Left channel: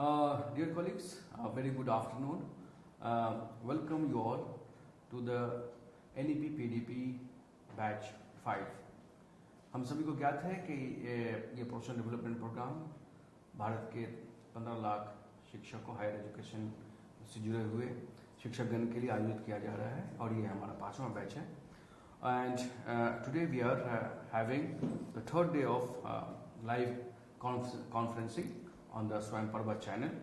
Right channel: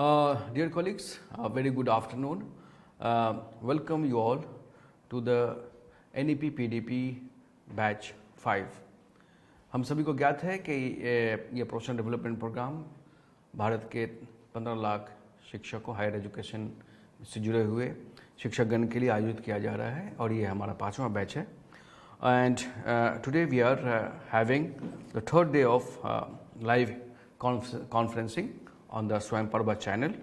Dear colleagues, a very good afternoon. Welcome you all to the NEP-PDP batch 5। हम सभी को ज्ञात है कि ये प्रोफेशनल डेवलपमेंट प्रोग्राम भारत के 15 लाख शिक्षकों हायर एजुकेशन से जुड़े हुए शिक्षकगण के लिए आयोजित किया जा रहा है और ये हमारा 5वां बैच है। And today we are having the third day of live conferencing on the Swayam Parva channel,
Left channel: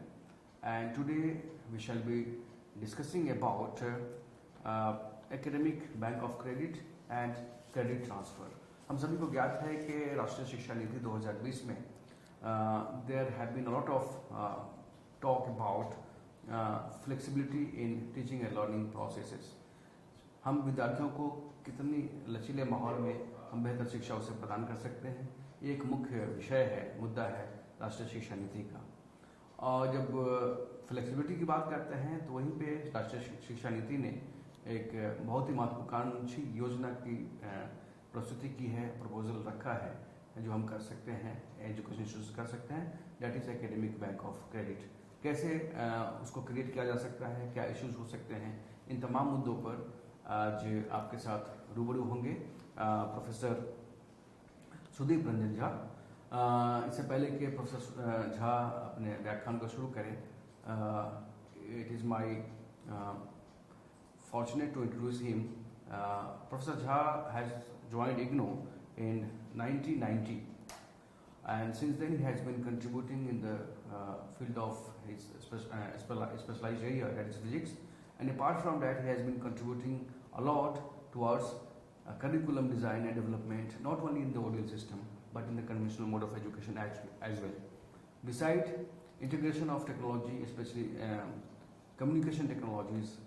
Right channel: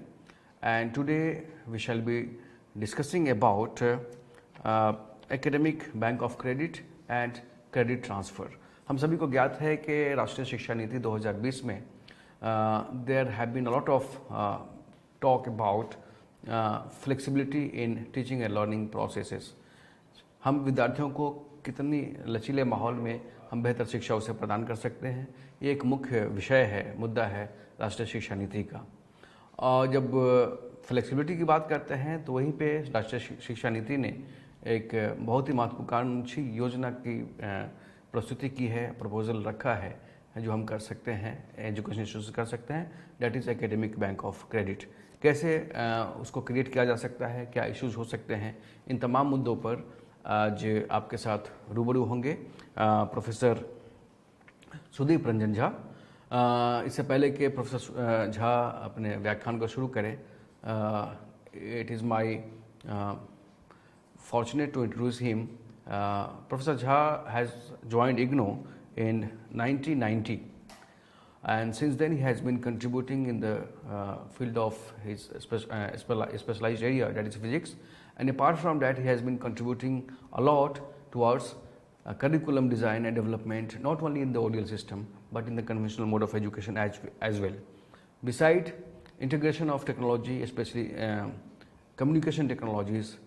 and today we shall be discussing about academic bank of credit and credit transfer। हम सभी को ज्ञात है कि राष्ट्रीय शिक्षा नीति 2020 में there have been a lot of talk about flexibility in teaching and learning processes। हम विद्यार्थियों को कितनी लचीले माहौल में हम बेहतर शिक्षा उसे प्रदान कर सकते हैं, ये एक मुख्य विषय है, मुद्दा है राष्ट्रीय शिक्षा नीति का। और जब फ्लेक्सिबिलिटी की बात करते हैं तो वहीं पे राष्ट्रीय शिक्षा नीति ने एक बहुत ही महत्वाकांक्षी योजना की प्रस्तुति की है, प्रपोजल रखा है जो हम कर सकते हैं, एजुकेशन इंस्टीट्यूशन कर सकते हैं, that is academic bank of credit. कैसे उसको क्रिएट किया जा सकता है, क्या इश्यूज हो सकते हैं, इन तमाम मुद्दों पर आज आपके साथ रूबरू होंगे प्रोफेसर सुदीप रंजन झा। इससे पहले कि प्रोफेसर झा अपने व्याख्यान को शुरू करें, it is my fortunate to introduce him. Professor Jha has joined IGNOU in 1990, and since then he has been contributing in the field of his specialized area, that is physics, and apart from that he has been contributing a lot towards curriculum design and development, not only in the ODL system but in the conventional mode of education as well. Beside integration of technology, especially communication technologies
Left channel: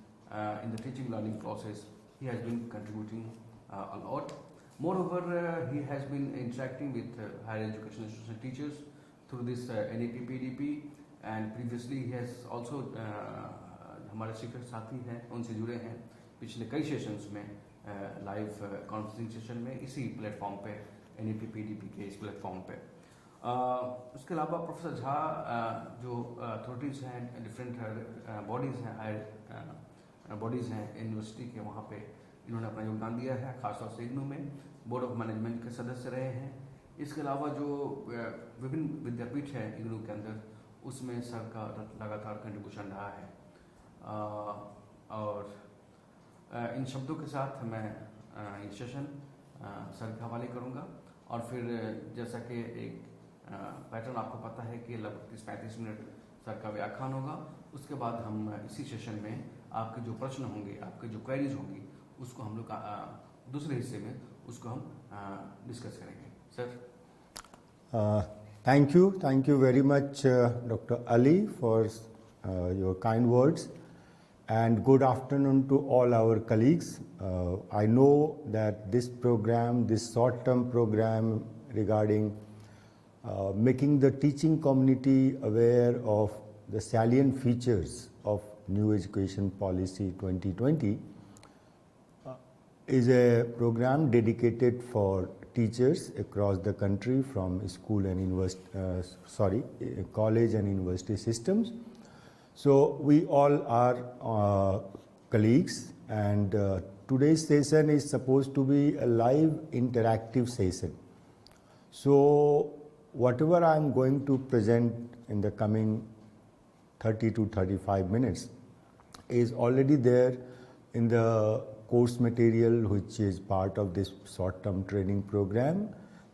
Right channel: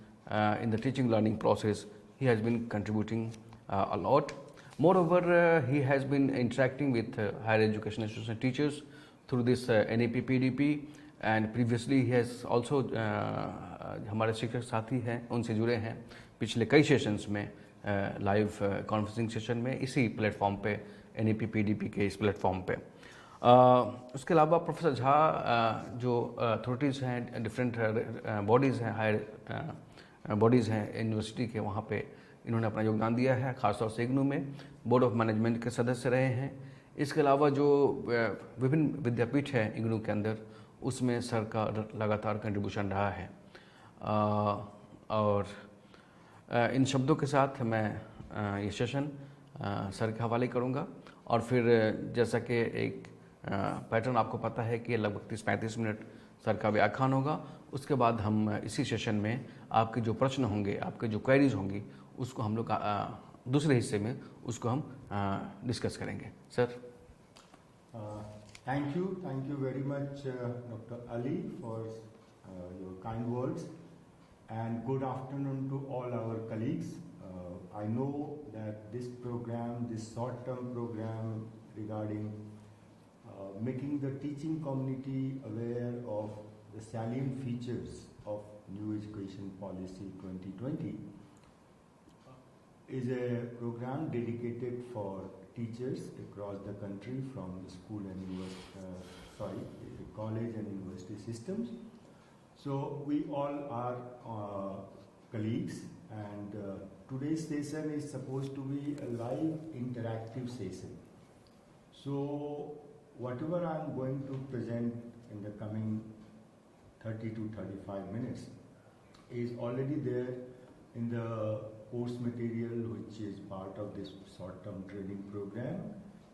in the teaching learning process, he has been contributing a lot. Moreover, he has been interacting with higher education institution teachers through this NEP-PDP, and previously he has also हमारे शिक्षक साथी हैं उनसे जुड़े हैं पिछले कई sessions में, लाइव कॉन्फ्रेंसिंग सेशन में, इसी प्लेटफॉर्म पे NEP-PDP के इस प्लेटफॉर्म पे। उसके अलावा प्रोफेसर झा जो अथॉरिटीज़ हैं, डिफरेंट बॉडीज़ हैं, हायर बॉडीज़ हैं यूनिवर्सिटी के, वहाँ पे इन्होंने अपना योगदान दिया है, खासतौर से IGNOU में बोर्ड ऑफ मैनेजमेंट के सदस्य रहे हैं। इसके अलावा जो विभिन्न विद्यापीठ है IGNOU के अंदर, उसमें सर का लगातार कंट्रीब्यूशन रहा है। और इन शब्दों के साथ मैं ये सेशन सर के हवाले करूँगा, और फिर जैसा कि एक पैटर्न आपको पता है कि लगभग 30-35 मिनट सर का व्याख्यान होगा। उसके बाद हम इसी सेशन में आपके जो प्रश्न होंगे, आपके जो क्वेरीज होंगी, उसको हम लोग दूसरे हिस्से में उसको हम डिस्कस करेंगे। Sir, thank you very much Dr. Ali for your kind words, and good afternoon to all our colleagues. I know that this program, this short-term program regarding making the teaching community aware of the salient features of New Education Policy 2020 is a program dedicated for teachers across the country from school and college and university systems. So we all are colleagues, and today's session is supposed to be a live interactive session. So whatever I am going to present in the coming 30 to 35 minutes is already there in the course material, which is part of this short-term training program,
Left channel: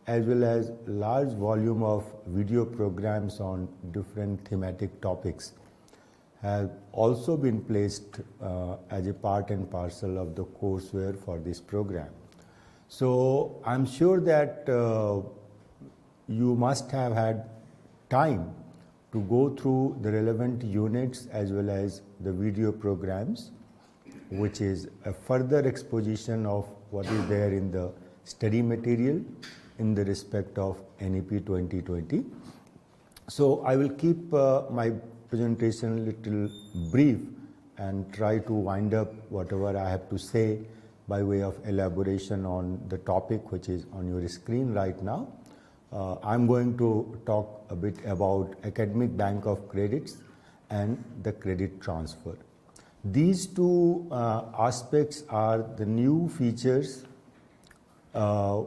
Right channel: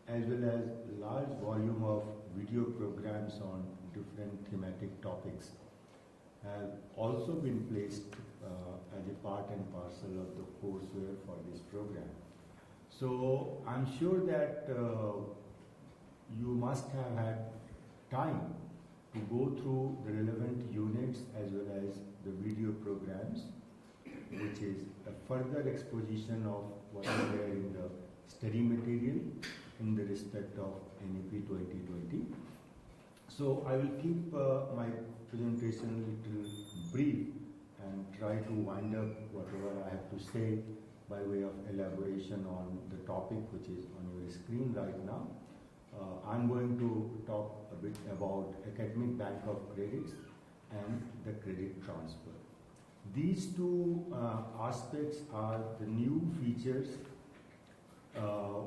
as well as large volume of video programs on different thematic topics have also been placed as a part and parcel of the courseware for this program. So I'm sure that you must have had time to go through the relevant units as well as the video programs, which is a further exposition of what is there in the study material in the respect of NEP 2020. So I will keep my presentation a little brief and try to wind up whatever I have to say by way of elaboration on the topic which is on your screen right now. I'm going to talk a bit about academic bank of credits and the credit transfer. These two aspects are the new features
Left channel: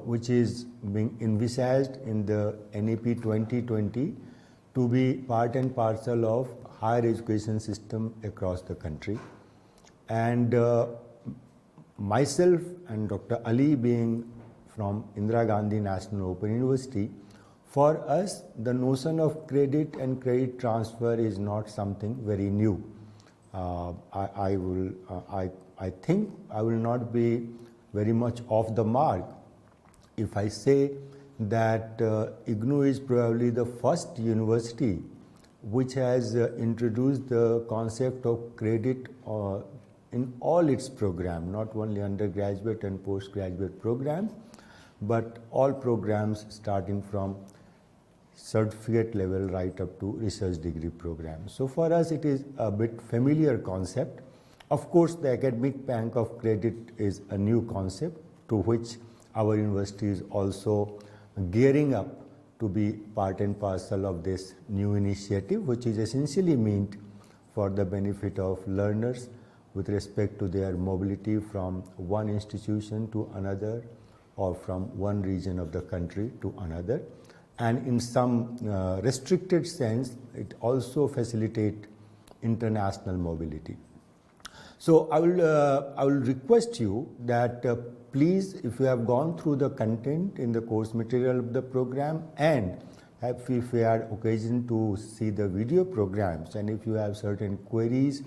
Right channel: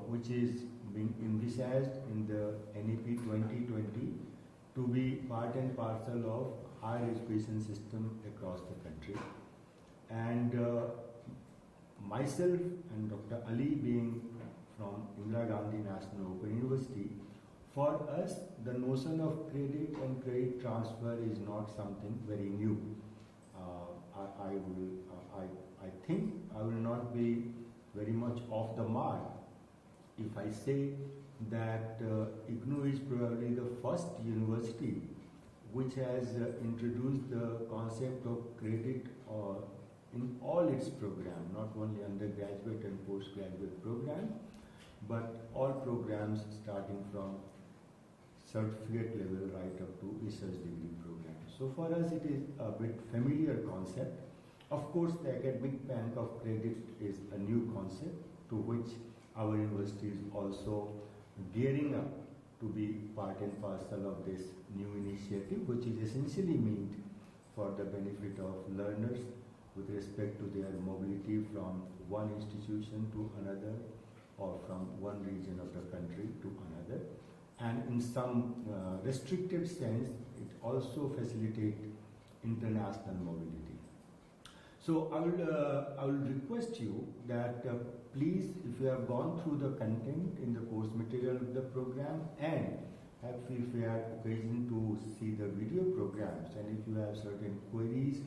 which is being envisaged in the NEP 2020 to be part and parcel of higher education system across the country. And myself and Dr. Ali being from Indira Gandhi National Open University, for us the notion of credit and credit transfer is not something very new. I think I will not be very much off the mark if I say that IGNOU is probably the first university which has introduced the concept of credit in all its program, not only undergraduate and postgraduate programs, but all programs starting from certificate level right up to research degree program. So for us it is a bit familiar concept. Of course the academic bank of credit is a new concept to which our university is also gearing up to be part and parcel of this new initiative, which is essentially meant for the benefit of learners with respect to their mobility from one institution to another or from one region of the country to another. And in some restricted sense, it also facilitates international mobility. So I will request you that please, if you have gone through the content in the course material of the program and if you had occasion to see the video programs, and if you have certain queries,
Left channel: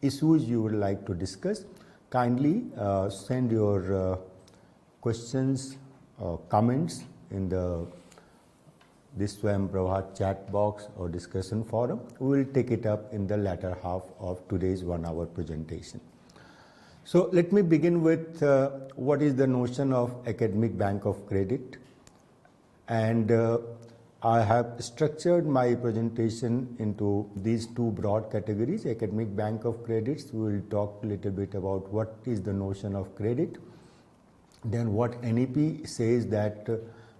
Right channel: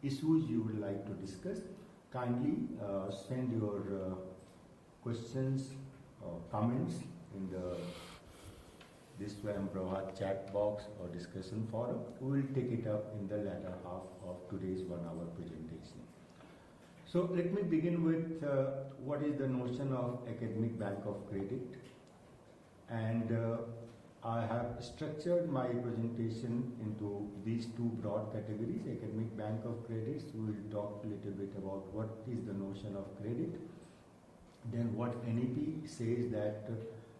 issues you would like to discuss, kindly send your questions, comments in the this Swayam Prabhat chat box or discussion forum. We will take it up in the latter half of today's 1 hour presentation. So let me begin with what is the notion of academic bank of credit, and I have structured my presentation into these two broad categories. Academic bank of credits, we will talk a little bit about what is the notion of credit, then what NEP says that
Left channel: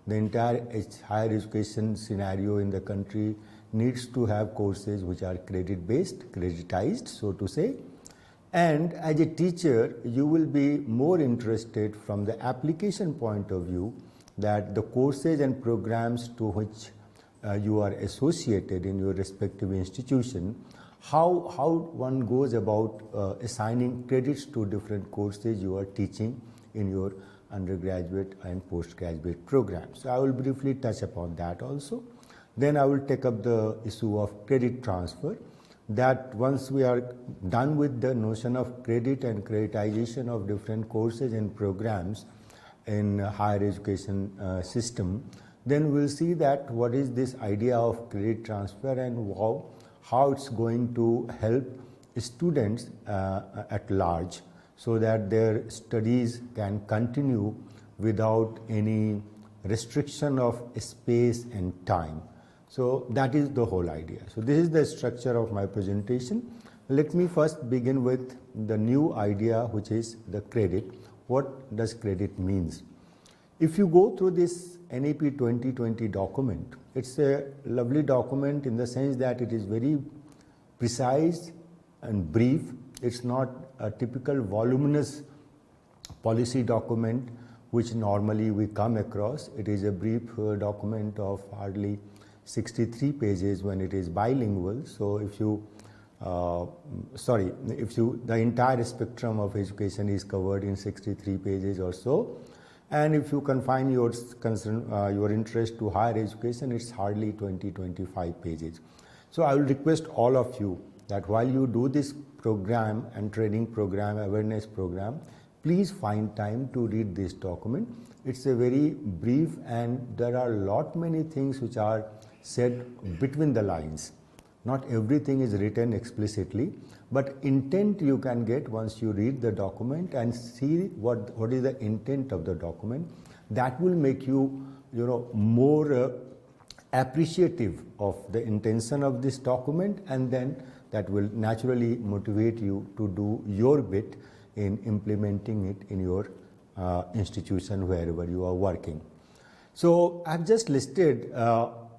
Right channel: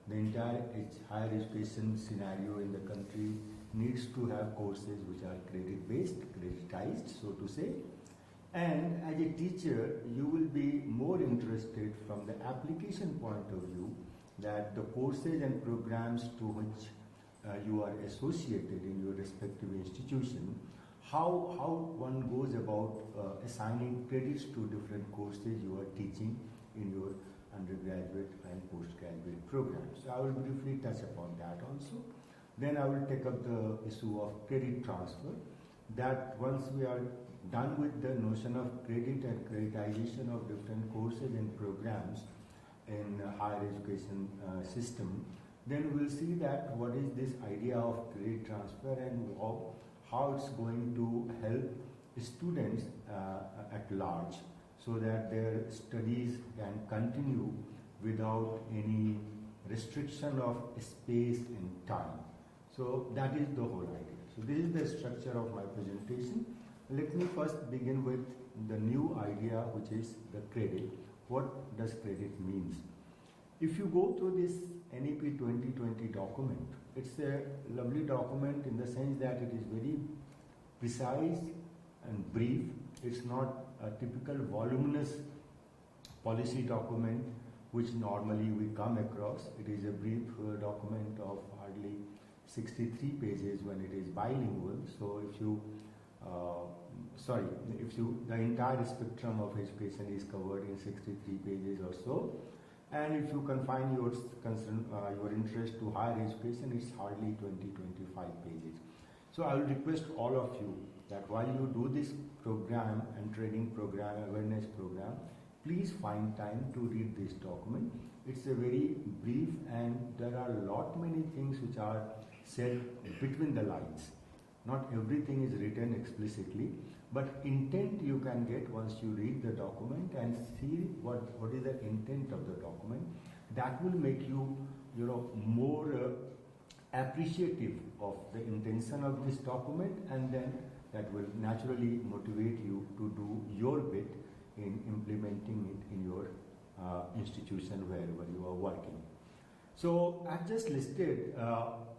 the entire higher education scenario in the country needs to have courses which are credit based, creditized so to say. And as a teacher, you will be more interested from the application point of view that the courses and programs to which you are associated in your respective institution, how one goes about assigning credits to different courses you are teaching in your undergraduate and postgraduate programs. So I will briefly touch upon that also. Then I will take up the issue of credit transfer, that once we are done with the notion of credit and creditization of different courses and programs in higher education system, then we'll see that what is this idea of credit transfer and how it's going to help students at large, so that their studies can continue without any restriction of space and time. So that is the whole idea. So this is the structure of my presentation. Let me first begin with the new idea, which is the credit. What does credit means? If you go through this NEP 2020 document, it's a lovely document in the sense that it is very precise and brief. It's not a typical voluminous policy document which normally we come across. It is a brief document of hardly 63 pages when it is bilingual. So if you the entire spectrum of education is covered in 63 pages or so, and if you confine your interest to higher education, it's hardly 20-25 pages. So I will request all of you that while you do this program and training program, awareness program, please find time to read this document. It's a very brief and there are many things which are said between the lines. Not everything is written explicitly, but intent you can get once you read the document and see what is the intent of the document. That will make you, more appreciative of the intention of this document, and then that will naturally motivate you to do your bit in implementing it in your institution wherever you are working. So I've just listed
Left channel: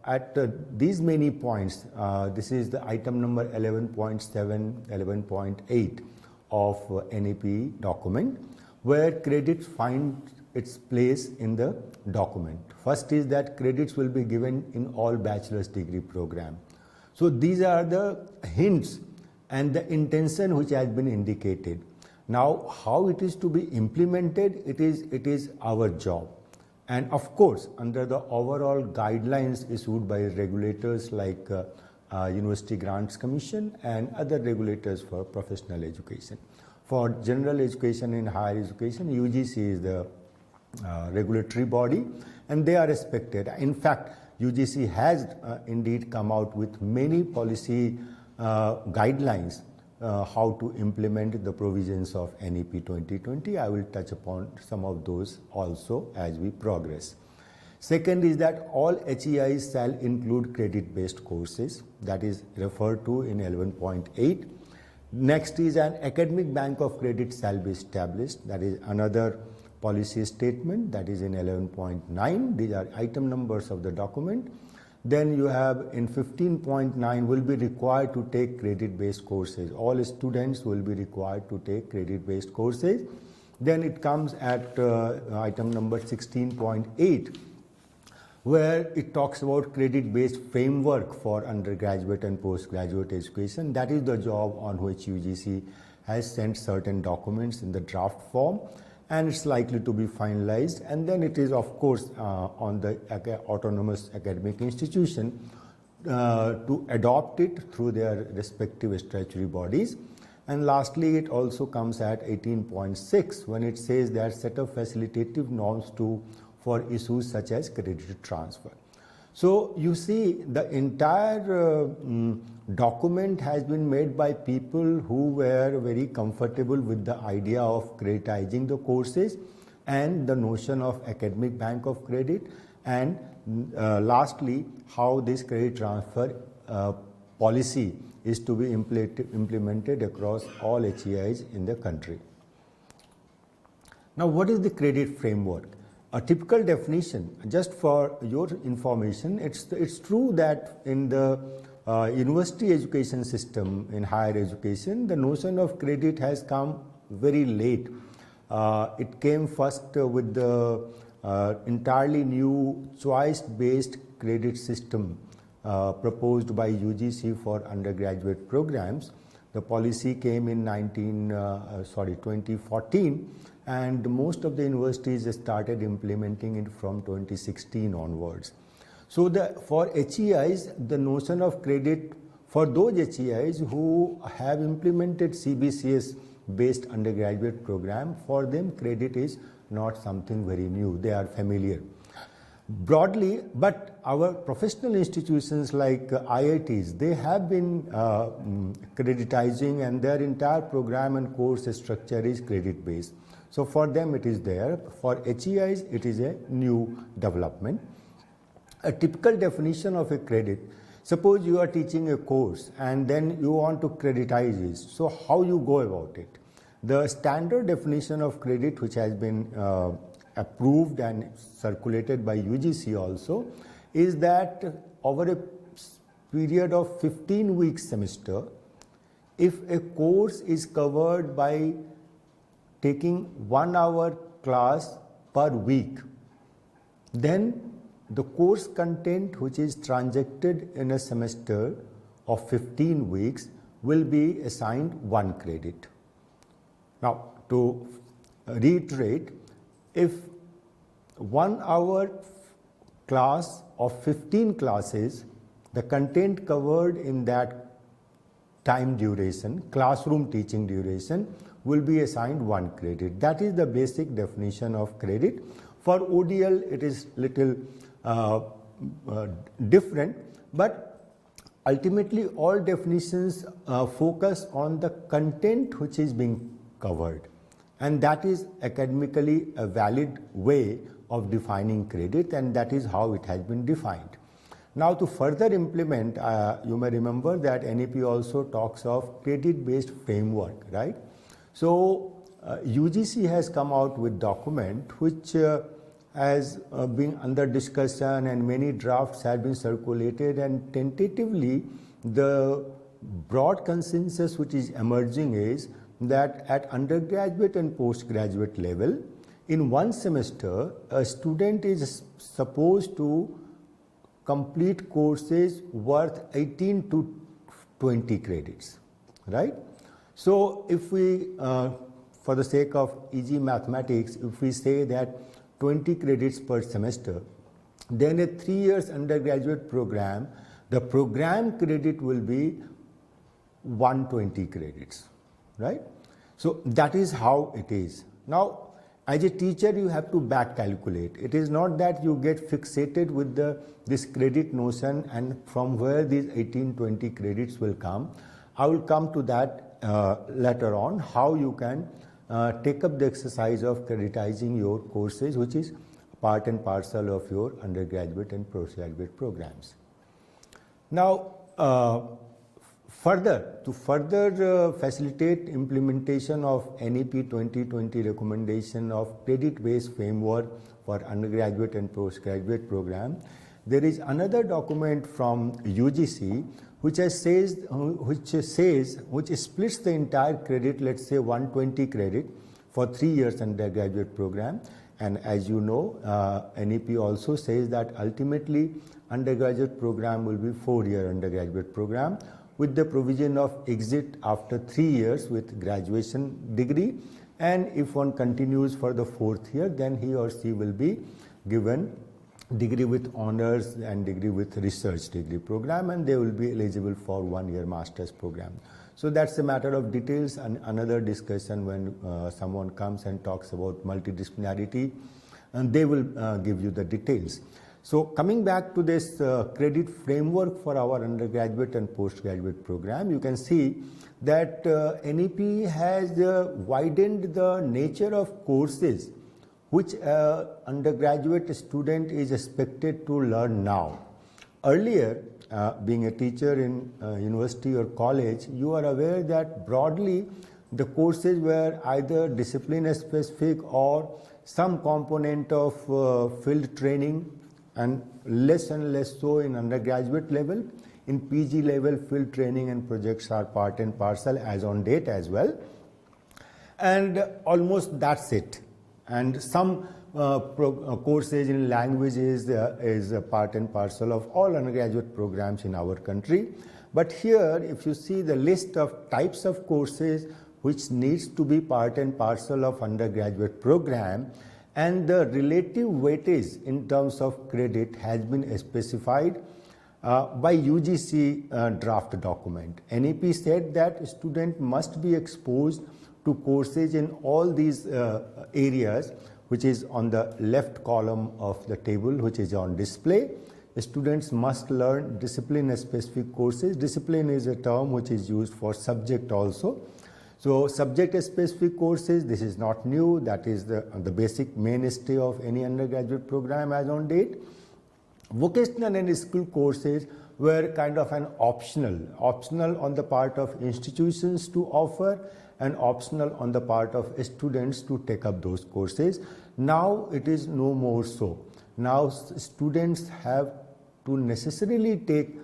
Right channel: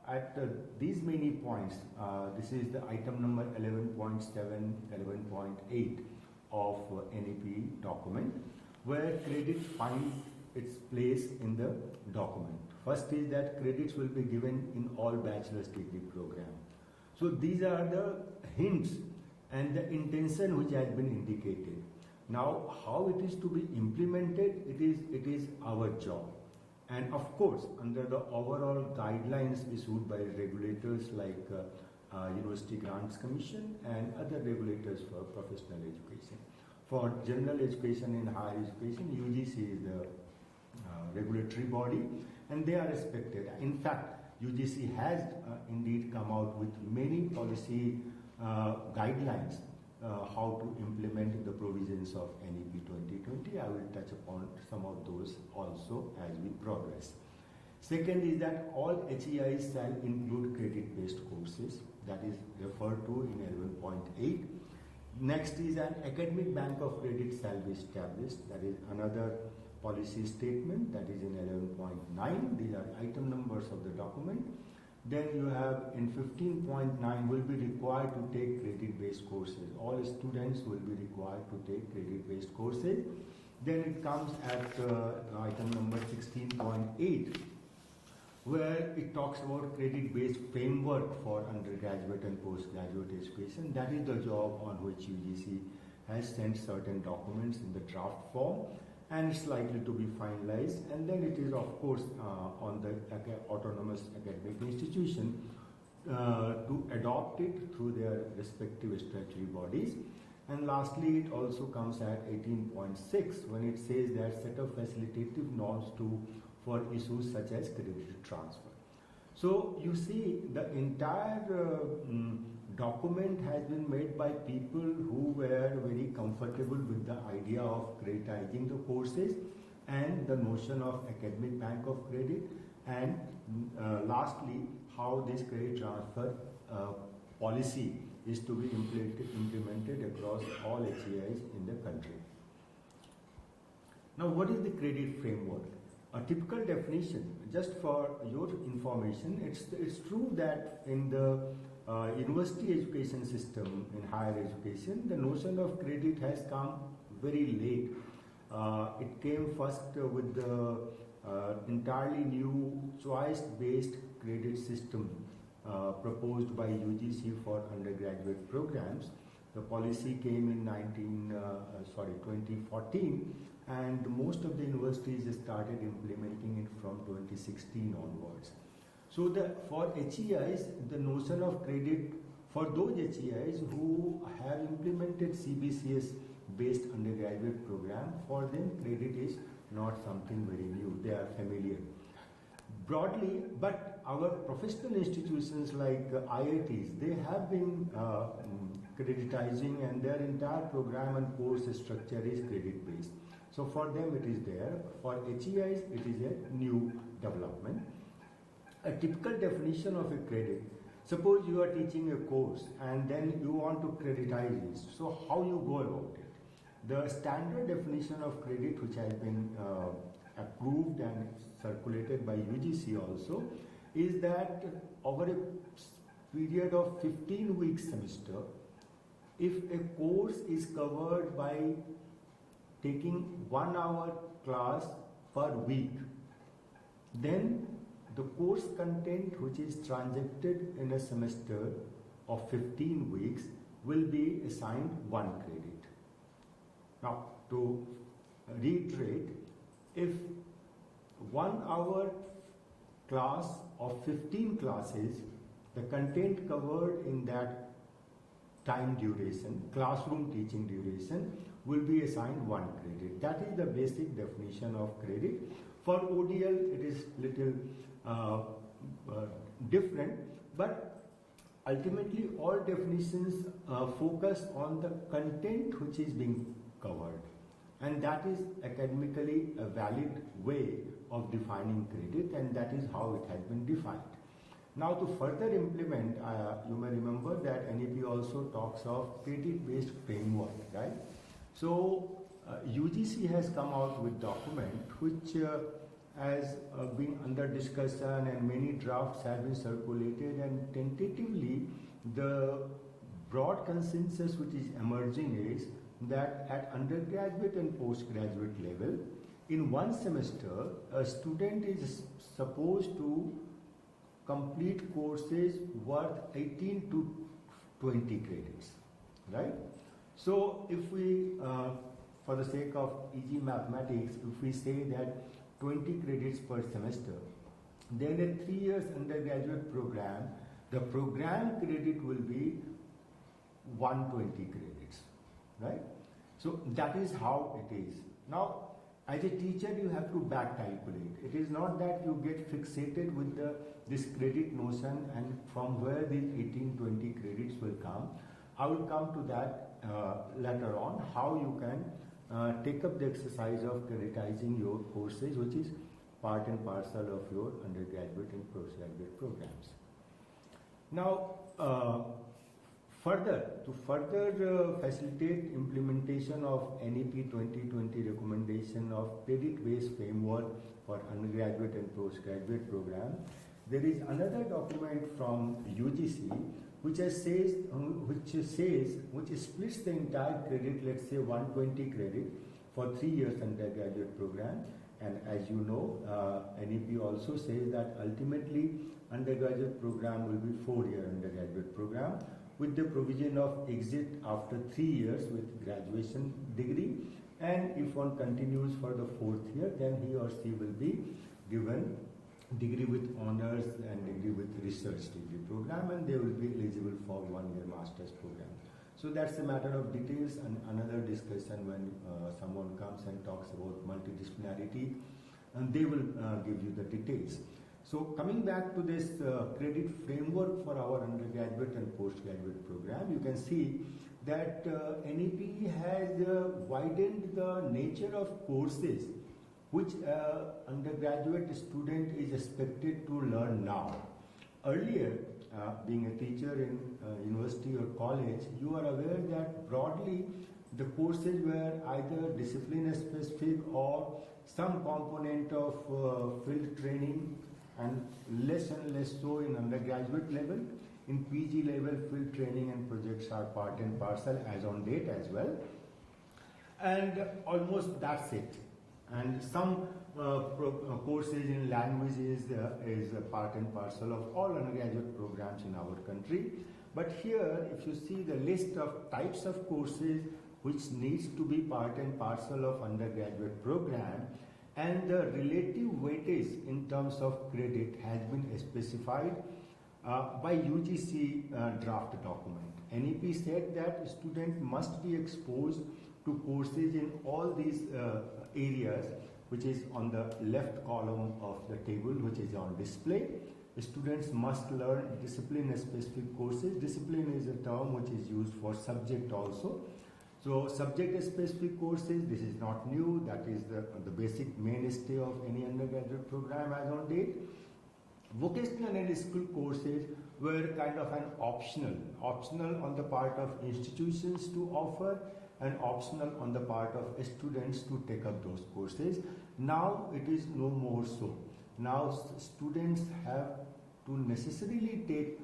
at these many points, this is the item number 11.7, 11.8 of NEP document, where credits find its place in the document. First is that credits will be given in all bachelor's degree program. So these are the hints and the intention which has been indicated. Now, how it is to be implemented, it is our job. And of course, under the overall guidelines issued by regulators like University Grants Commission and other regulators for professional education. For general education and higher education, UGC is the regulatory body, and they are respected. In fact, UGC has indeed come out with many policy guidelines how to implement the provisions of NEP 2020. I will touch upon some of those also as we progress. Second is that all HEIs shall include credit-based courses, that is referred to in 11.8. Next is an academic bank of credit shall be established, that is another policy statement, that is in 11.9. These are item numbers of the document. Then you have in 15.9 will be required to take credit-based courses. All students will be required to take credit-based courses. Then it comes at item number 16.8, where it talks about credit-based framework for undergraduate and postgraduate education. That is the job on which UGC has sent certain documents in the draft form, and it's likely to be finalized. And then it is of course on the autonomous academic institution to adopt it through their respective statutory bodies. And lastly, it also comes at 18.6 when it says that set of facilitative norms for issues such as credit transfer. So you see, the entire document has been made by people who were very comfortable with the idea of creditizing the courses and the notion of academic bank of credit, and lastly, how this credit transfer policy is to be implemented across all HEIs in the country. Now, what is the credit framework? A typical definition, just for your information, it's true that in the university education system, in higher education, the notion of credit has come very late. It came first with the entirely new choice-based credit system proposed by UGC for undergraduate programs. The policy came in 2014. And most of the universities started implementing it from 2016 onwards. So for HEIs, the notion of credit, for those HEIs who have implemented CBCS based undergraduate program, for them credit is not something very new. They are familiar. Broadly, but our professional institutions like IITs, they have been creditizing, and their entire program and course structure is credit based. So for them it is there. For HEIs it is a new development. A typical definition of a credit, suppose you are teaching a course and then you want to creditize it. So how you go about it? The standard definition of credit, which has been approved and circulated by UGC also, is that over a period of 15-week semester, if a course is covered by taking 1 hour class per week, then the course content which is transacted in a semester of 15 weeks will be assigned 1 credit. Now, to reiterate, if 1 hour class of 15 classes, the content covered in that time duration, classroom teaching duration, will be assigned 1 credit. That is the basic definition of credit. For ODL, it is little different, but ultimately all definitions focus on the content which is being covered, and that is academically a valid way of defining credit, and that is how it has been defined. Now, to further implement, you may remember that NEP also talks of credit-based framework, right? So UGC has come out with document which has been under discussion and many drafts have been circulated, and tentatively the broad consensus which is emerging is that at undergraduate and postgraduate level, in one semester, a student is supposed to complete courses worth 18 to 20 credits, right? So if we, for the sake of easy mathematics, if we say that 20 credits per semester, then a 3 years undergraduate program, the program credit will be 120 credits, right? So that is how it is. Now, as a teacher, you have to back calculate. It is not that you get fixated with this credit notion and from where these 18-20 credits will come. I will come to that later on, how you can take up the exercise of creditizing your courses, which is part and parcel of your undergraduate and postgraduate programs. Now, to further facilitate implementation of NEP 2020 recommendation of credit-based framework for undergraduate and postgraduate program, there is another document from UGC which splits the entire credit, let's say 120 credit for 3 years undergraduate program. And as you know, NEP also says that ultimately undergraduate program will be 4-year undergraduate program, with the provision of exit after 3 years with graduation degree, and if one continues for the 4th year, then he or she will be given degree with honors and degree with research degree program, and they will be eligible for 1-year master's program. So that's a matter of details and another discussion when someone comes and talks about multidisciplinarity, and they will give you the details. So coming back to this credit framework for our undergraduate and postgraduate program, you can see that NEP has widened the nature of courses which undergraduate student is expected to learn now. Earlier, being a teacher in university or college, you are aware that broadly the courses were either discipline specific or some component of field training, and less so in undergraduate level. In PG level, field training and projects are part and parcel as on date as well. And almost that's it. And some courses in languages is a part and parcel of all undergraduate programs in our country. But here, if you see the list of types of courses which needs to be part and parcel of undergraduate program, and the relative weightage in terms of credit has been specified by UGC draft document. NEP said that student must be exposed to courses in all these areas, which is on the left column of the table, which is on display. Students must learn discipline specific courses. Discipline is a term which is used for subject also. So subject specific courses, this is not new, that is the basic mainstay of any undergraduate program as on date. Vocational and skill courses were kind of an optional on the part of institutions to offer and optional on the part of students to take up those courses. Now it is no more so. Now students have to necessarily take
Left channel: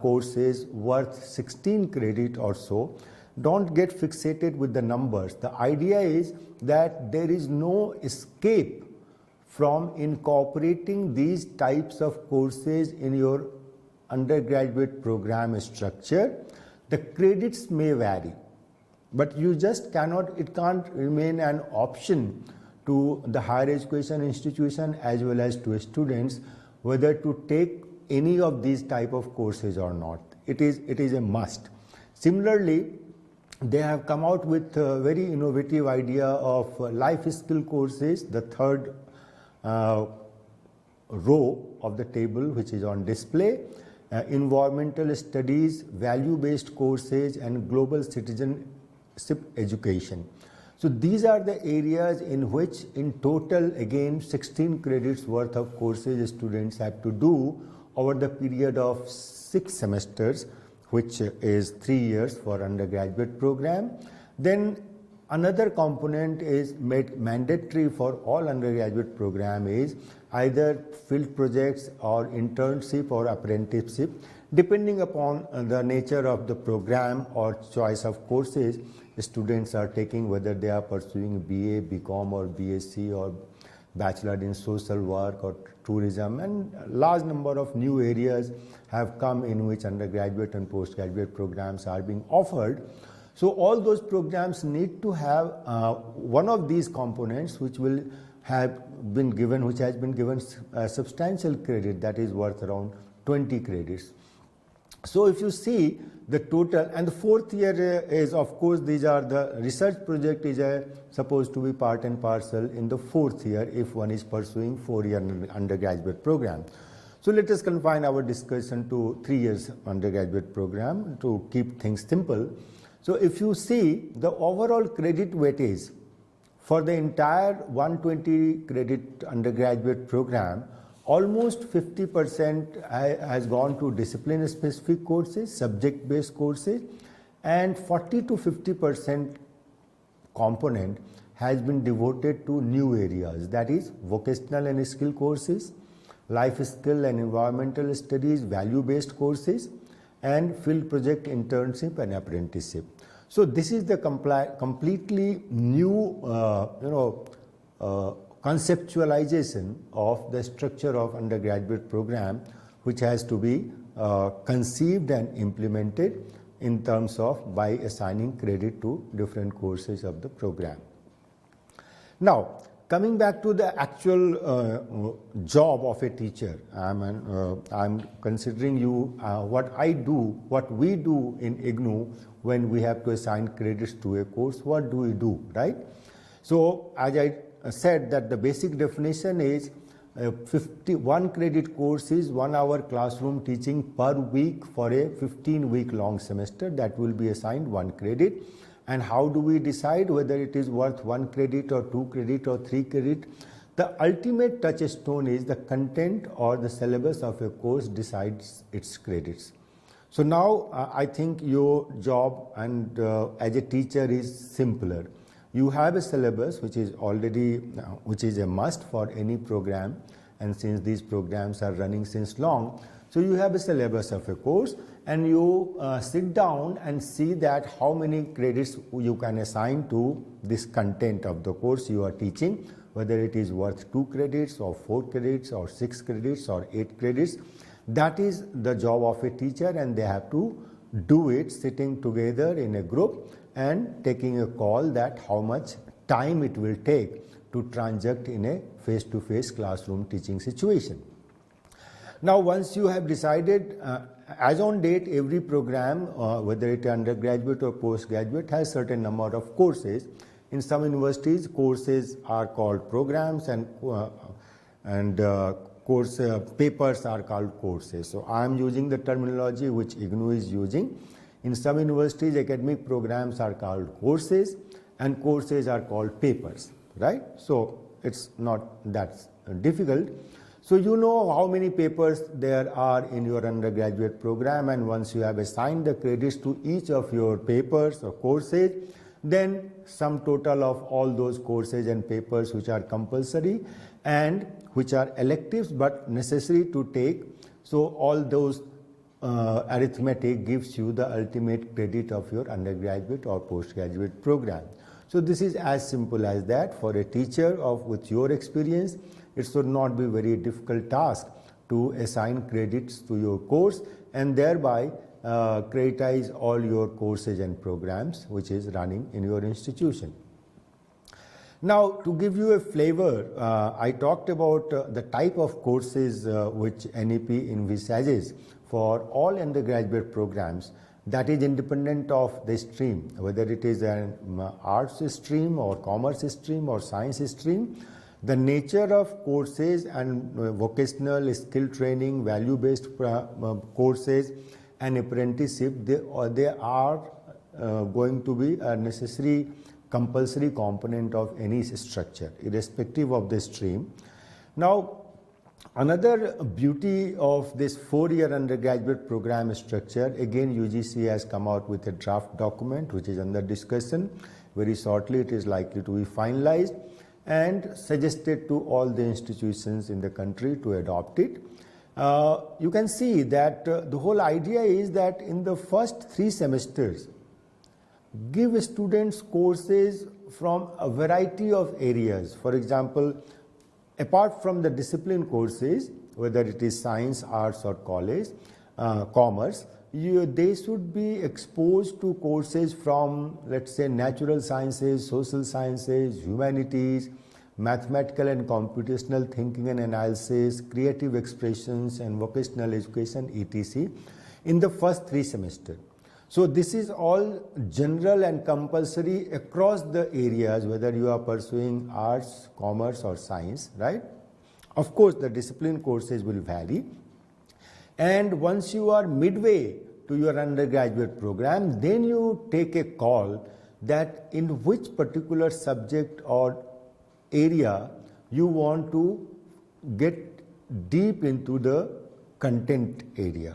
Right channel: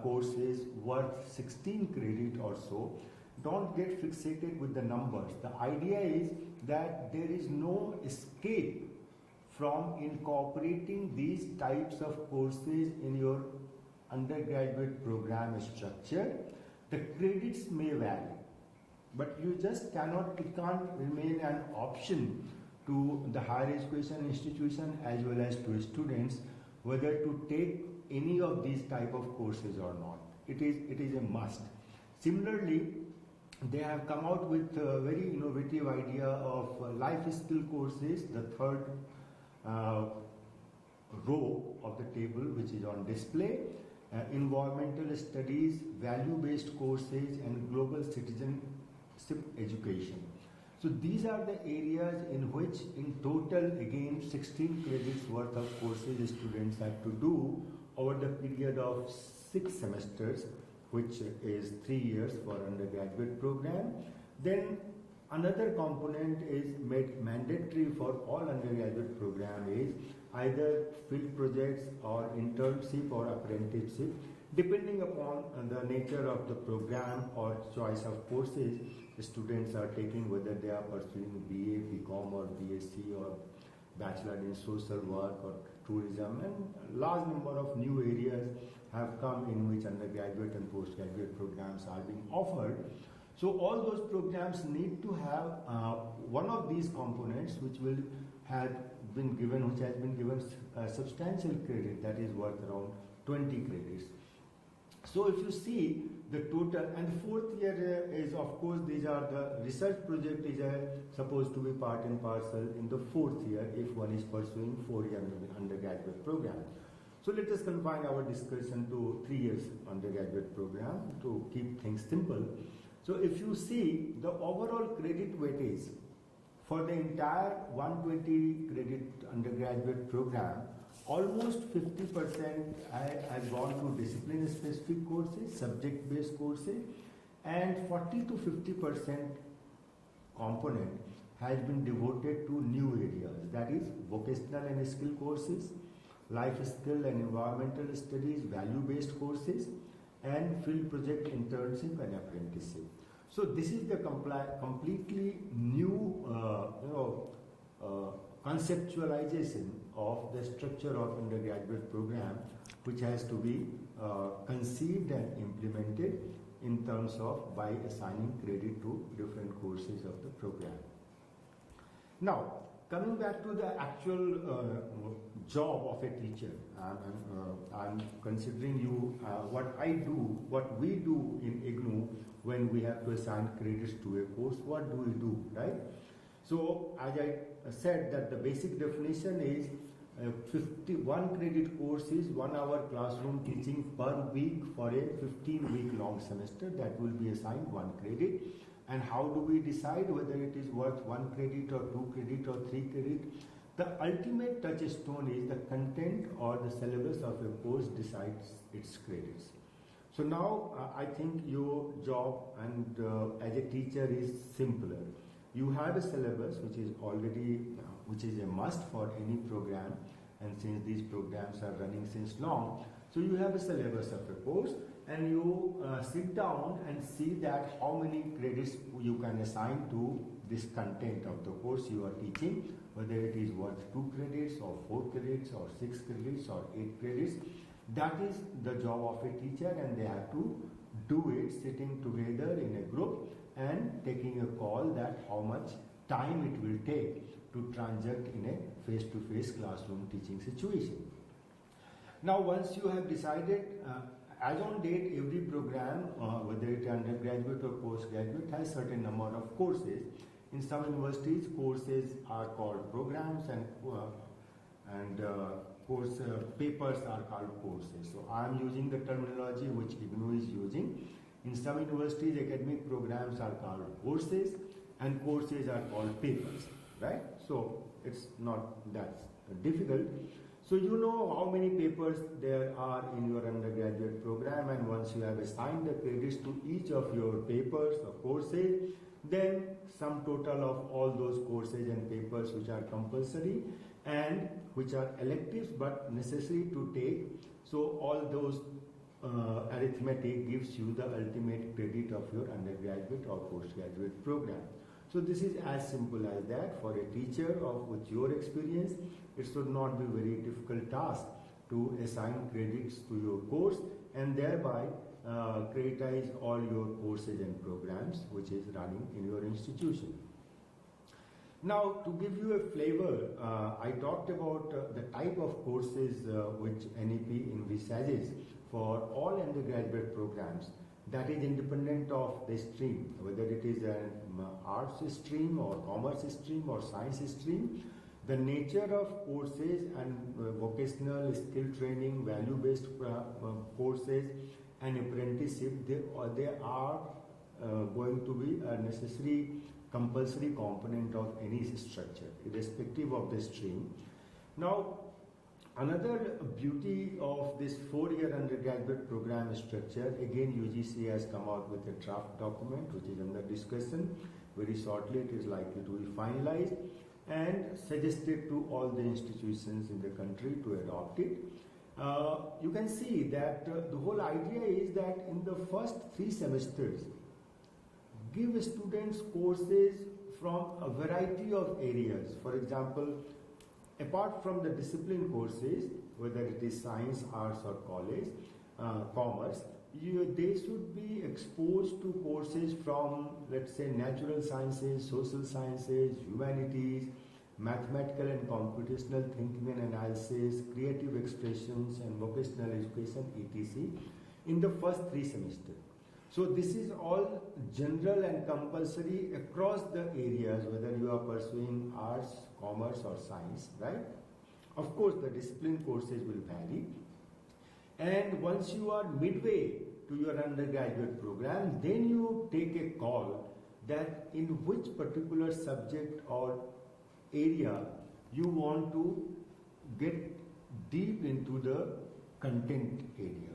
courses worth 16 credit or so. Don't get fixated with the numbers. The idea is that there is no escape from incorporating these types of courses in your undergraduate program structure. The credits may vary, but you just cannot, it can't remain an option to the higher education institution as well as to students whether to take any of these type of courses or not. It is a must. Similarly, they have come out with a very innovative idea of life skill courses, the third row of the table which is on display, environmental studies, value-based courses and global citizenship education. So these are the areas in which in total again 16 credits worth of courses students have to do over the period of 6 semesters, which is 3 years for undergraduate program. Then Another component is made mandatory for all undergraduate program is either field projects or internship or apprenticeship, depending upon the nature of the program or choice of courses students are taking, whether they are pursuing BA, BCom or BSc or Bachelor in Social Work or Tourism, and large number of new areas have come in which undergraduate and postgraduate programs are being offered. So all those programs need to have one of these components which will have been given, which has been given substantial credit, that is worth around 20 credits. So if you see the total, and the fourth year is, of course, these are the research project is supposed to be part and parcel in the fourth year if one is pursuing 4-year undergraduate program. So let us confine our discussion to 3 years undergraduate program to keep things simple. So if you see the overall credit weightage for the entire 120 credit undergraduate program, almost 50% has gone to discipline specific courses, subject based courses, and 40 to 50% component has been devoted to new areas, that is vocational and skill courses, life skill and environmental studies, value based courses, and field project internship and apprenticeship. So this is the completely new conceptualization of the structure of undergraduate program, which has to be conceived and implemented in terms of by assigning credit to different courses of the program. Now, coming back to the actual job of a teacher, I'm considering you what we do in IGNOU when we have to assign credits to a course. What do we do, right? So as I said that the basic definition is 51 credit course is 1 hour classroom teaching per week for a 15-week long semester, that will be assigned 1 credit. And how do we decide whether it is worth 1 credit or 2 credit or 3 credit? The ultimate touchstone is the content or the syllabus of a course decides its credits. So now I think your job and as a teacher is simpler. You have a syllabus which is already, which is a must for any program, and since these programs are running since long, so you have a syllabus of a course, and you sit down and see that how many credits you can assign to this content of the course you are teaching, whether it is worth 2 credits or 4 credits or 6 credits or 8 credits. That is the job of a teacher, and they have to do it sitting together in a group and taking a call that how much time it will take to transact in a face-to-face classroom teaching situation. Now once you have decided, as on date every program, whether it is undergraduate or postgraduate, has certain number of courses. In some universities courses are called programs, and course papers are called courses. So I am using the terminology which IGNOU is using. In some universities academic programs are called courses and courses are called papers, right? So it's not that difficult. So you know how many papers there are in your undergraduate program, and once you have assigned the credits to each of your papers or courses, then sum total of all those courses and papers which are compulsory and which are electives but necessary to take. So all those arithmetic gives you the ultimate credit of your undergraduate or postgraduate program. So this is as simple as that. For a teacher with your experience, it should not be very difficult task to assign credits to your course and thereby creditize all your courses and programs which is running in your institution. Now to give you a flavor, I talked about the type of courses which NEP envisages for all undergraduate programs, that is independent of the stream, whether it is an arts stream or commerce stream or science stream. The nature of courses and vocational skill training, value-based courses and apprenticeship, they are going to be a necessary compulsory component of any structure, irrespective of the stream. Now, Another beauty of this 4-year undergraduate program structure, again UGC has come out with a draft document which is under discussion. Very shortly it is likely to be finalized and suggested to all the institutions in the country to adopt it. You can see that the whole idea is that in the first 3 semesters, give students courses from a variety of areas. For example, apart from the discipline courses, whether it is science, arts or commerce, they should be exposed to courses from, let's say, natural sciences, social sciences, humanities, mathematical and computational thinking and analysis, creative expressions and vocational education, etc. in the first 3 semesters. So this is all general and compulsory across the areas, whether you are pursuing arts, commerce or science, right? Of course, the discipline courses will vary. And once you are midway to your undergraduate program, then you take a call that in which particular subject or area you want to get deep into the content area,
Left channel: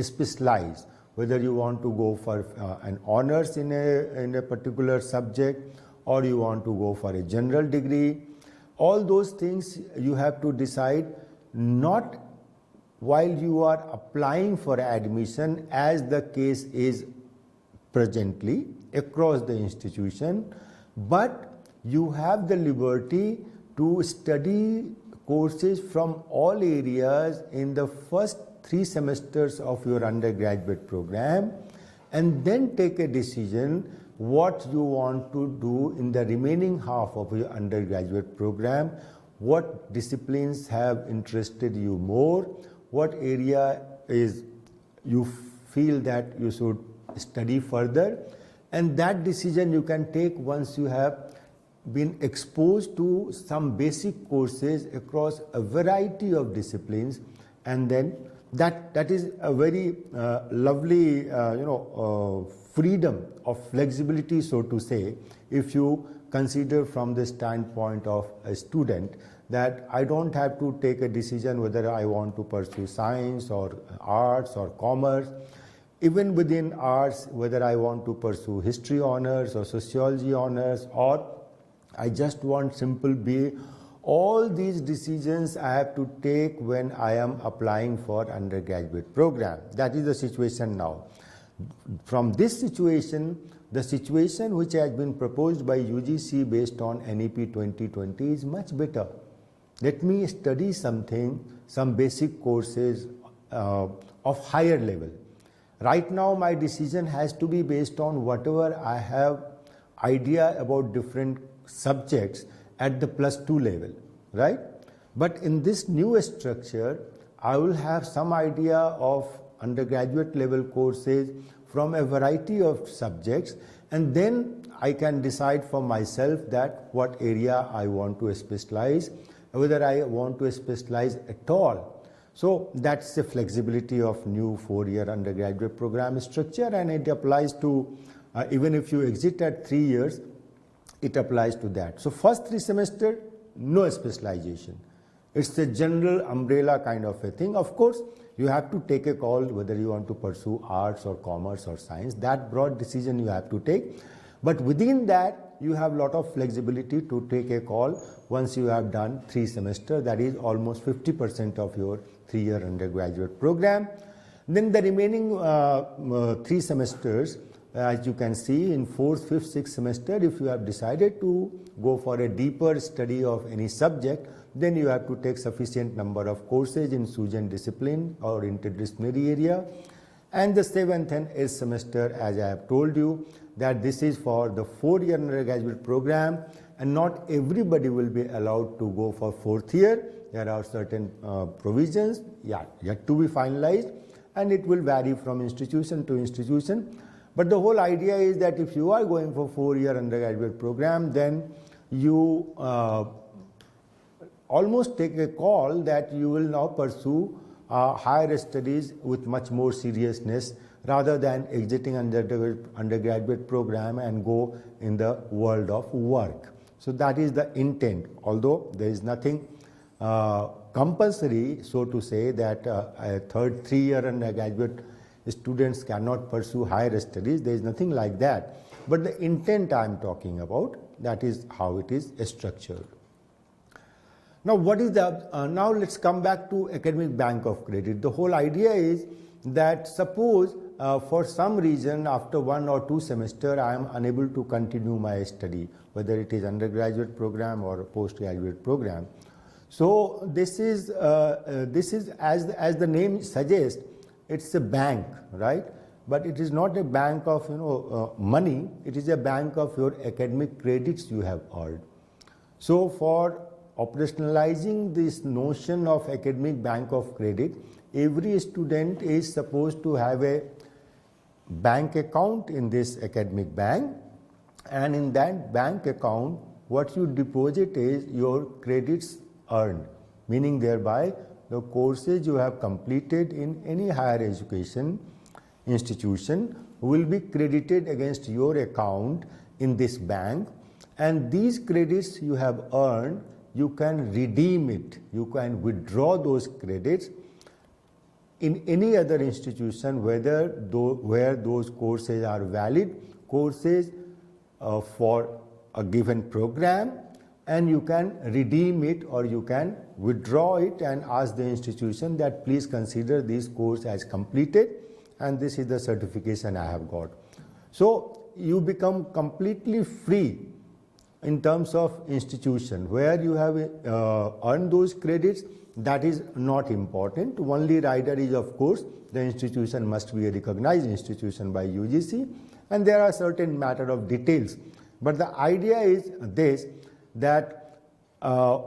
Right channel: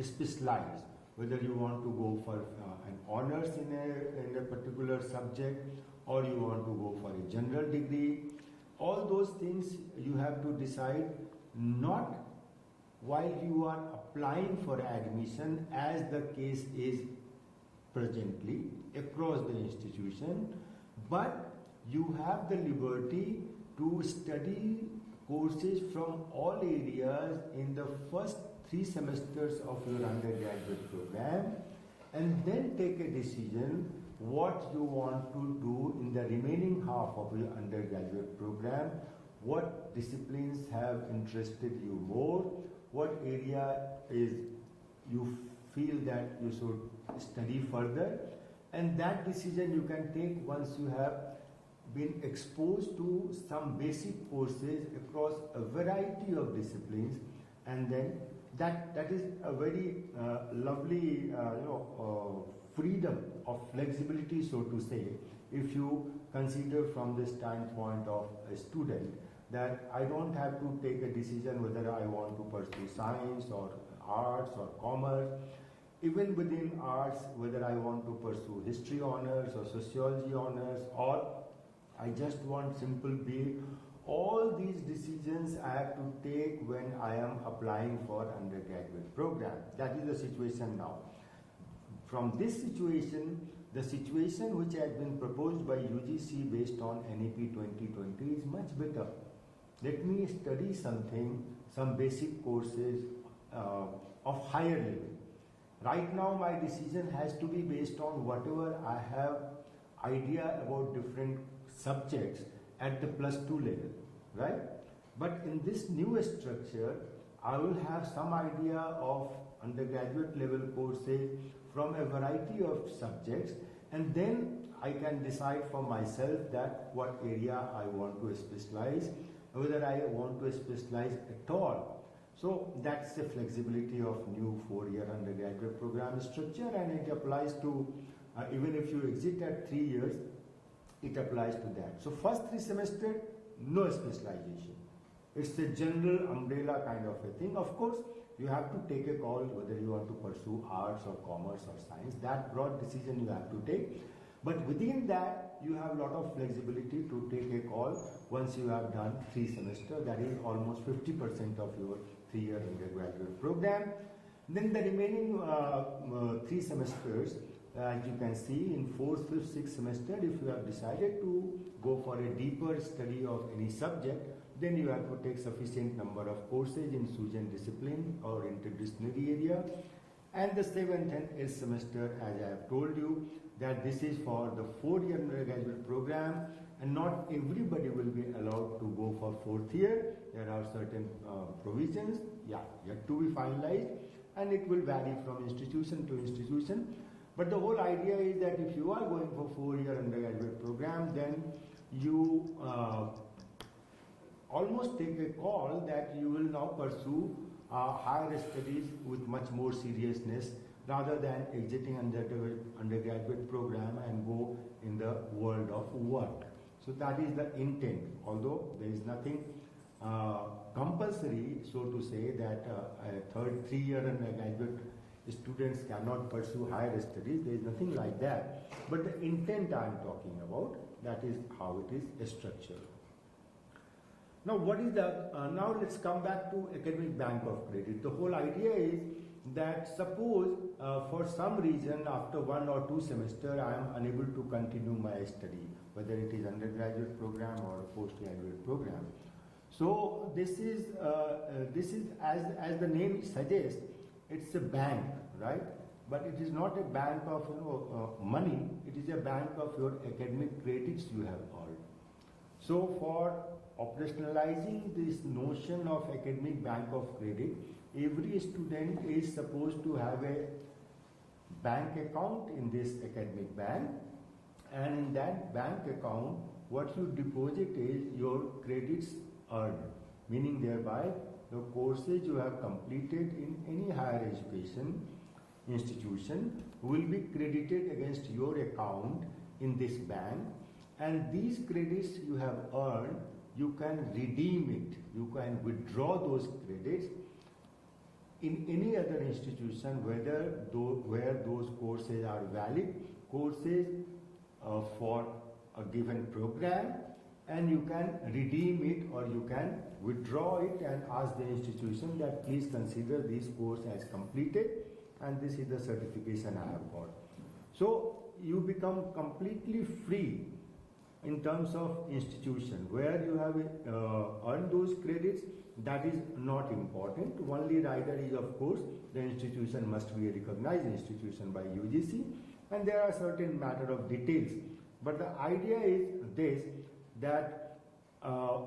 specialize. Whether you want to go for an honors in a particular subject or you want to go for a general degree, all those things you have to decide not while you are applying for admission, as the case is presently across the institution, but you have the liberty to study courses from all areas in the first 3 semesters of your undergraduate program and then take a decision what you want to do in the remaining half of your undergraduate program, what disciplines have interested you more, what area is you feel that you should study further, and that decision you can take once you have been exposed to some basic courses across a variety of disciplines, and then that is a very lovely freedom of flexibility, so to say, if you consider from the standpoint of a student that I don't have to take a decision whether I want to pursue science or arts or commerce. Even within arts, whether I want to pursue history honors or sociology honors, or I just want simple BA. All these decisions I have to take when I am applying for undergraduate program. That is the situation now. From this situation, the situation which has been proposed by UGC based on NEP 2020 is much better. Let me study something, some basic courses of higher level. Right now my decision has to be based on whatever I have idea about different subjects at the +2 level, right? But in this new structure, I will have some idea of undergraduate level courses from a variety of subjects, and then I can decide for myself that what area I want to specialize, whether I want to specialize at all. So that's the flexibility of new 4-year undergraduate program structure, and it applies to even if you exit at 3 years, it applies to that. So first 3 semesters, no specialization. It's a general umbrella kind of a thing. Of course, you have to take a call whether you want to pursue arts or commerce or science. That broad decision you have to take. But within that, you have a lot of flexibility to take a call once you have done 3 semesters. That is almost 50% of your 3-year undergraduate program. Then the remaining 3 semesters, as you can see, in 4th, 5th, 6th semester, if you have decided to go for a deeper study of any subject, then you have to take sufficient number of courses in chosen discipline or interdisciplinary area. And the 7th and 8th semester, as I have told you, that this is for the 4-year undergraduate program, and not everybody will be allowed to go for 4th year. There are certain provisions yet to be finalized, and it will vary from institution to institution. But the whole idea is that if you are going for 4-year undergraduate program, then you almost take a call that you will now pursue higher studies with much more seriousness, rather than exiting undergraduate program and go in the world of work. So that is the intent, although there is nothing compulsory, so to say, that a third 3-year undergraduate students cannot pursue higher studies. There is nothing like that. But the intent I am talking about, that is how it is structured. Now, what is the, now let's come back to academic bank of credit. The whole idea is that suppose for some reason after 1 or 2 semesters I am unable to continue my study, whether it is undergraduate program or a postgraduate program. So this is as the name suggests, it's a bank, right? But it is not a bank of money. It is a bank of your academic credits you have earned. So for operationalizing this notion of academic bank of credit, every student is supposed to have a bank account in this academic bank, and in that bank account what you deposit is your credits earned, meaning thereby the courses you have completed in any higher education institution will be credited against your account in this bank, and these credits you have earned, you can redeem it, you can withdraw those credits in any other institution, where those courses are valid courses for a given program, and you can redeem it or you can withdraw it and ask the institution that please consider this course as completed, and this is the certification I have got. So you become completely free in terms of institution. Where you have earned those credits, that is not important. Only rider is, of course, the institution must be a recognized institution by UGC, and there are certain matter of details. But the idea is this, that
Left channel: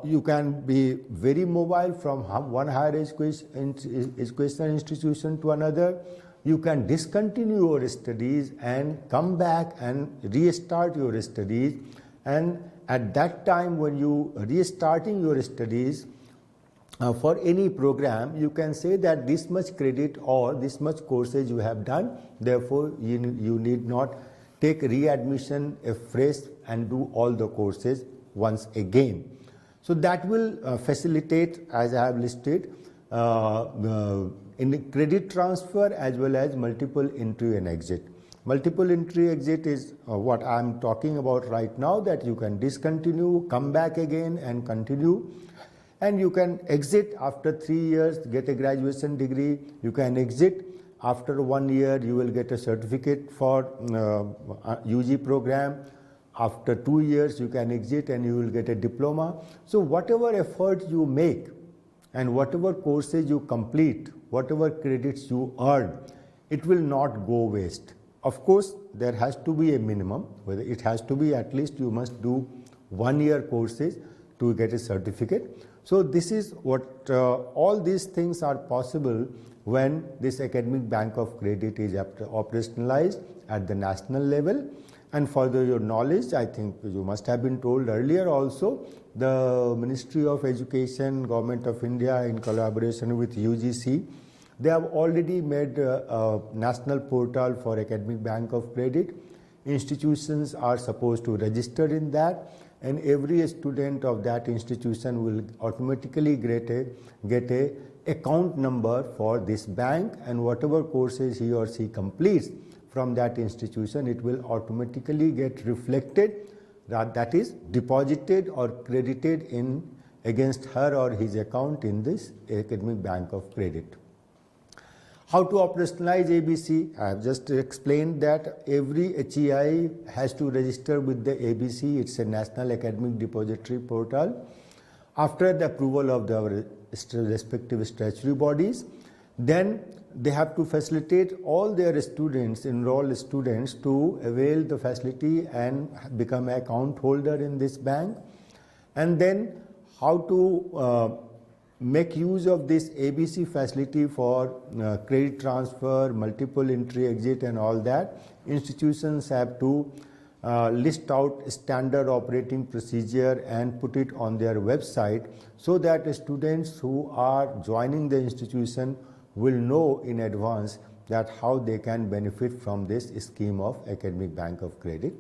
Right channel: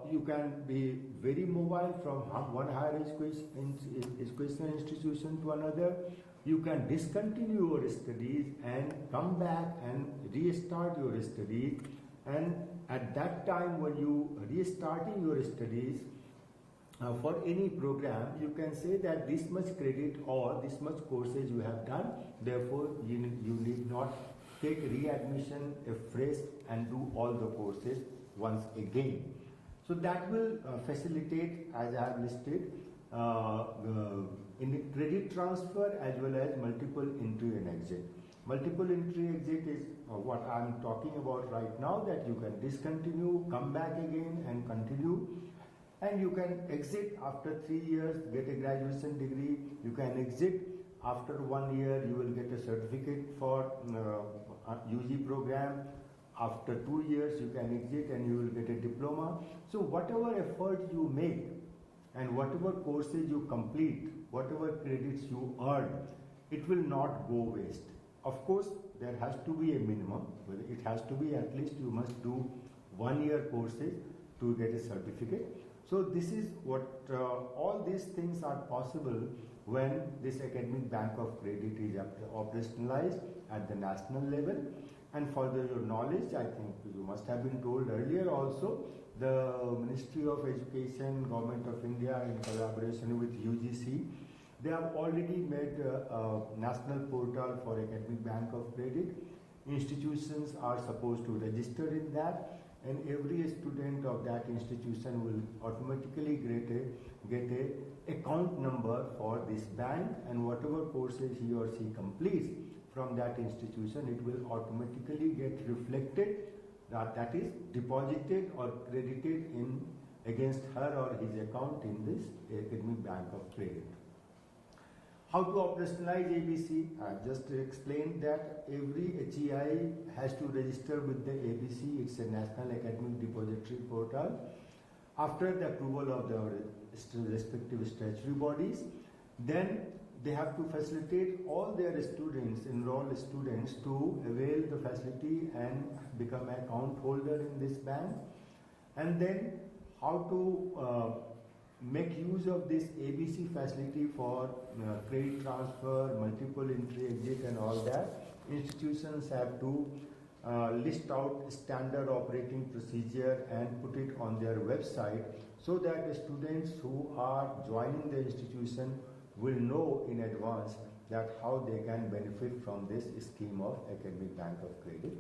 you can be very mobile from one higher education institution to another. You can discontinue your studies and come back and restart your studies, and at that time when you restarting your studies for any program, you can say that this much credit or this much courses you have done, therefore you need not take readmission afresh and do all the courses once again. So that will facilitate, as I have listed, in credit transfer as well as multiple entry and exit. Multiple entry exit is what I am talking about right now, that you can discontinue, come back again and continue, and you can exit after 3 years, get a graduation degree. You can exit after 1 year, you will get a certificate for UG program. After 2 years, you can exit and you will get a diploma. So whatever effort you make and whatever courses you complete, whatever credits you earn, it will not go waste. Of course, there has to be a minimum, whether it has to be at least you must do 1 year courses to get a certificate. So this is what all these things are possible when this academic bank of credit is operationalized at the national level. And further your knowledge, I think you must have been told earlier also, the Ministry of Education, Government of India in collaboration with UGC, they have already made a national portal for academic bank of credit. Institutions are supposed to register in that, and every student of that institution will automatically get a account number for this bank, and whatever courses he or she completes from that institution, it will automatically get reflected, that is deposited or credited in against her or his account in this academic bank of credit. How to operationalize ABC? I have just explained that every HEI has to register with the ABC. It's a National Academic Depository Portal. After the approval of the respective statutory bodies, then they have to facilitate all their students, enrolled students, to avail the facility and become an account holder in this bank. And then how to make use of this ABC facility for credit transfer, multiple entry exit and all that. Institutions have to list out standard operating procedure and put it on their website, so that students who are joining the institution will know in advance that how they can benefit from this scheme of academic bank of credit.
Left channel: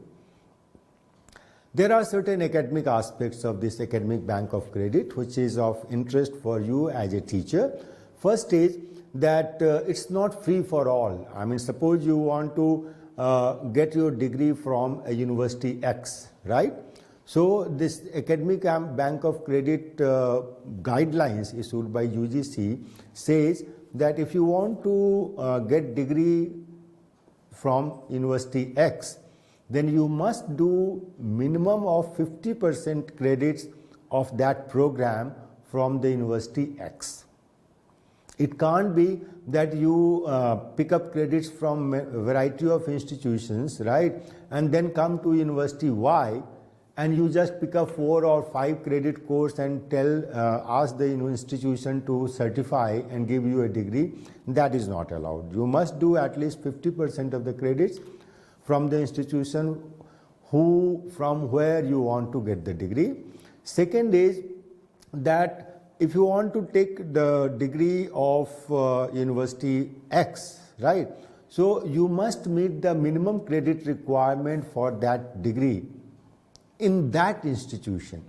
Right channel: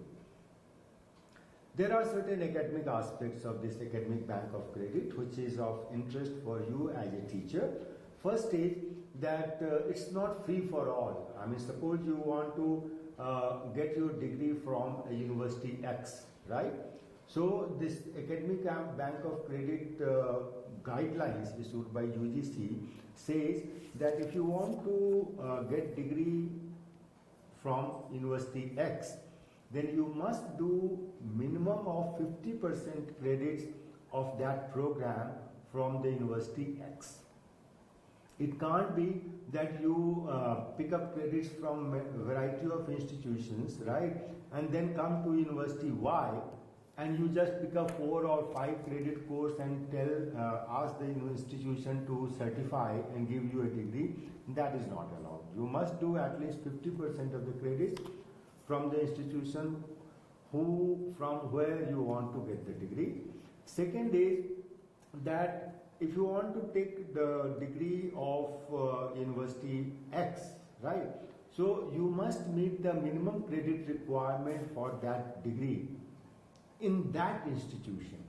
There are certain academic aspects of this academic bank of credit which is of interest for you as a teacher. First is that it's not free for all. I mean, suppose you want to get your degree from a university X, right? So this academic bank of credit guidelines issued by UGC says that if you want to get degree from university X, then you must do minimum of 50% credits of that program from the university X. It can't be that you pick up credits from a variety of institutions, right, and then come to university Y and you just pick up 4 or 5 credit course and ask the institution to certify and give you a degree. That is not allowed. You must do at least 50% of the credits from the institution from where you want to get the degree. Second is that if you want to take the degree of university X, right, so you must meet the minimum credit requirement for that degree in that institution.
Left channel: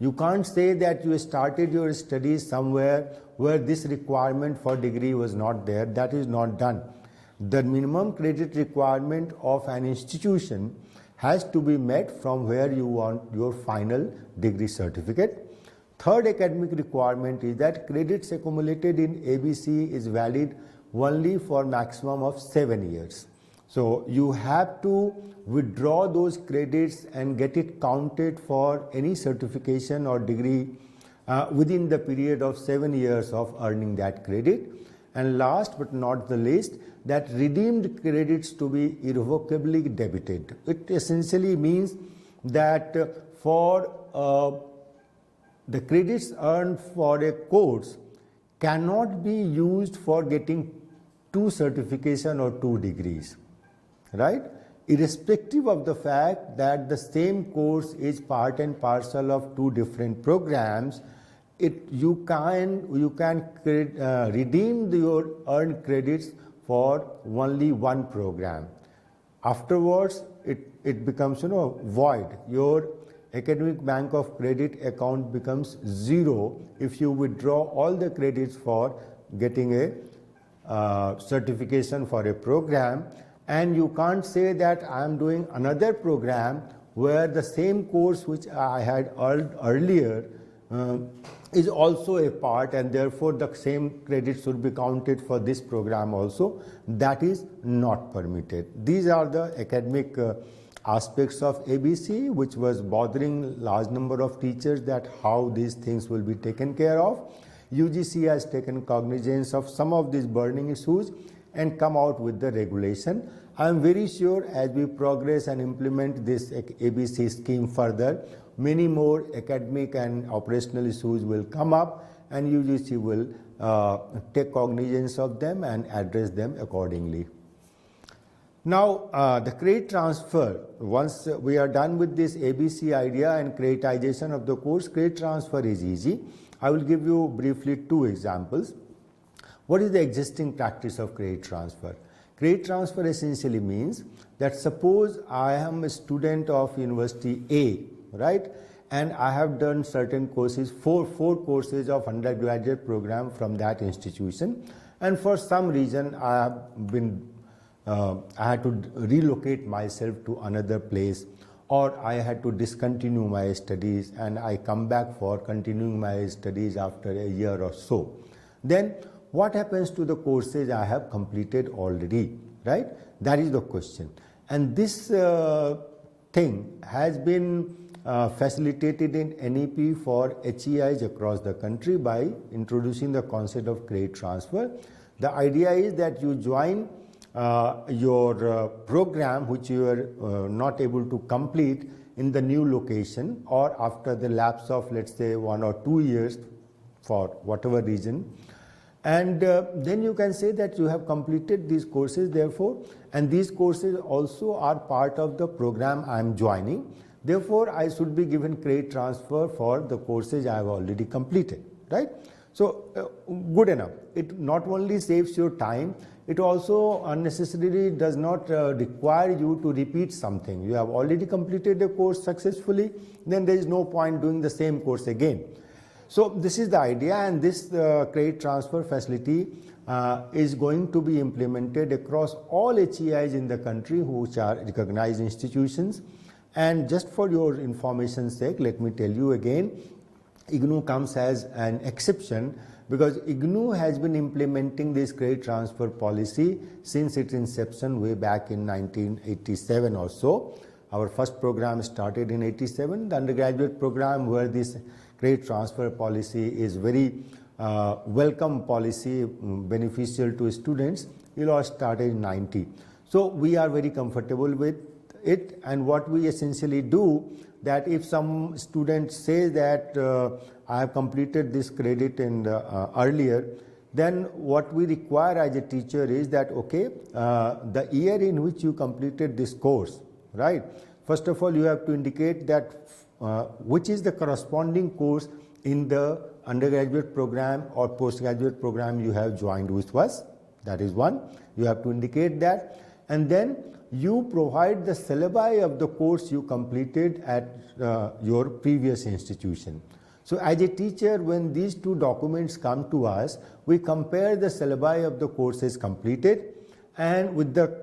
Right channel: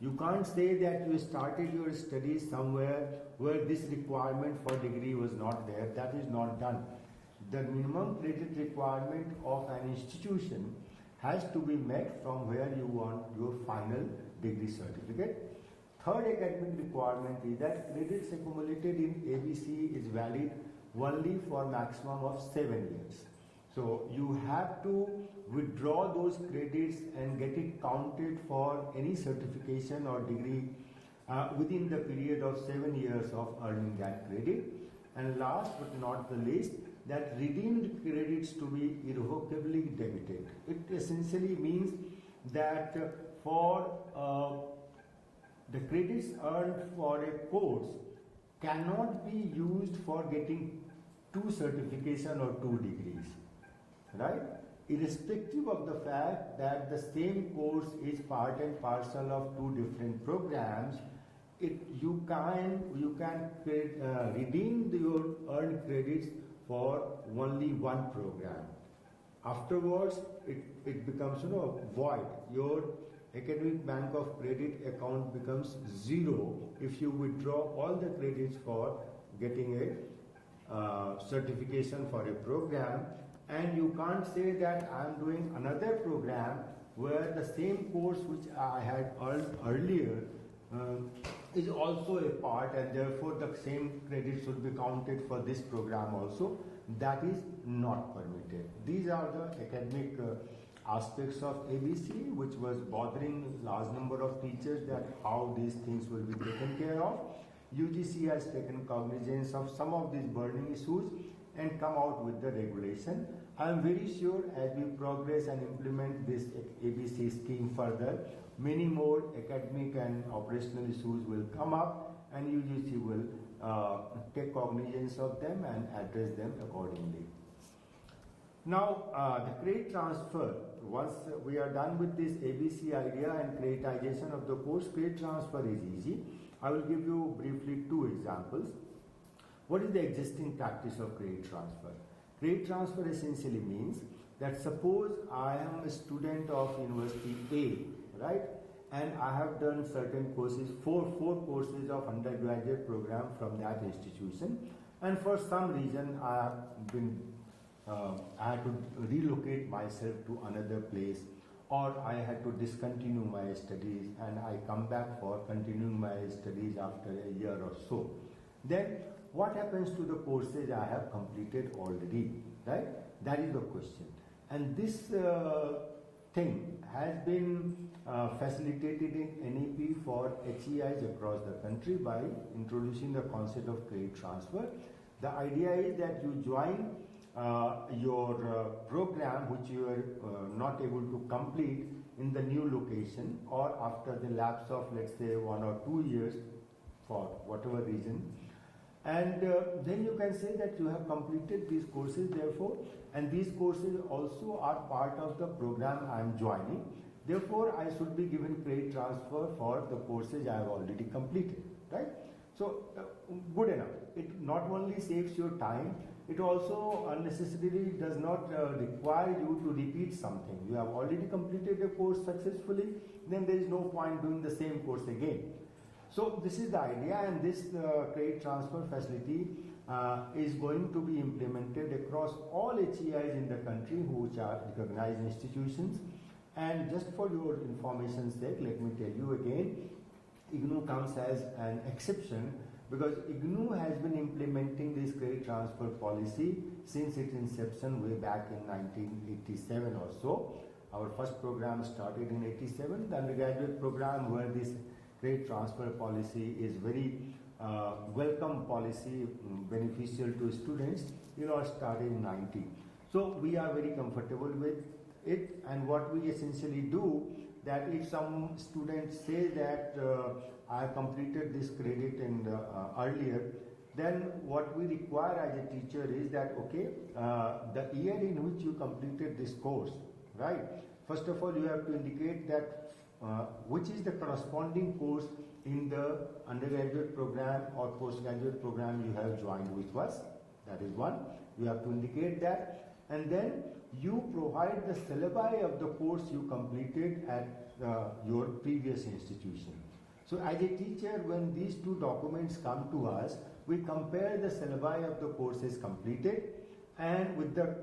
You can't say that you started your studies somewhere where this requirement for degree was not there. That is not done. The minimum credit requirement of an institution has to be met from where you want your final degree certificate. Third academic requirement is that credits accumulated in ABC is valid only for maximum of 7 years. So you have to withdraw those credits and get it counted for any certification or degree within the period of 7 years of earning that credit. And last but not the least, that redeemed credits to be irrevocably debited. It essentially means that for the credits earned for a course cannot be used for getting 2 certification or 2 degrees, right? Irrespective of the fact that the same course is part and parcel of 2 different programs, you can redeem your earned credits for only one program. Afterwards, it becomes void. Your academic bank of credit account becomes 0 if you withdraw all the credits for getting a certification for a program. And you can't say that I am doing another program where the same course which I had earned earlier is also a part, and therefore the same credit should be counted for this program also. That is not permitted. These are the academic aspects of ABC which was bothering large number of teachers, that how these things will be taken care of. UGC has taken cognizance of some of these burning issues and come out with the regulation. I am very sure as we progress and implement this ABC scheme further, many more academic and operational issues will come up, and UGC will take cognizance of them and address them accordingly. Now, the credit transfer, once we are done with this ABC idea and creditization of the course, credit transfer is easy. I will give you briefly 2 examples. What is the existing practice of credit transfer? Credit transfer essentially means that suppose I am a student of University A, right, and I have done certain courses, four courses of undergraduate program from that institution, and for some reason I had to relocate myself to another place, or I had to discontinue my studies and I come back for continuing my studies after a year or so. Then what happens to the courses I have completed already, right? That is the question. And this thing has been facilitated in NEP for HEIs across the country by introducing the concept of credit transfer. The idea is that you join your program which you are not able to complete in the new location, or after the lapse of, let's say, 1 or 2 years for whatever reason, and then you can say that you have completed these courses, therefore, and these courses also are part of the program I am joining, therefore I should be given credit transfer for the courses I have already completed, right? So good enough. It not only saves your time, it also unnecessarily does not require you to repeat something. You have already completed the course successfully, then there is no point doing the same course again. So this is the idea, and this credit transfer facility is going to be implemented across all HEIs in the country which are recognized institutions. And just for your information's sake, let me tell you again, IGNOU comes as an exception because IGNOU has been implementing this credit transfer policy since its inception way back in 1987 or so. Our first program started in 87, the undergraduate program where this credit transfer policy is very welcome policy, beneficial to students. It all started in 90. So we are very comfortable with it, and what we essentially do, that if some student says that I have completed this credit in earlier, then what we require as a teacher is that, okay, the year in which you completed this course, right? First of all, you have to indicate that which is the corresponding course in the undergraduate program or postgraduate program you have joined with us. That is one. You have to indicate that, and then you provide the syllabi of the course you completed at your previous institution. So as a teacher, when these two documents come to us, we compare the syllabi of the courses completed and with the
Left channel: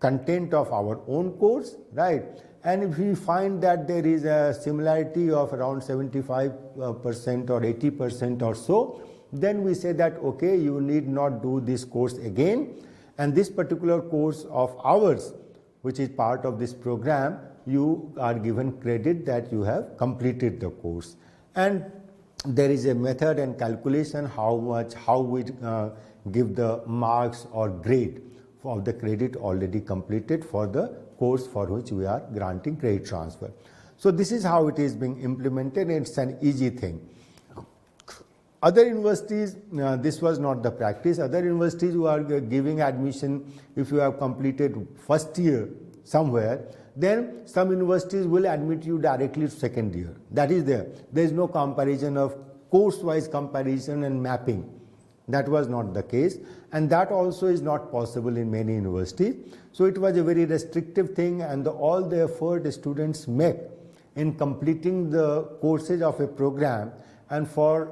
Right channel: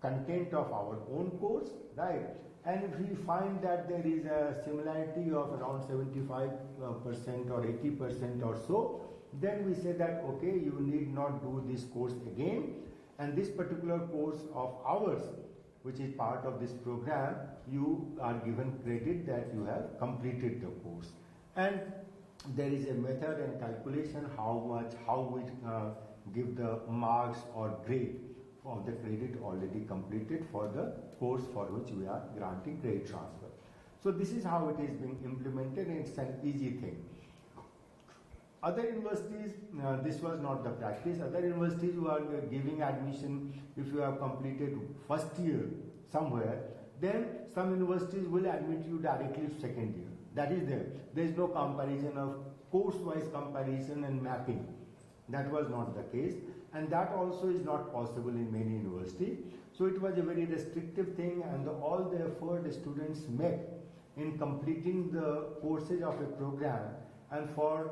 content of our own course, right? And if we find that there is a similarity of around 75% or 80% or so, then we say that, okay, you need not do this course again, and this particular course of ours, which is part of this program, you are given credit that you have completed the course. And there is a method and calculation how we give the marks or grade for the credit already completed for the course for which we are granting credit transfer. So this is how it is being implemented. It's an easy thing. Other universities, this was not the practice. Other universities who are giving admission, if you have completed first year somewhere, then some universities will admit you directly to second year. That is there. There is no comparison of course-wise comparison and mapping. That was not the case, and that also is not possible in many universities. So it was a very restrictive thing, and all the effort the students make in completing the courses of a program, and for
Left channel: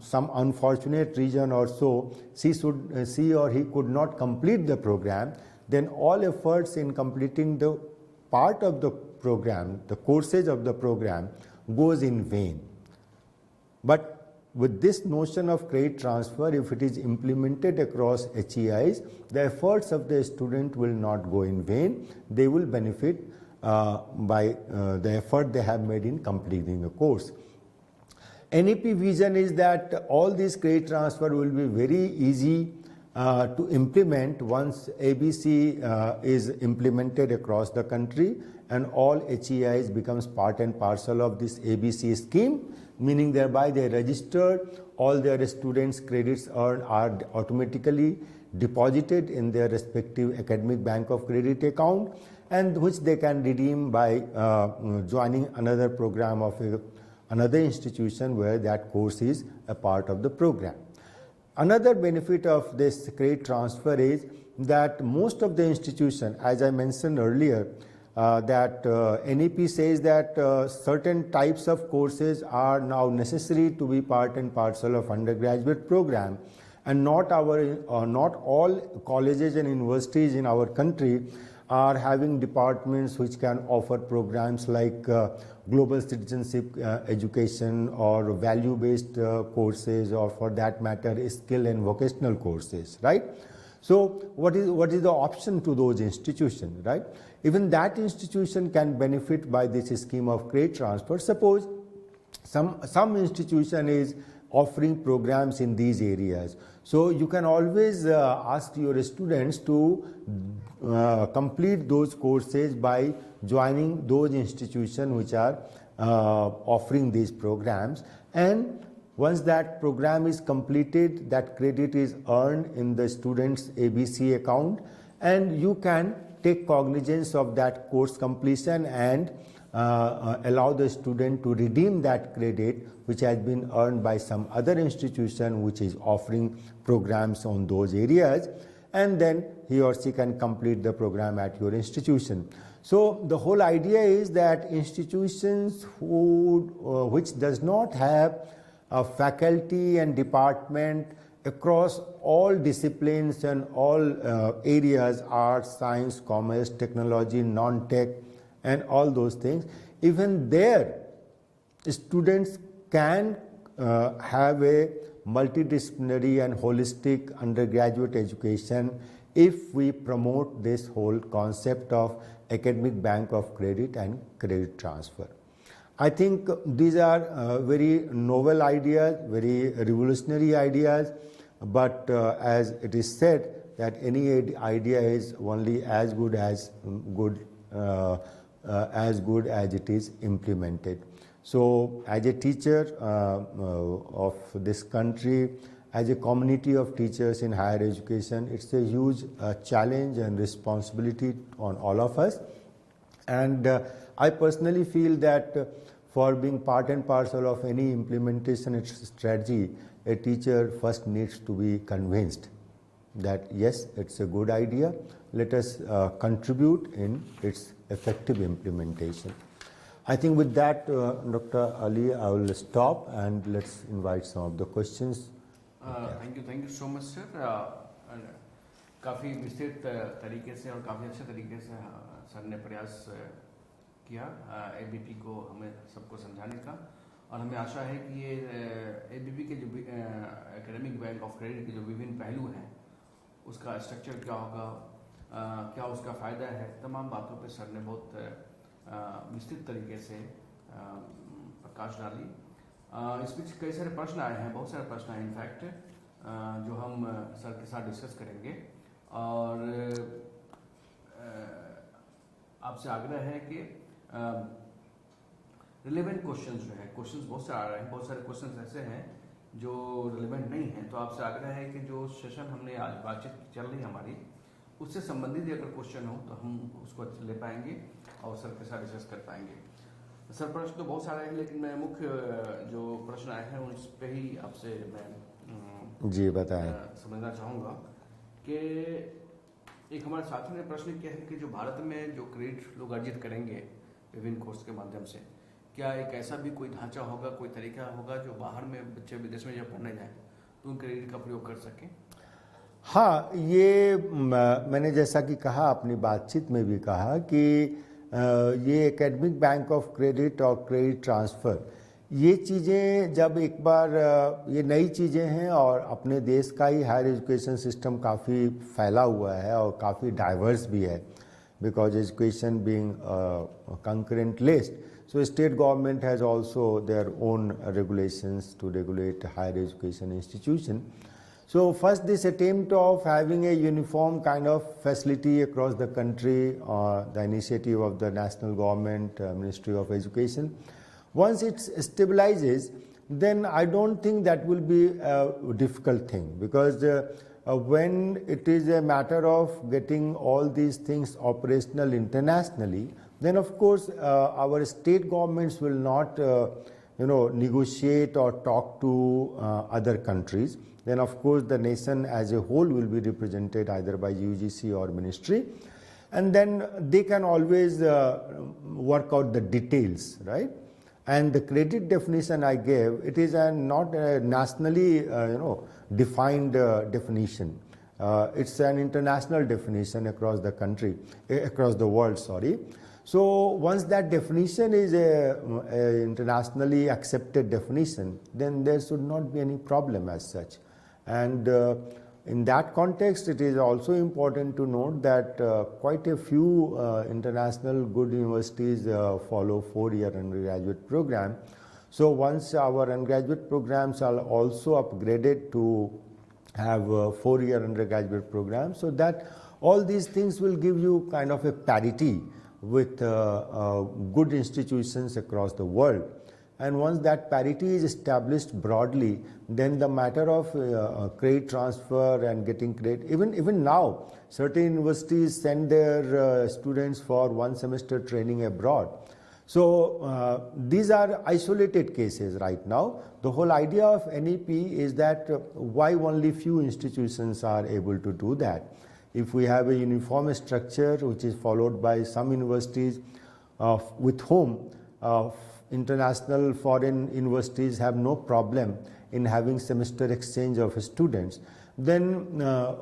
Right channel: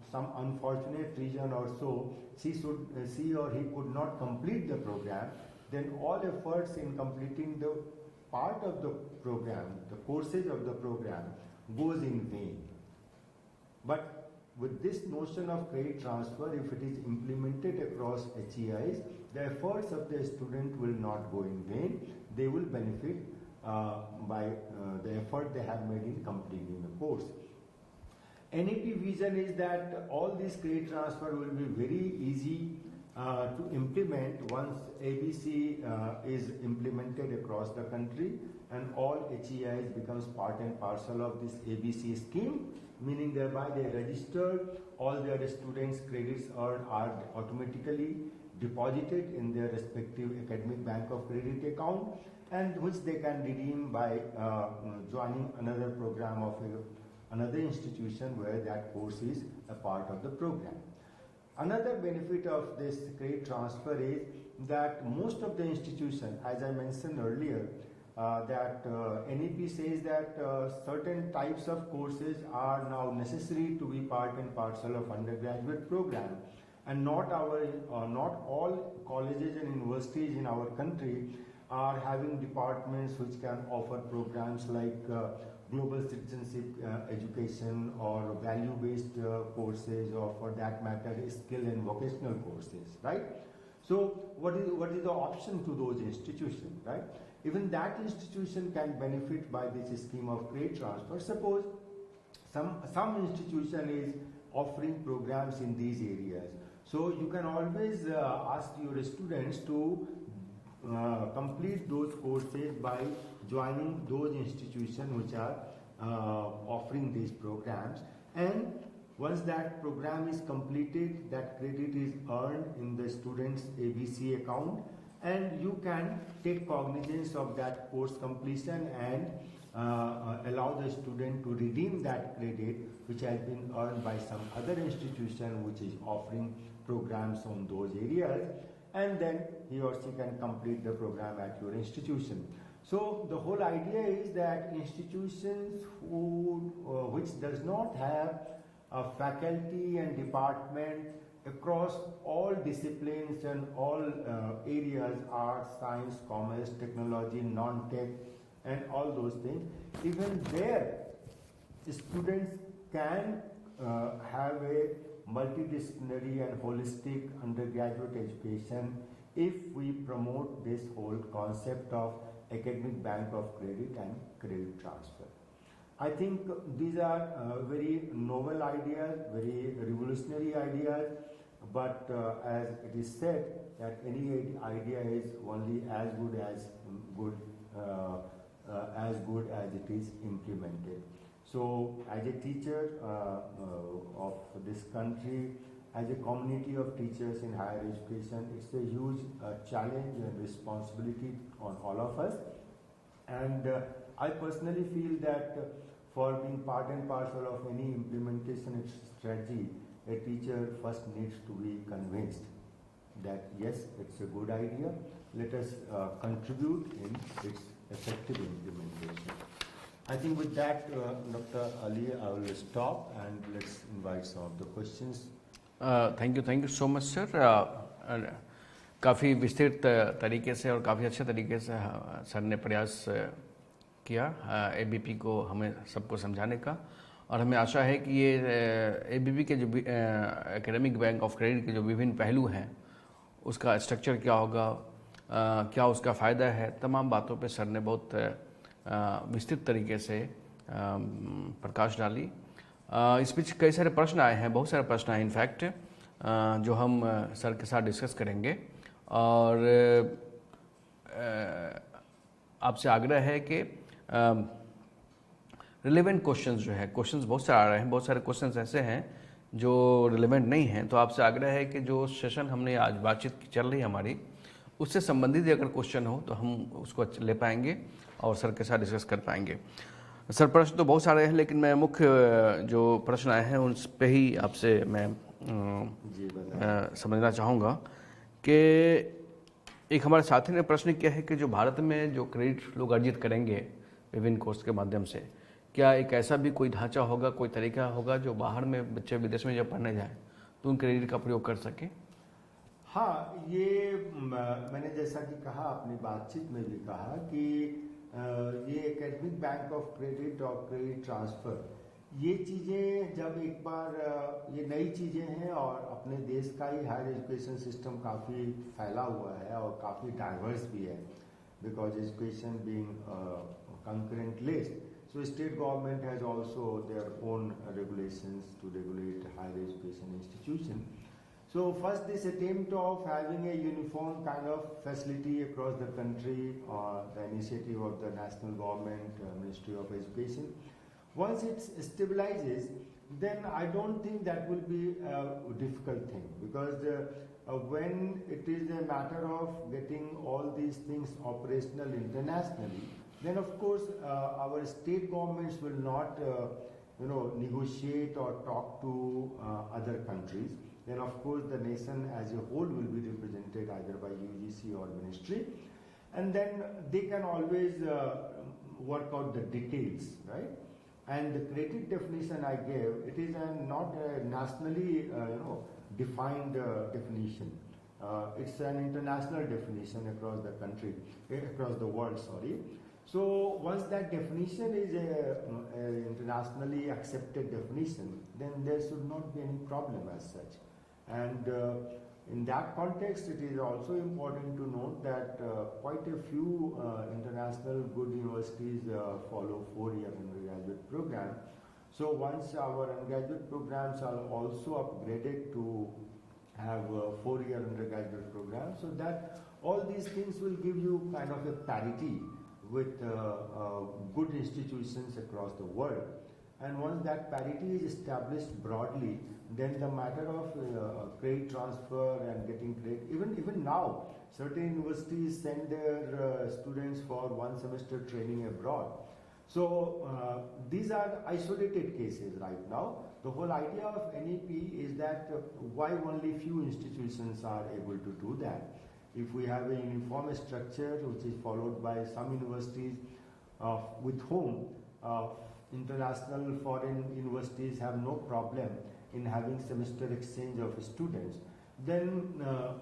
some unfortunate reason or so, she or he could not complete the program, then all efforts in completing the part of the program, the courses of the program, goes in vain. But with this notion of credit transfer, if it is implemented across HEIs, the efforts of the student will not go in vain. They will benefit by the effort they have made in completing the course. NEP vision is that all these credit transfer will be very easy to implement once ABC is implemented across the country, and all HEIs becomes part and parcel of this ABC scheme, meaning thereby they register, all their students' credits earned are automatically deposited in their respective academic bank of credit account, and which they can redeem by joining another program of another institution where that course is a part of the program. Another benefit of this credit transfer is that most of the institutions, as I mentioned earlier, that NEP says that certain types of courses are now necessary to be part and parcel of undergraduate program, and not all colleges and universities in our country are having departments which can offer programs like global citizenship education or value-based courses, or for that matter skill and vocational courses, right? So what is the option to those institutions, right? Even that institution can benefit by this scheme of credit transfer. Suppose some institution is offering programs in these areas, so you can always ask your students to complete those courses by joining those institutions which are offering these programs, and once that program is completed, that credit is earned in the student's ABC account, and you can take cognizance of that course completion and allow the student to redeem that credit which has been earned by some other institution which is offering programs on those areas. and then he or she can complete the program at your institution. So the whole idea is that institutions which does not have a faculty and department across all disciplines and all areas, arts, science, commerce, technology, non-tech, and all those things, even there students can have a multidisciplinary and holistic undergraduate education if we promote this whole concept of academic bank of credit and credit transfer. I think these are very novel ideas, very revolutionary ideas, but as it is said that any idea is only as good as it is implemented. So as a teacher of this country, as a community of teachers in higher education, it's a huge challenge and responsibility on all of us. And I personally feel that for being part and parcel of any implementation strategy, a teacher first needs to be convinced that yes, it's a good idea. Let us contribute in its effective implementation. I think with that, Dr. Ali, I will stop and let's invite some of the questions. Thank you so much sir. काफ़ी विस्तृत तरीके से और काफ़ी अच्छे तरीके से sir ने प्रयास किया एबीपी को हमें सबको समझाने का, और हमें आशा है कि ये एबीपी के जो एकेडमिक बैंक ऑफ क्रेडिट के जो विभिन्न पहलू हैं उसका स्ट्रक्चर क्या होगा, क्या उसका फ़ायदा है, तमाम बातों पे सर ने बहुत विस्तृत तरीके से प्रकाश डाली. इस बीच कई सारे प्रश्न आए हैं, बहुत सारे प्रश्न आए इनफैक्ट, जो हम सर के साथ डिस्कस करेंगे. और आपसे आग्रह है कि रिलेवेंट क्वेश्चंस जो है, क्वेश्चंस बहुत सारे आ रहे हैं, बहुत सारे क्वेश्चंस ऐसे हैं जो रिलेवेंट नहीं हैं, तो आपसे आग्रह है कि जो सेशन हमने आज बातचीत चल रही है हमारी, उससे संबंधित अगर क्वेश्चन हो तो हम उसको ले पाएंगे और सर के साथ डिस्कस कर पाएंगे. सर प्रश्न तो बहुत सारे हैं, लेकिन मैं मुख्य जो प्रश्न आए हैं उन पे ही आपसे मैं जी बताएं समझना चाहूँगा कि एक हमारे साथी ने प्रश्न किया है कि जो भारत में जो क्रेडिट लोग अर्जित करेंगे विभिन्न कोर्स के माध्यम से, क्या एक ऐसा भी कोई ढांचा होगा, कोई तरीका होगा जो बाहर में बच्चे विदेश में जब पढ़ने जाए तो उन क्रेडिट का प्रयोग कर सकें? हाँ, ये मैंने जैसा कि कहा, अपनी बातचीत में भी कहा कि ये एकेडमिक बैंक ऑफ क्रेडिट और क्रेडिट ट्रांसफ़र, ये चीज़ें जब एक बार ये नई चीज़ें हैं और अपने देश का ही हायर एजुकेशन सिस्टम काफ़ी फैला हुआ है और काफ़ी डाइवर्स भी है, because education being concurrent list, so state government has also their own regulations to regulate higher education institution. So first this attempt of having a uniform kind of facility across the country, the initiative of the national government, Ministry of Education, once it stabilizes, then I don't think that will be a difficult thing, because when it is a matter of getting all these things operational internationally, then of course our state governments will not negotiate or talk to other countries. Then of course the nation as a whole will be represented either by UGC or ministry, and then they can always work out the details, right? And the credit definition I gave, it is not a nationally defined definition. It's an international definition across the country, across the world, sorry. So once that definition is a internationally accepted definition, then there should not be any problem as such. And in that context, it is also important to note that quite a few international good universities follow 4-year undergraduate program. So once our undergraduate programs are also upgraded to have 4-year undergraduate program, so that all these things will give you kind of a parity with good institutions across the world. And once that parity is established broadly, then the matter of credit transfer and getting credit, even now, certain universities send their students for 1 semester training abroad. So these are isolated cases right now. The whole idea of NEP is that why only few institutions are able to do that. If we have a uniform structure which is followed by some universities with whom international foreign universities have no problem in having semester exchange of students, then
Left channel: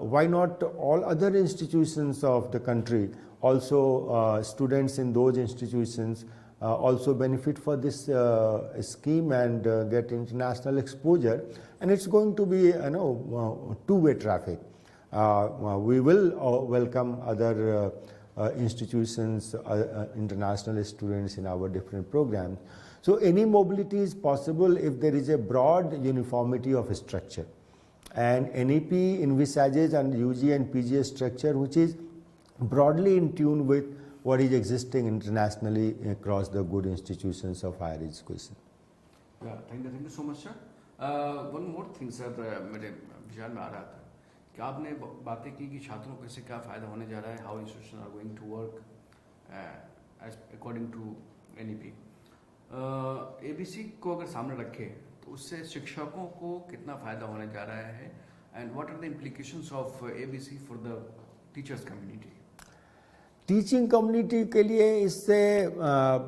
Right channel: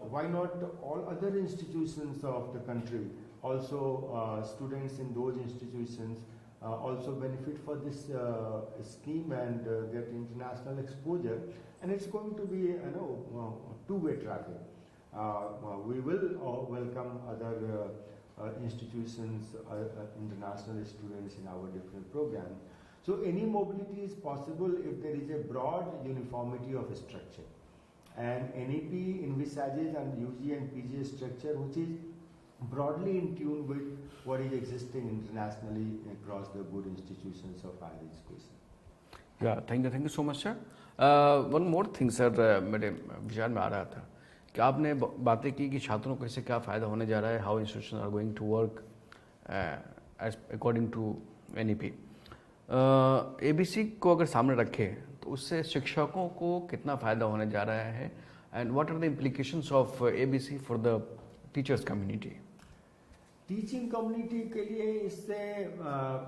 why not all other institutions of the country also students in those institutions also benefit for this scheme and get international exposure, and it's going to be two-way traffic. We will welcome other institutions, international students in our different programs. So any mobility is possible if there is a broad uniformity of structure. And NEP envisages an UG and PG structure which is broadly in tune with what is existing internationally across the good institutions of higher education. Yeah, thank you so much, sir. One more thing, sir, मेरे विचार में आ रहा था कि आपने बातें की कि छात्रों को इससे क्या फ़ायदा होने जा रहा है, how institution are going to work as according to NEP. ABC को अगर सामने रखें तो उससे शिक्षकों को कितना फ़ायदा होने जा रहा है, and what are the implications of ABC for the teachers community? Teaching community के लिए इससे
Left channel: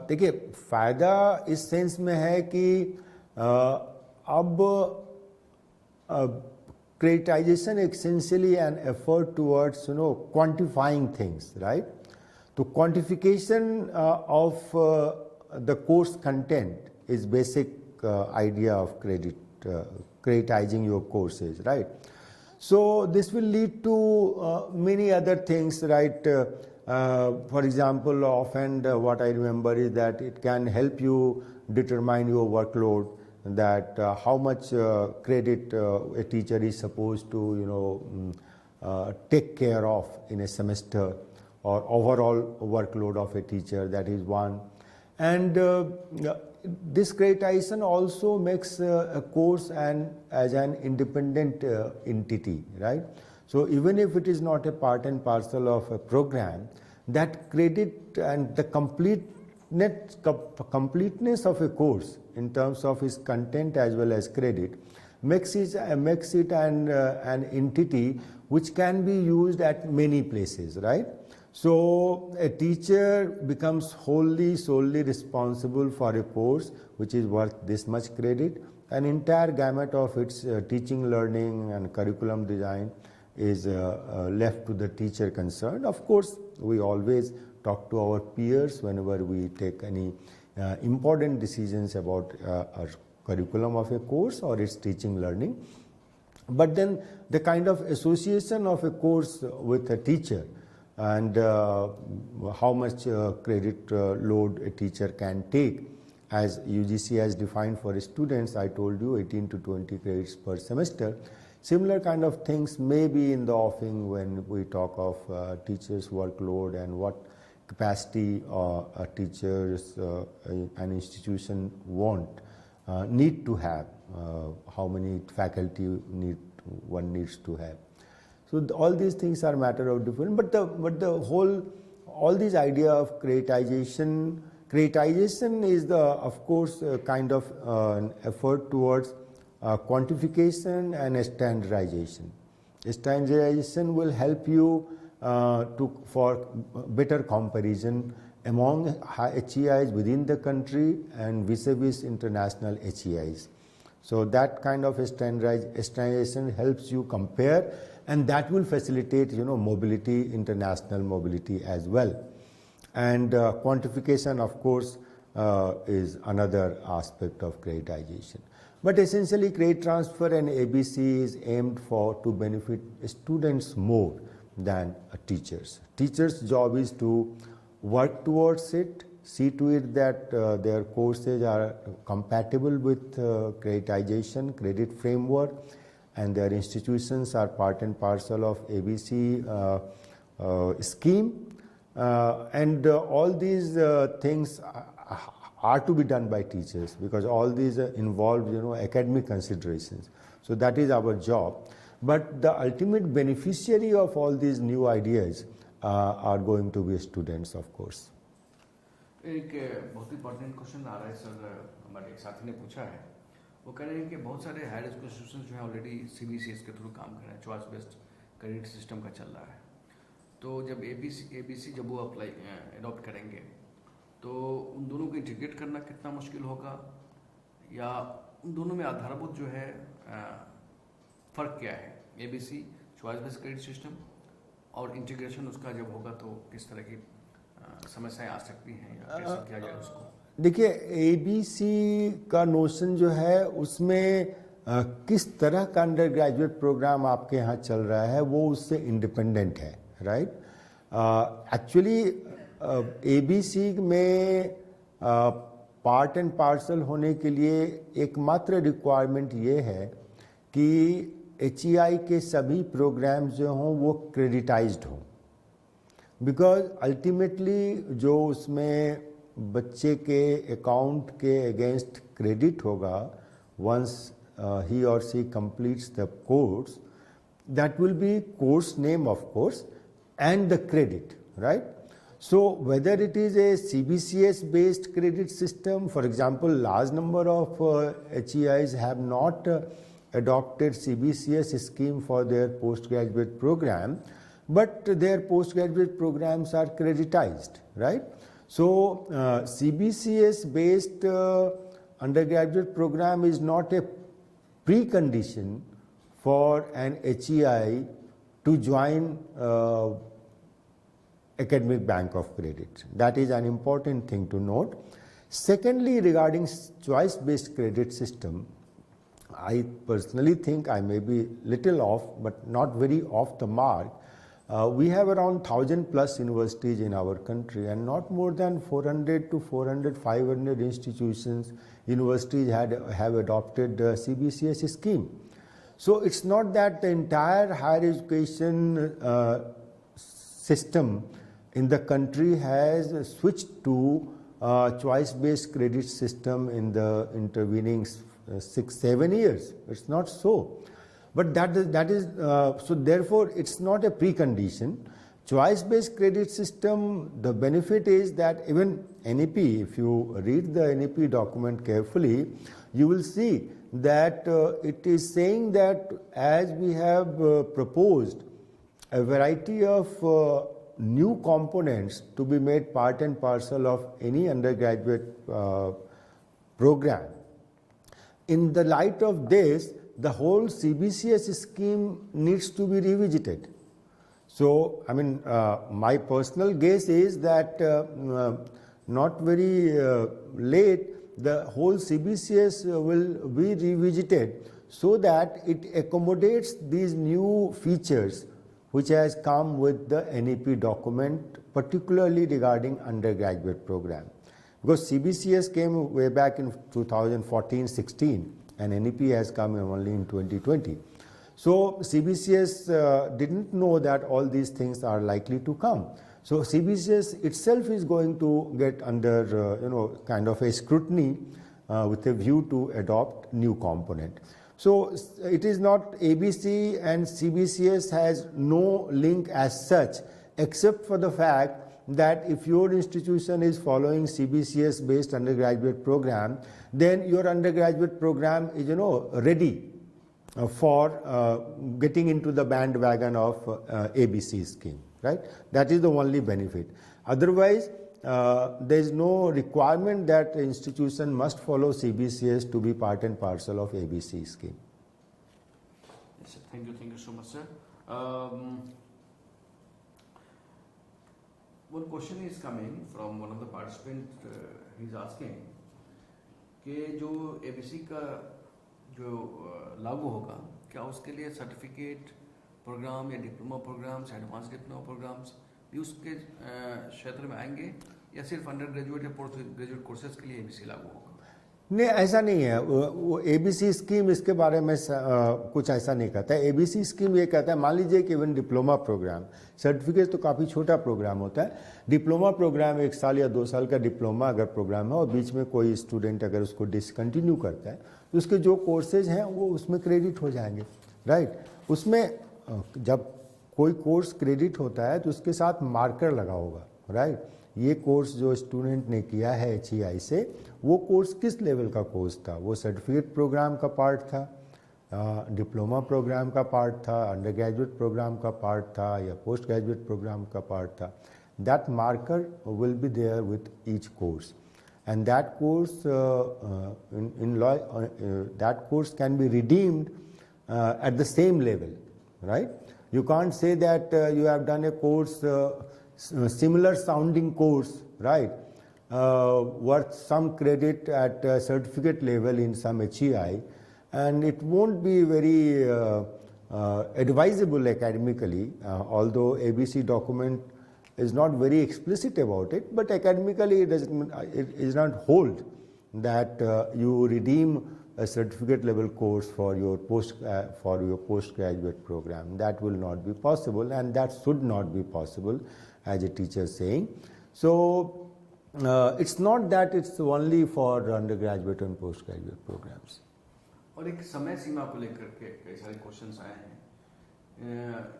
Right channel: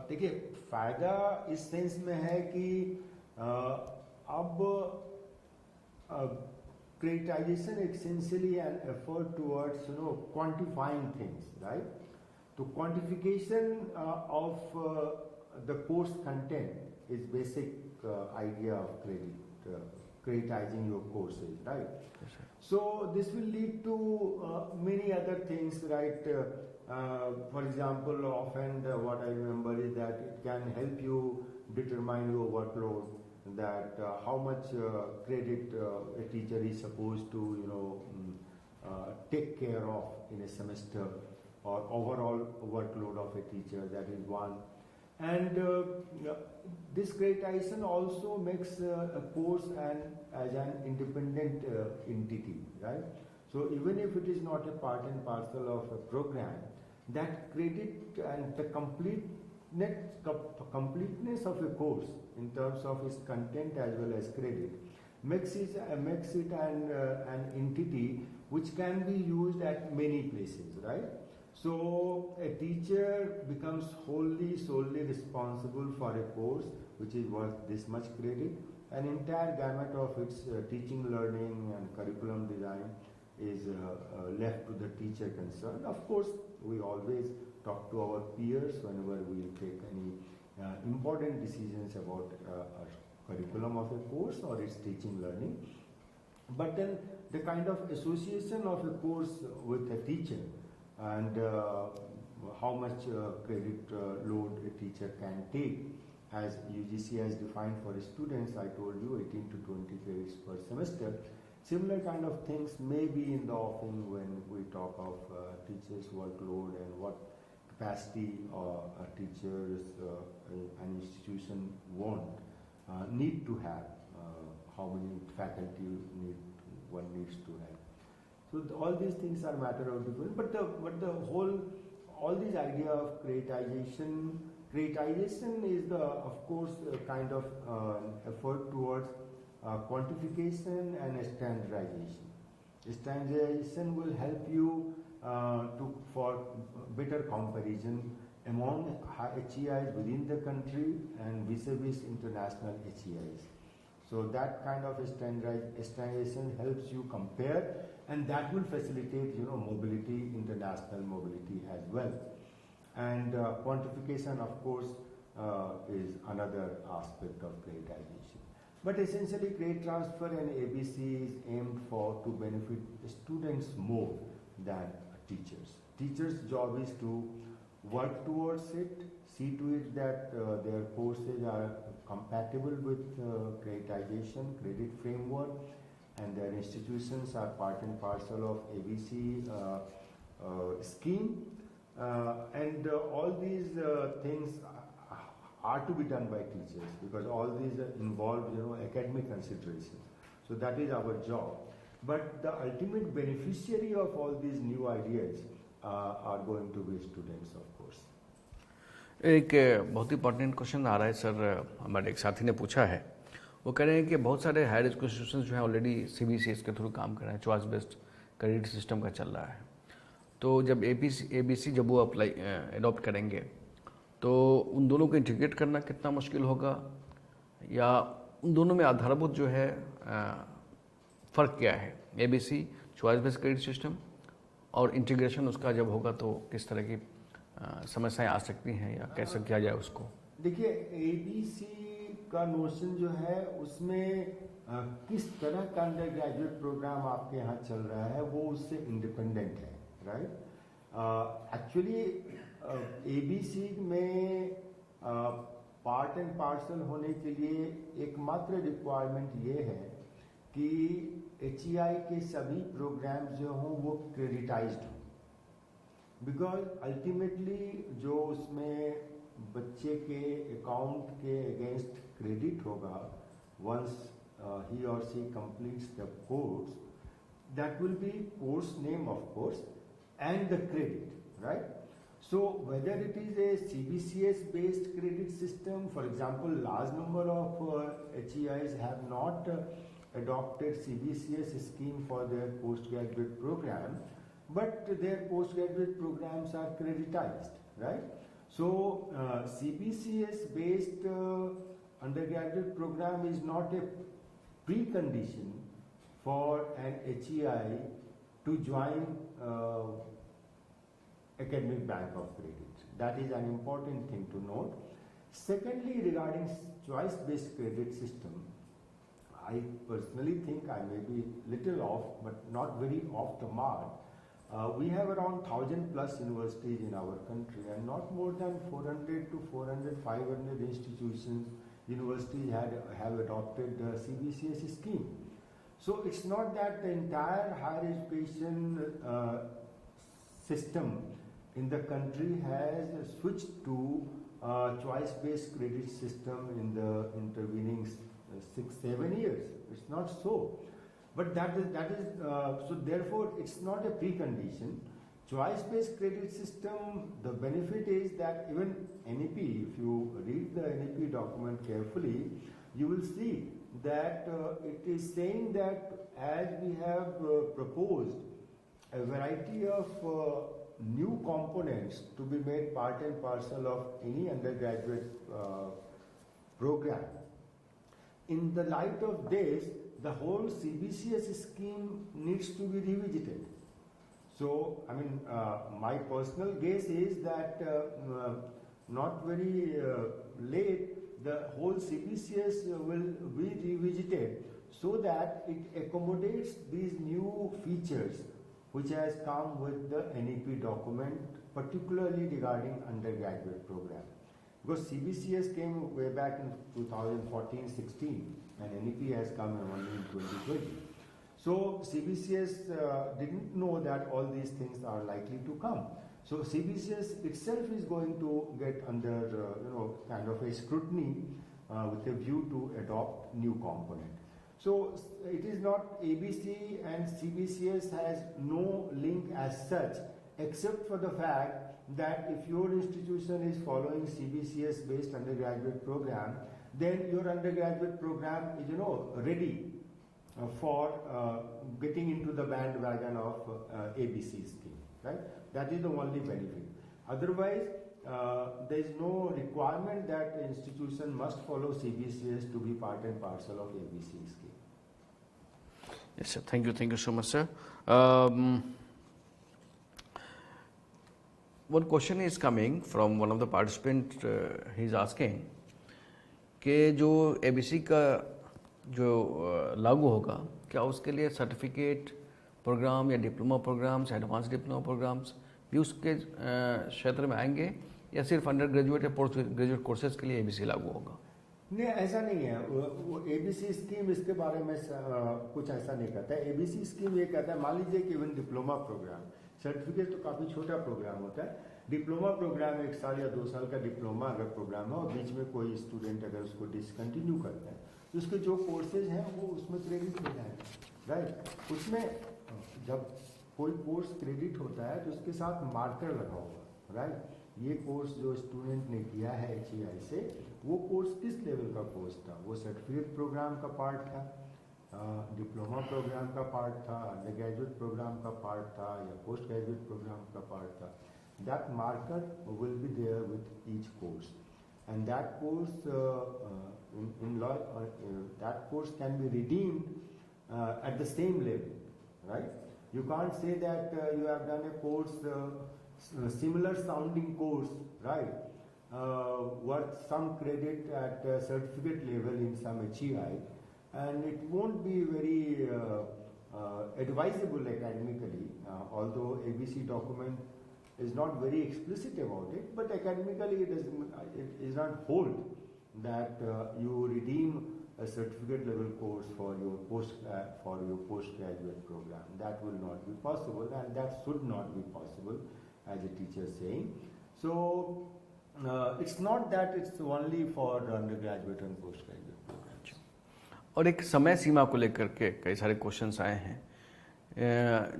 देखिए फ़ायदा इस सेंस में है कि अब creditization essentially an effort towards quantifying things, right? तो quantification of the course content is basic idea of creditizing your courses, right? So this will lead to many other things, right? For example, often what I remember is that it can help you determine your workload, that how much credit a teacher is supposed to take care of in a semester, or overall workload of a teacher. That is one. And this creditization also makes a course as an independent entity, right? So even if it is not a part and parcel of a program, that credit and the completeness of a course in terms of its content as well as credit makes it an entity which can be used at many places, right? So a teacher becomes solely responsible for a course which is worth this much credit. An entire gamut of its teaching, learning and curriculum design is left to the teacher concerned. Of course, we always talk to our peers whenever we take any important decisions about a curriculum of a course or its teaching, learning. But then the kind of association of a course with a teacher and how much credit load a teacher can take, as UGC has defined for students, I told you 18 to 20 credits per semester. Similar kind of things may be in the offing when we talk of teachers' workload and what capacity teachers an institution need to have, how many faculty one needs to have. So all these things are matter of different, but the whole, all this idea of creditization is of course kind of an effort towards quantification and standardization. Standardization will help you for better comparison among HEIs within the country and vis-a-vis international HEIs. So that kind of standardization helps you compare, and that will facilitate mobility, international mobility as well. And quantification, of course, is another aspect of creditization. But essentially, credit transfer and ABC is aimed to benefit students more than teachers. Teachers' job is to work towards it, see to it that their courses are compatible with creditization, credit framework, and their institutions are part and parcel of ABC scheme. And all these things are to be done by teachers, because all these involve academic considerations. So that is our job. But the ultimate beneficiary of all these new ideas are going to be students, of course. एक बहुत ही important question आ रहा है sir, हमारे एक साथी ने पूछा है. वो कह रहे हैं कि बहुत सारे हायर एजुकेशन इंस्टीट्यूशन जो हैं ऑलरेडी CBSE के थ्रू काम कर रहे हैं, चॉइस बेस्ड क्रेडिट सिस्टम का चल रहा है. तो जब ABC जब वो अप्लाई अडॉप्ट करेंगे तो उन दोनों को इंटीग्रेट करना कितना मुश्किल होगा, या उन दोनों में आधारभूत जो है फ़र्क क्या है, ABC choice based credit system और इंटीग्रेशन उसका जब होगा तो किस तरह की समस्याएं आ सकती हैं या कैसे किया जाए उसको? देखिए, ABC का नोशन जो है उसमें किस तरह का अंडर ग्रेजुएट प्रोग्राम आपके यहाँ चल रहा है वो उससे इंडिपेंडेंट है, राइट। एक्चुअली ABC में पार्ट एंड पार्सल होने के लिए एकमात्र रिक्वायरमेंट ये है कि HEI के सभी प्रोग्राम्स जो हों वो क्रेडिटाइज्ड हों, बिकॉज अल्टीमेटली जो उसमें बच्चे के अकाउंट के अगेंस्ट क्रेडिट होगा once he or she completes the course, that will be course name of course and the credit, right? So whether it is a CBCS based credit system, for example, large number of HEIs have not adopted CBCS scheme for their postgraduate program, but their postgraduate programs are creditized, right? So CBCS based undergraduate program is not a precondition for an HEI to join academic bank of credit. That is an important thing to note. Secondly, regarding choice based credit system, I personally think I may be little off, but not very off the mark. We have around 1,000 plus universities in our country, and not more than 400 to 500 institutions, universities have adopted the CBCS scheme. So it's not that the entire higher education system in the country has switched to choice-based credit system in the intervening 6-7 years. It's not so. But that is so therefore it's not a precondition. Choice-based credit system, the benefit is that even NEP, if you read the NEP document carefully, you will see that it is saying that as we have proposed a variety of new components to be made part and parcel of any undergraduate program. In the light of this, the whole CBCS scheme needs to be revisited. So, I mean, my personal guess is that not very late, the whole CBCS will be revisited so that it accommodates these new features which has come with the NEP document, particularly regarding undergraduate program. Because CBCS came way back in 2014-16 and NEP has come only in 2020. So CBCS didn't know that all these things are likely to come. So CBCS itself is going to get under kind of a scrutiny with a view to adopt new component. So it is not ABC and CBCS has no link as such, except for the fact that if your institution is following CBCS based undergraduate program, then your undergraduate program is ready for getting into the bandwagon of ABC scheme, right? That is the only benefit. Otherwise, there is no requirement that the institution must follow CBCS to be part and parcel of ABC scheme. Yes, sir. Thank you so much, sir. One question is coming from one of the participants. He is asking कि जो ABC का जो लागू होगा, क्या उसके लिए certificate program या diploma programs, advance diploma programs भी उसके क्षेत्र में आएंगे, या सिर्फ अंडर ग्रेजुएट या पोस्ट ग्रेजुएट कोर्सेज के लिए ABC लागू होगा? नहीं, ऐसा नहीं है। वो ABC स्कीम इसके बारे में कुछ ऐसा नहीं कहता है। ABC स्कीम ये कहता है, मान लीजिए कि इवन डिप्लोमा प्रोग्राम, सर्टिफिकेट तो काफ़ी छोटा प्रोग्राम होता है, डिप्लोमा प्रोग्राम 1 साल या 2 साल का डिप्लोमा अगर प्रोग्राम है और बीच में कोई स्टूडेंट अगर उसको डिसकंटिन्यू करता है तो उसके जो कोर्सेज हैं वो उसमें क्रेडिट हो जाएंगे, राइट। उसमें जब कोई कोर्स क्रेडिट होता है तो उसके साथ मार्कर लगा होगा, राइट। ये कोर्स जो स्टूडेंट ने किया है HEI से, वो कोर्स किस लेवल का कोर्स था, वो सर्टिफिकेट प्रोग्राम का पार्ट था, डिप्लोमा प्रोग्राम का पार्ट था, अंडर ग्रेजुएट प्रोग्राम का पार्ट था या पोस्ट ग्रेजुएट प्रोग्राम का पार्ट था, that marker will be there with each course, and that course that course can be redeemed at the same level, right? You can't say that you have done a course, similar sounding course, right, worth some credit at certificate level in some HEI, and it won't be very advisable academically, although ABC document is not very explicit about it, but academically it is not hold that you redeem a certificate level course for your postgraduate program. That will not be possible, and that should not be possible, as a teacher is saying. So it's not that it's only for undergraduate and postgraduate programs. और एक समय सीमा को लेकर के कई सारे questions आए हैं।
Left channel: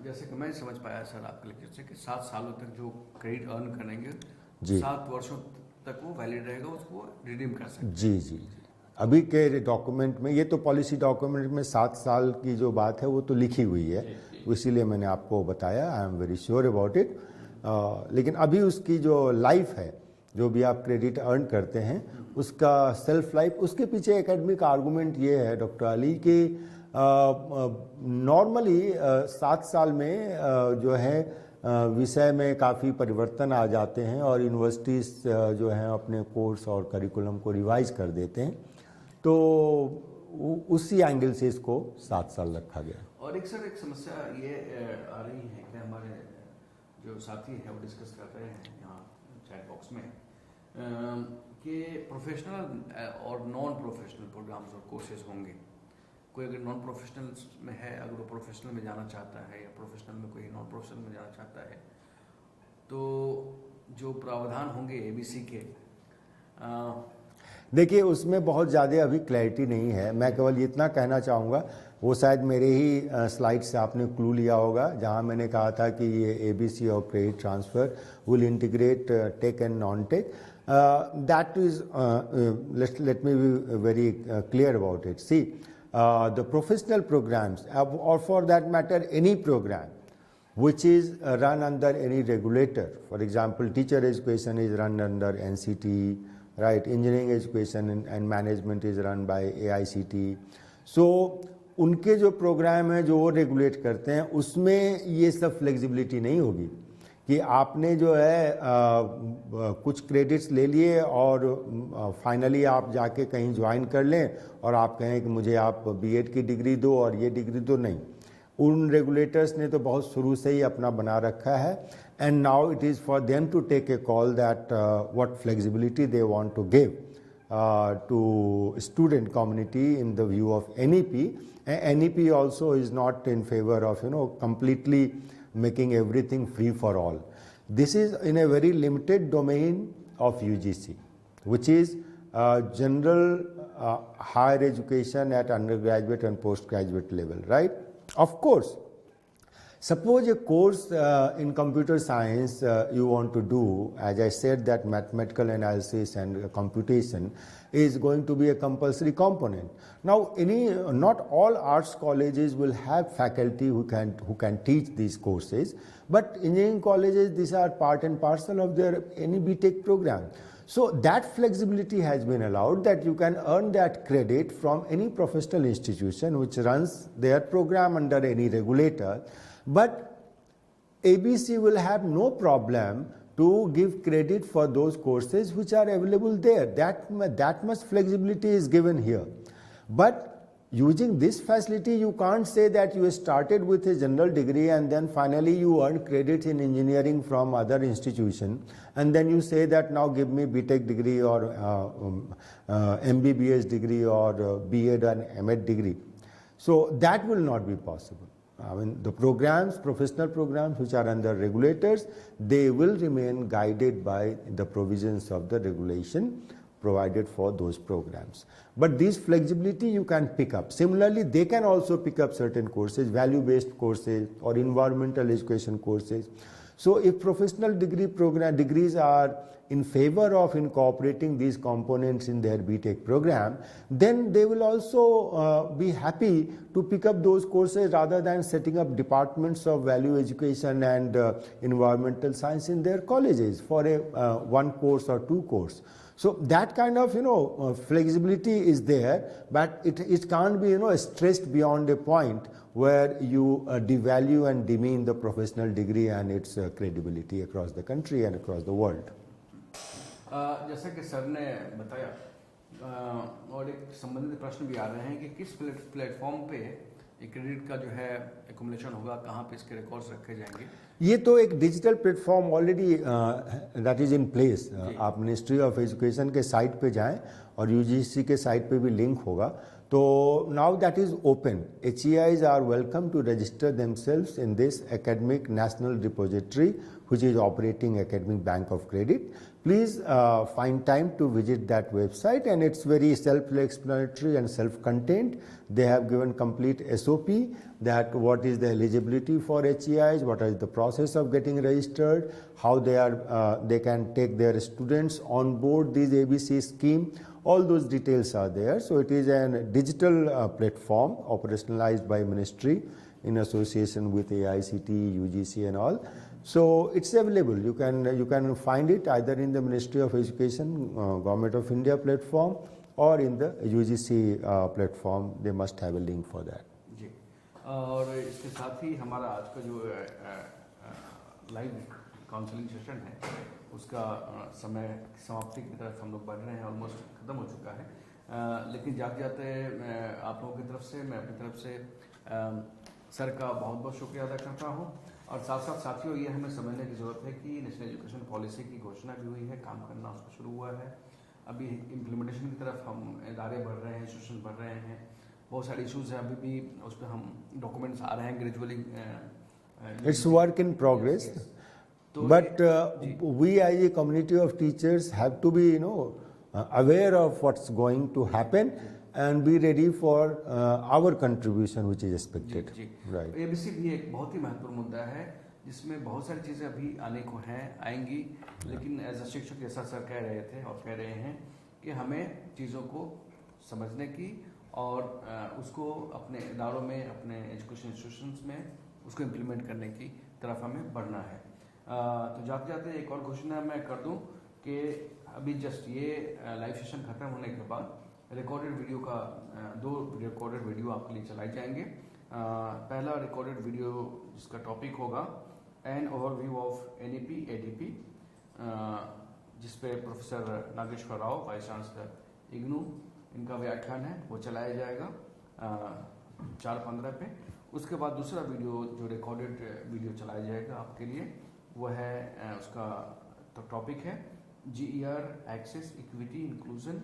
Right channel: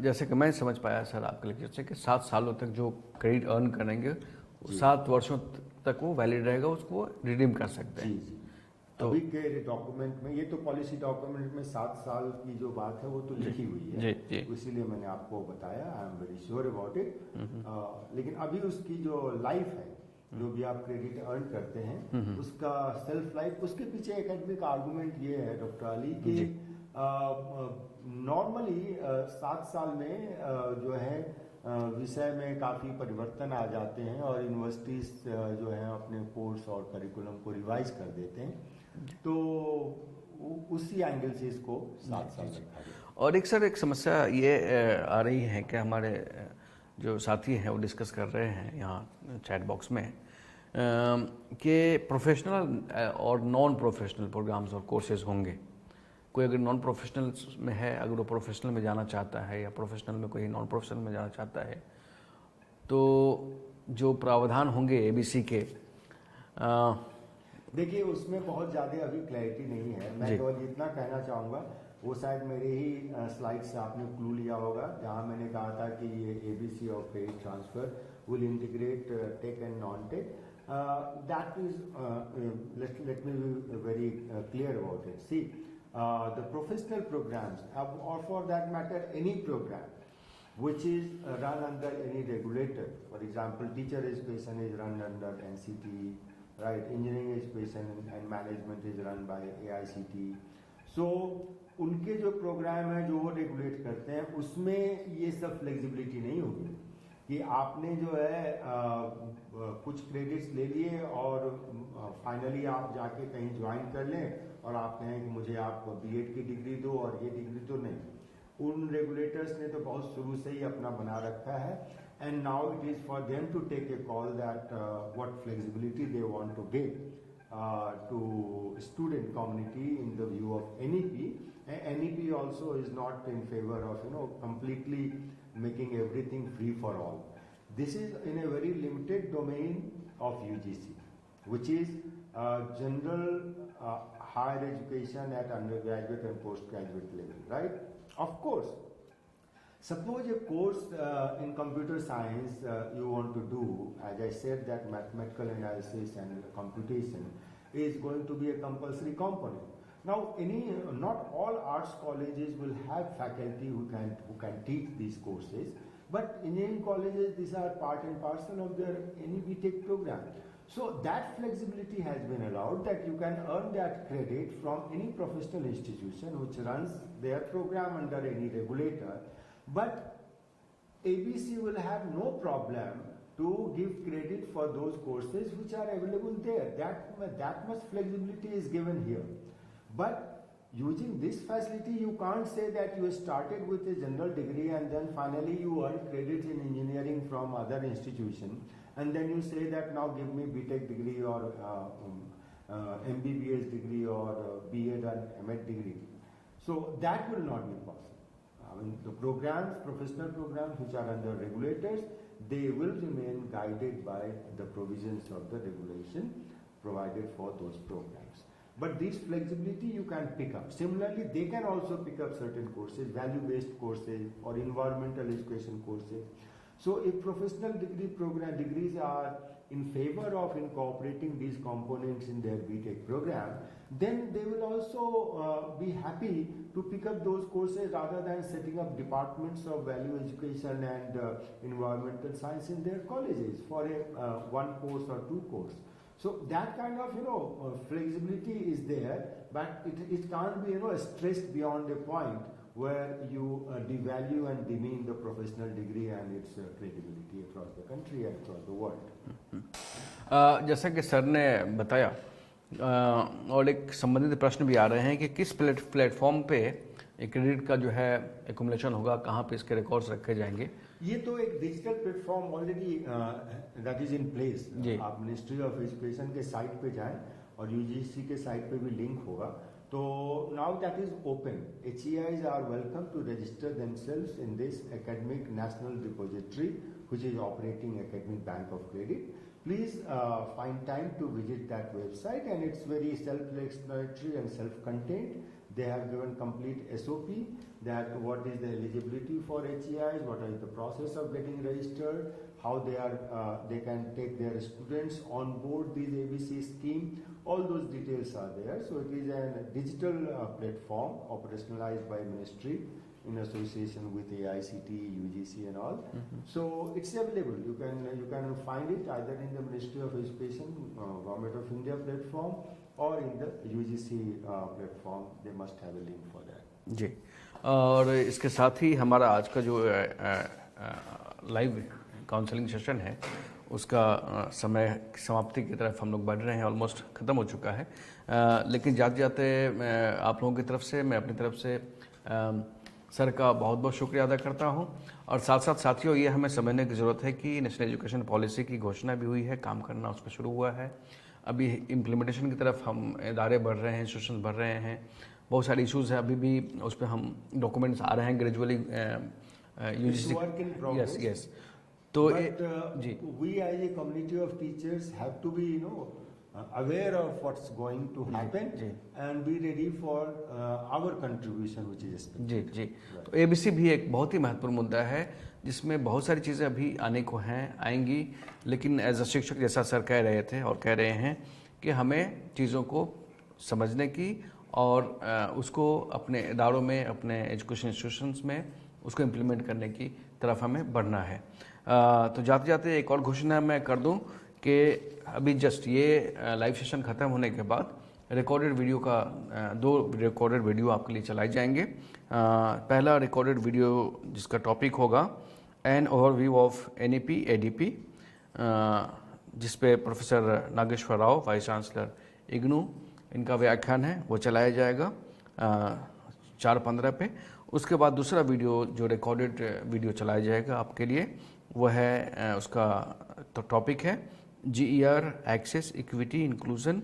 जैसे कि मैं समझ पाया सर आपके लेक्चर से कि 7 सालों तक जो क्रेडिट अर्न करेंगे 7 वर्षों तक वो वैलिड रहेगा, उसको रिडीम कर सकते हैं। जी जी, अभी के डॉक्यूमेंट में, ये तो पॉलिसी डॉक्यूमेंट में 7 साल की जो बात है वो तो लिखी हुई है, इसीलिए मैंने आपको बताया, I am very sure about it. लेकिन अभी उसकी जो लाइफ है, जो भी आप क्रेडिट अर्न करते हैं, उसका सेल्फ लाइफ, उसके पीछे एकेडमिक आर्गूमेंट ये है डॉक्टर अली कि नॉर्मली 7 साल में जो है विषय में काफ़ी परिवर्तन आ जाते हैं और यूनिवर्सिटीज़ जो हैं अपने कोर्स और करिकुलम को रिवाइज कर देते हैं, तो उसी एंगल से इसको 7 साल रखा गया। और एक सर एक समस्या ये आ रही है कि हमारे जो साथी हैं वो डिस्कस कर रहे हैं यहाँ चैट बॉक्स में कि प्रोफेशनल और नॉन प्रोफेशनल प्रोग्राम्स और कोर्सेज होंगे। कोई अगर नॉन प्रोफेशनल में है, अगर वो प्रोफेशनल में जाना चाहता है, या प्रोफेशनल में कोई नॉन प्रोफेशनल में जाना चाहता है, तो जो प्रावधान होंगे एबीसी के, देखिए उसमें बहुत ज़्यादा अभी क्लैरिटी नहीं है। मैं केवल इतना कहना चाहूँगा, वो शायद मेरे ही स्लाइड से आपने क्लू लिया होगा, जहाँ मैंने कहा था कि ये एबीसी और credit transfer will integrate tech and non tech. That is, let me be very clear about it. See, the professional programs, or for that matter any program which is run under any regulator, for example teacher education is run under NCT, right, engineering education and management is run by AICT, so उनके जो programme है जो वो regulate करते हैं, उसमें ये सब फ्लेक्सिबिलिटी नहीं होगी कि आपने जो है कुछ क्रेडिट्स ले लिए और फाइनली आप जाके कहीं ज्वाइन कर लें और आप कहें कि मुझे आप बीएड की डिग्री दो और ये डिग्री दो। नहीं, उन रेगुलेटर्स ने तो बहुत शुरू से ही अपना बना रखा है, and now it is for them to take a call that what flexibility they want to give to student community in the view of NEP. NEP also is not in favor of completely making everything free for all. This is in a very limited domain of UGC, which is general higher education at undergraduate and postgraduate level, right? Of course, suppose a course in computer science you want to do, as I said that mathematical analysis and computation is going to be a compulsory component. Now not all arts colleges will have faculty who can teach these courses, but engineering colleges, these are part and parcel of their any BTech program. So that flexibility has been allowed, that you can earn that credit from any professional institution which runs their program under any regulator. But ABC will have no problem to give credit for those courses which are available there. That much flexibility is given here. But using this facility, you can't say that you started with a general degree and then finally you earn credits in engineering from other institution, and then you say that now give me BTech degree or MBBS degree or BEd and MEd degree. So that will not be possible. I mean, the programs, professional programs which are under regulators, they will remain guided by the provisions of the regulation provided for those programs. But this flexibility you can pick up. Similarly, they can also pick up certain courses, value-based courses or environmental education courses. So if professional degrees are in favor of incorporating these components in their BTech program, then they will also be happy to pick up those courses rather than setting up departments of value education and environmental science in their colleges for a one course or two course. So that kind of flexibility is there, but it can't be stressed beyond a point where you devalue and demean the professional degree and its credibility across the country and across the world. जैसा कि sir ने बताया और एक संबंधित प्रश्न भी आ रहे हैं कि किस प्लेटफॉर्म पे क्रेडिट का जो है एकुमुलेशन होगा, कहाँ पे इसके रिकॉर्ड्स रखे जाएंगे? ये तो एक digital platform already that is in place. आप मिनिस्ट्री ऑफ एजुकेशन के साइट पे जाएं और यूजीसी के साइट पे भी लिंक होगा. तो now that is open. HEIs are welcome to register themselves in this academic national repository which is operating academic bank of credit. Please find time to visit that website, and it's very self-explanatory and self-contained. They have given complete SOP that what is the eligibility for HEIs, what is the process of getting registered, how they can take their students on board this ABC scheme. All those details are there. So it is a digital platform operationalized by ministry in association with AICT, UGC and all. So it's available. You can find it either in the Ministry of Education, Government of India platform, or in the UGC platform. They must have a link for that. जी, और इसके साथ ही हमारा आज का जो live counselling session है उसका समय समाप्ति की तरफ हम लोग बढ़ रहे हैं. ऑलमोस्ट ख़त्म हो चुका है. लेकिन जाते जाते आप लोगों की तरफ से, मैं अपनी तरफ से सर का बहुत बहुत शुक्रिया अदा करता हूं. और साथ साथ साथियों, ये हमें समझने की ज़रूरत है कि नेशनल एजुकेशन पॉलिसी की घोषणा भी हुई है, काम करना उस पर शुरू हुआ है. अभी इम्प्लीमेंटेशन की तरफ हम इदारे बढ़ रहे हैं, इंस्टीट्यूशन बढ़ रहे हैं. बहुत सारे इश्यूज़ हैं, अभी भी उस पर हम डॉक्यूमेंट्स आ रहे हैं gradually. It's work in progress. But we as a community of teachers have to be aware of what's going to happen and be ready for our contribution which is expected. जी. Right. तो ABC भी एक बहुत ही महत्वपूर्ण मुद्दा है जिसमें बहुत सारी चीज़ें अभी आने को हैं, आएंगी. लेकिन एज अ शिक्षक, जैसा सर कह रहे थे और कह रहे हैं कि हमें चीज़ों को समझने की और उसको अपने इदारों में, अपने एजुकेशन इंस्टीट्यूशंस में उसको इम्प्लीमेंट करने की तरफ हमें बढ़ना है. तो जाते जाते एक और घोषणा मैं कर दूं कि अभी जस्ट ये लाइव सेशन ख़त्म होने के बाद रिकॉर्डेड वीडियो का 2 रिकॉर्डेड वीडियो आपके लिए चलाए जाएंगे. पहला रिकॉर्डेड वीडियो जिसका टॉपिक होगा an overview of NEP ADP, जिस पे professor Nageshwar Rao, vice chancellor IGNOU, इनका व्याख्यान है, वो चलाया जाएगा 4:15 पे. उसके बाद दूसरा वीडियो जो रिकॉर्डेड वीडियो चलाया जाएगा आपके लिए, वो है उसका टॉपिक है GER एक्सेस इक्विटी इंक्लूजन.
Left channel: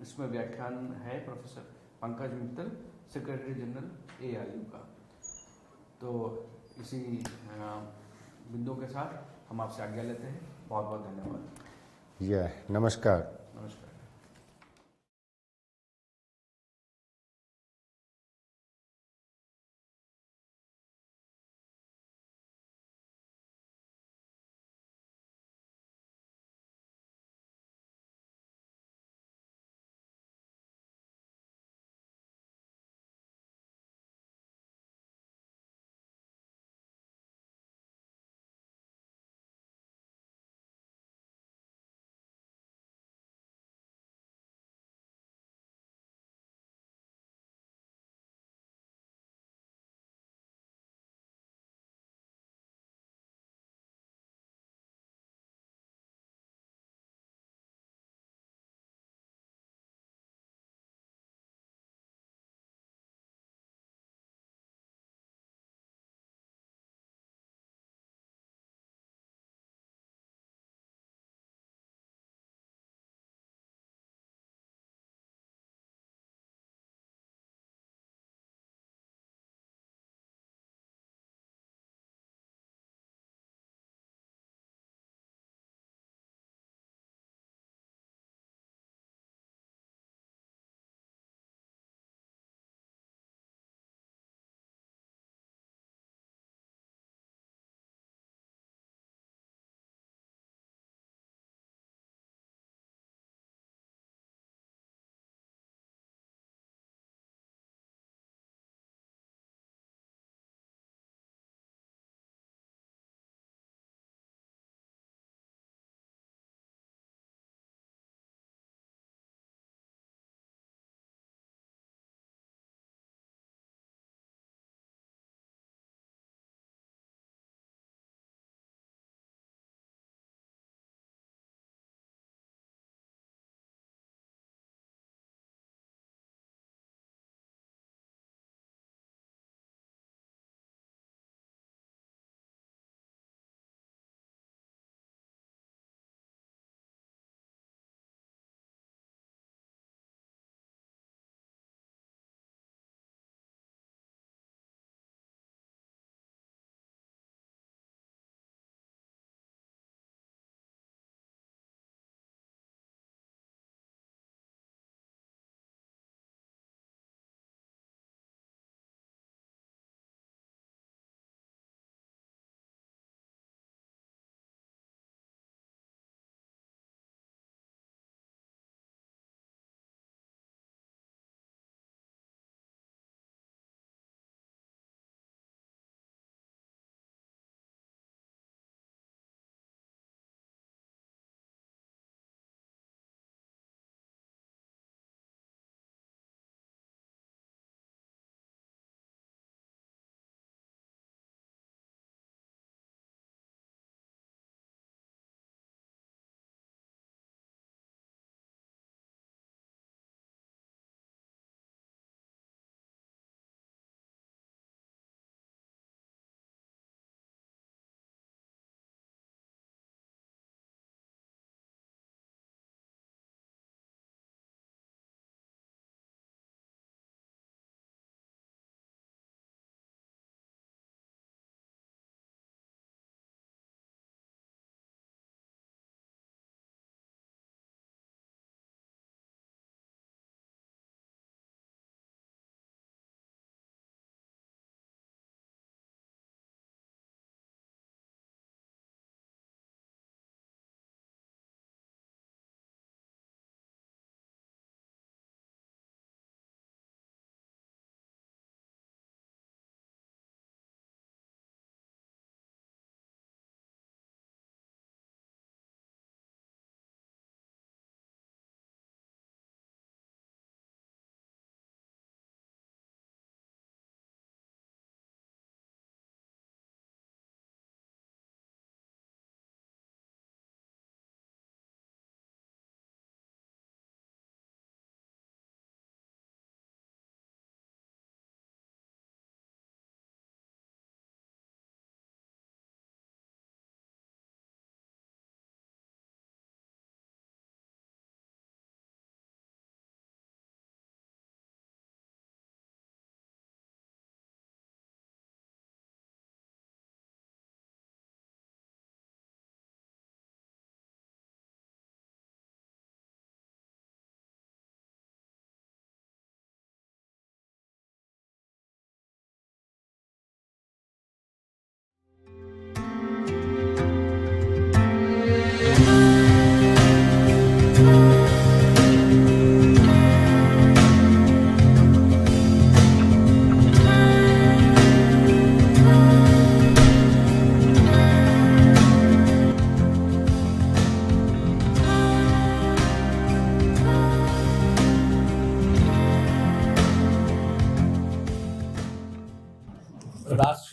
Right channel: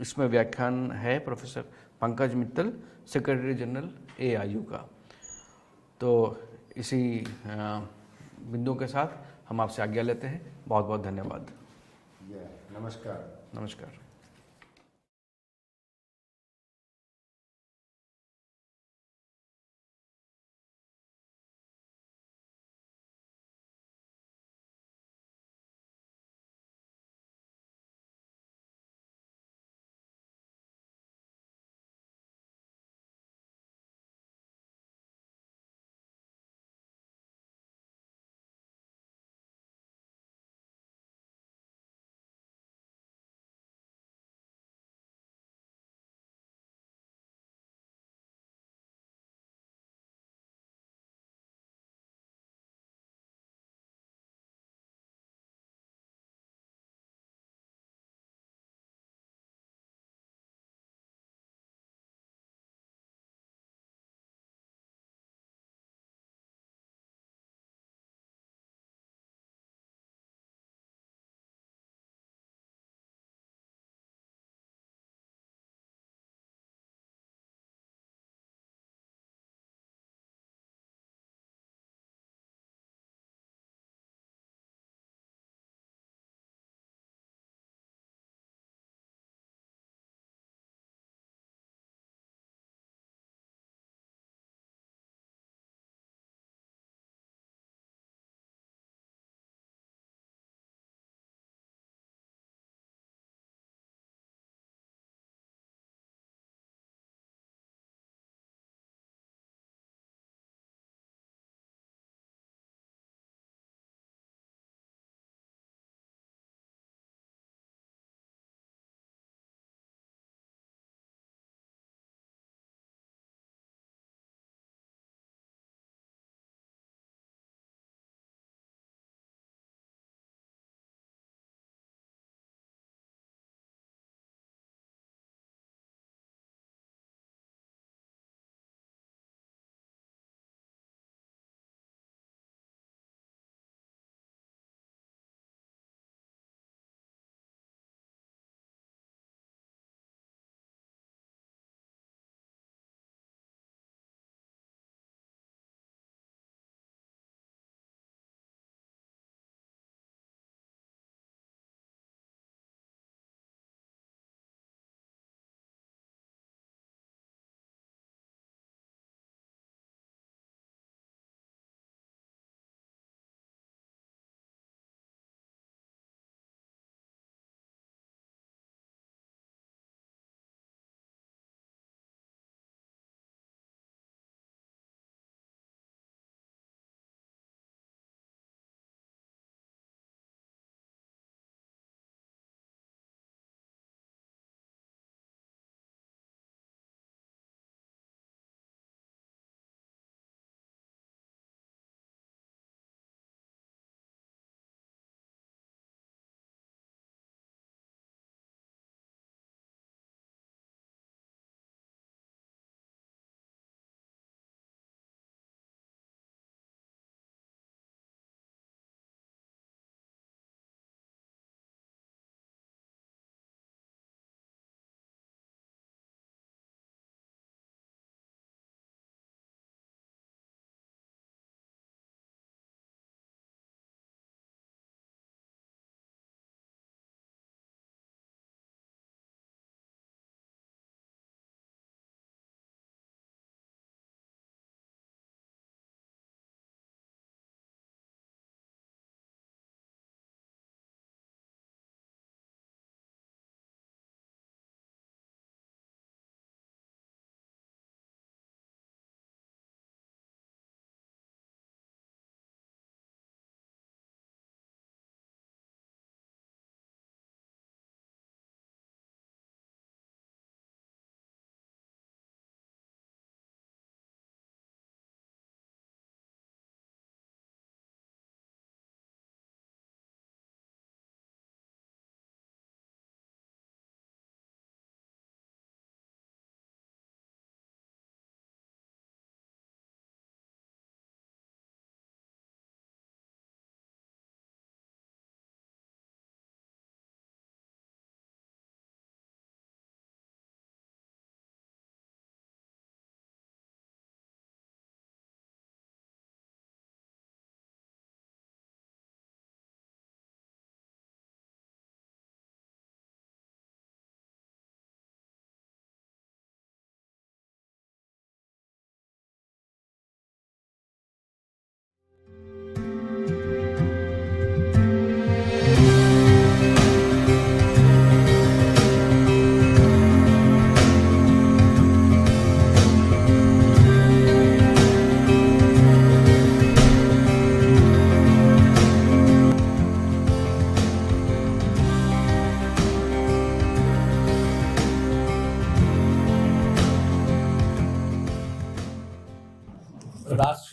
इसमें व्याख्यान है professor Pankaj Mittal, secretary general AIU का. तो इसी बिंदु के साथ हम आपसे आज्ञा लेते हैं. बहुत बहुत धन्यवाद. नमस्कार. नमस्कार.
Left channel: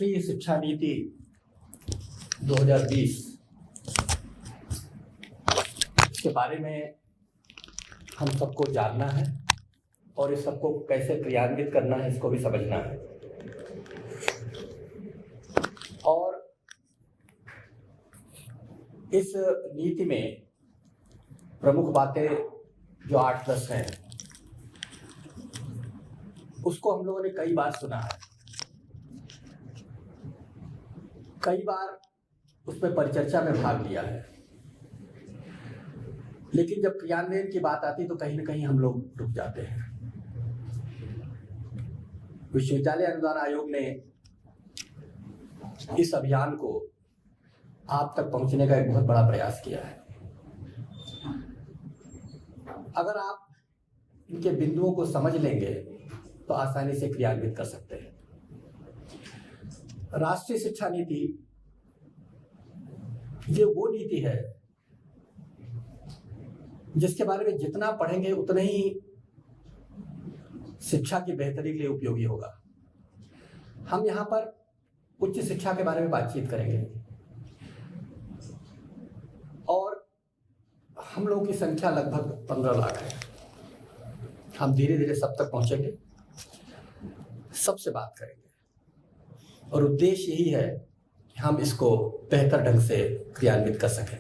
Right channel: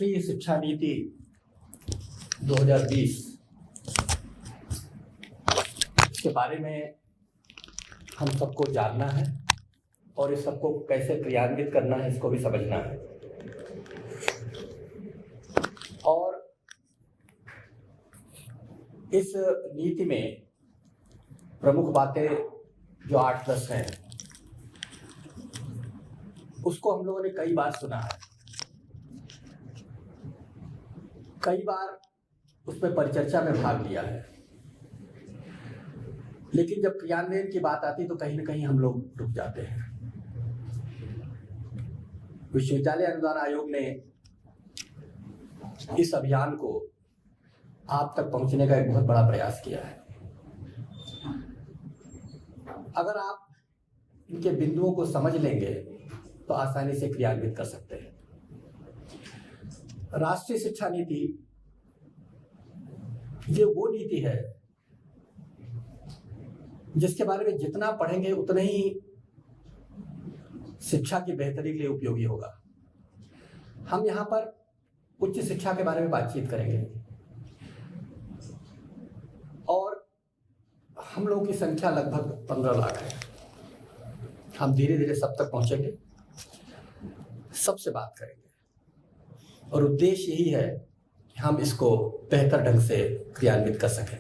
राष्ट्रीय शिक्षा नीति 2020 के बारे में हम सबको जानना है और इस सबको कैसे क्रियान्वित करना है इसको भी समझना है। और इस नीति में प्रमुख बातें जो 8-10 हैं उसको हम लोगों ने कई बार सुना है, कई बार उसमें परिचर्चा में भाग लिया है, लेकिन जब क्रियान्वयन की बात आती तो कहीं ना कहीं हम लोग रुक जाते हैं। विश्वविद्यालय अनुदान आयोग ने इस अभियान को आप तक पहुंचने का एक बहुत बड़ा प्रयास किया है। अगर आप इनके बिंदुओं को समझ लेंगे तो आसानी से क्रियान्वित कर सकते हैं। राष्ट्रीय शिक्षा नीति ये वो नीति है जिसके बारे में जितना पढ़ेंगे उतना ही शिक्षा की बेहतरी के लिए उपयोगी होगा। हम यहाँ पर उच्च शिक्षा के बारे में बातचीत करेंगे और हम लोगों की संख्या लगभग 15 लाख है। हम धीरे धीरे सब तक पहुंचेंगे, सबसे बात करेंगे और उद्देश्य यही है कि हम इसको बेहतर ढंग से क्रियान्वित कर सकें।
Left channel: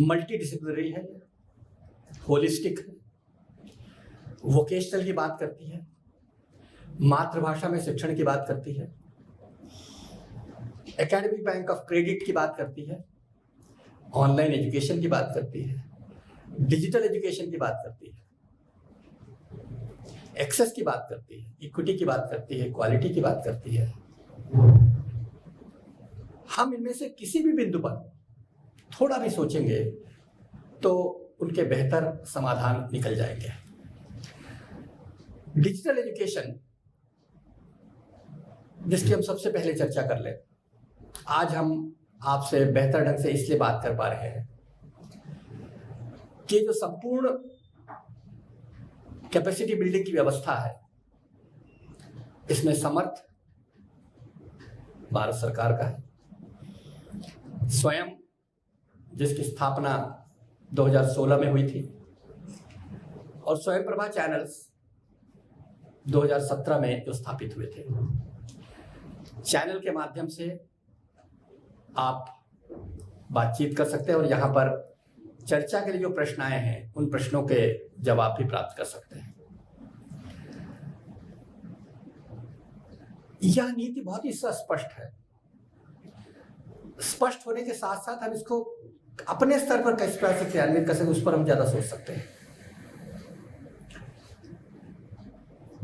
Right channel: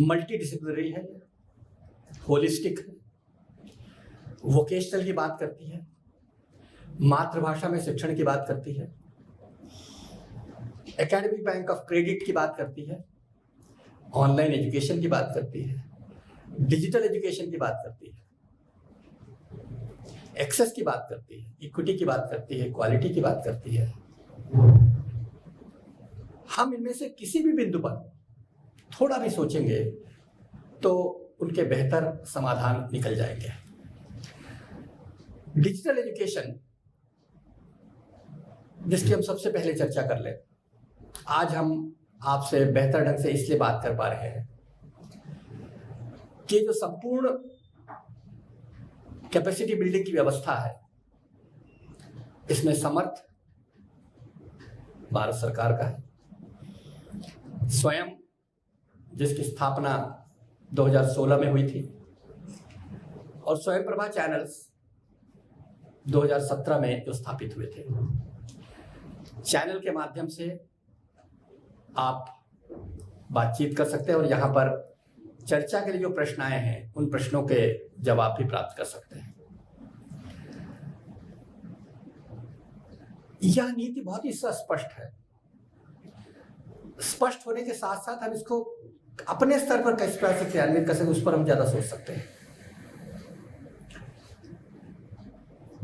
मल्टी डिसिप्लिनरी है, होलिस्टिक है, वोकेशनल की बात करती है, मातृभाषा में शिक्षण की बात करती है, एकेडमिक बैंक ऑफ क्रेडिट की बात करती है, ऑनलाइन एजुकेशन की बात करती है, डिजिटल एजुकेशन की बात करती है, एक्सेस की बात करती है, इक्विटी की बात करती है, क्वालिटी की बात करती है। हम इनमें से किसी भी बिंदु पर थोड़ा भी सोचेंगे तो उनके बेहतर समाधान निकल जाएंगे। डिजिटल एजुकेशन जिसकी हम सबसे पहले चर्चा कर लें, आज हम आपसे बेहतर ढंग से इसलिए बात कर पा रहे हैं कि जो संपूर्ण कैपेसिटी बिल्डिंग की व्यवस्था है इसमें समर्थ भारत सरकार का है। स्वयं जिसकी स्थापना 2016 में हुई थी और स्वयं प्रभा चैनल्स 2017 में जो स्थापित हुए थे। चैनल के माध्यम से आप बातचीत कर सकते हैं और यहाँ पर चर्चा के लिए जो प्रश्न आए हैं उन प्रश्नों के जवाब भी प्राप्त कर सकते हैं। यह नीति बहुत ही स्पष्ट है। स्पष्ट होने के साथ साथ हम इसको अपने स्तर पर किस प्रकार से क्रियान्वित कर सकते उस पर हम ज्यादा सोच सकते हैं।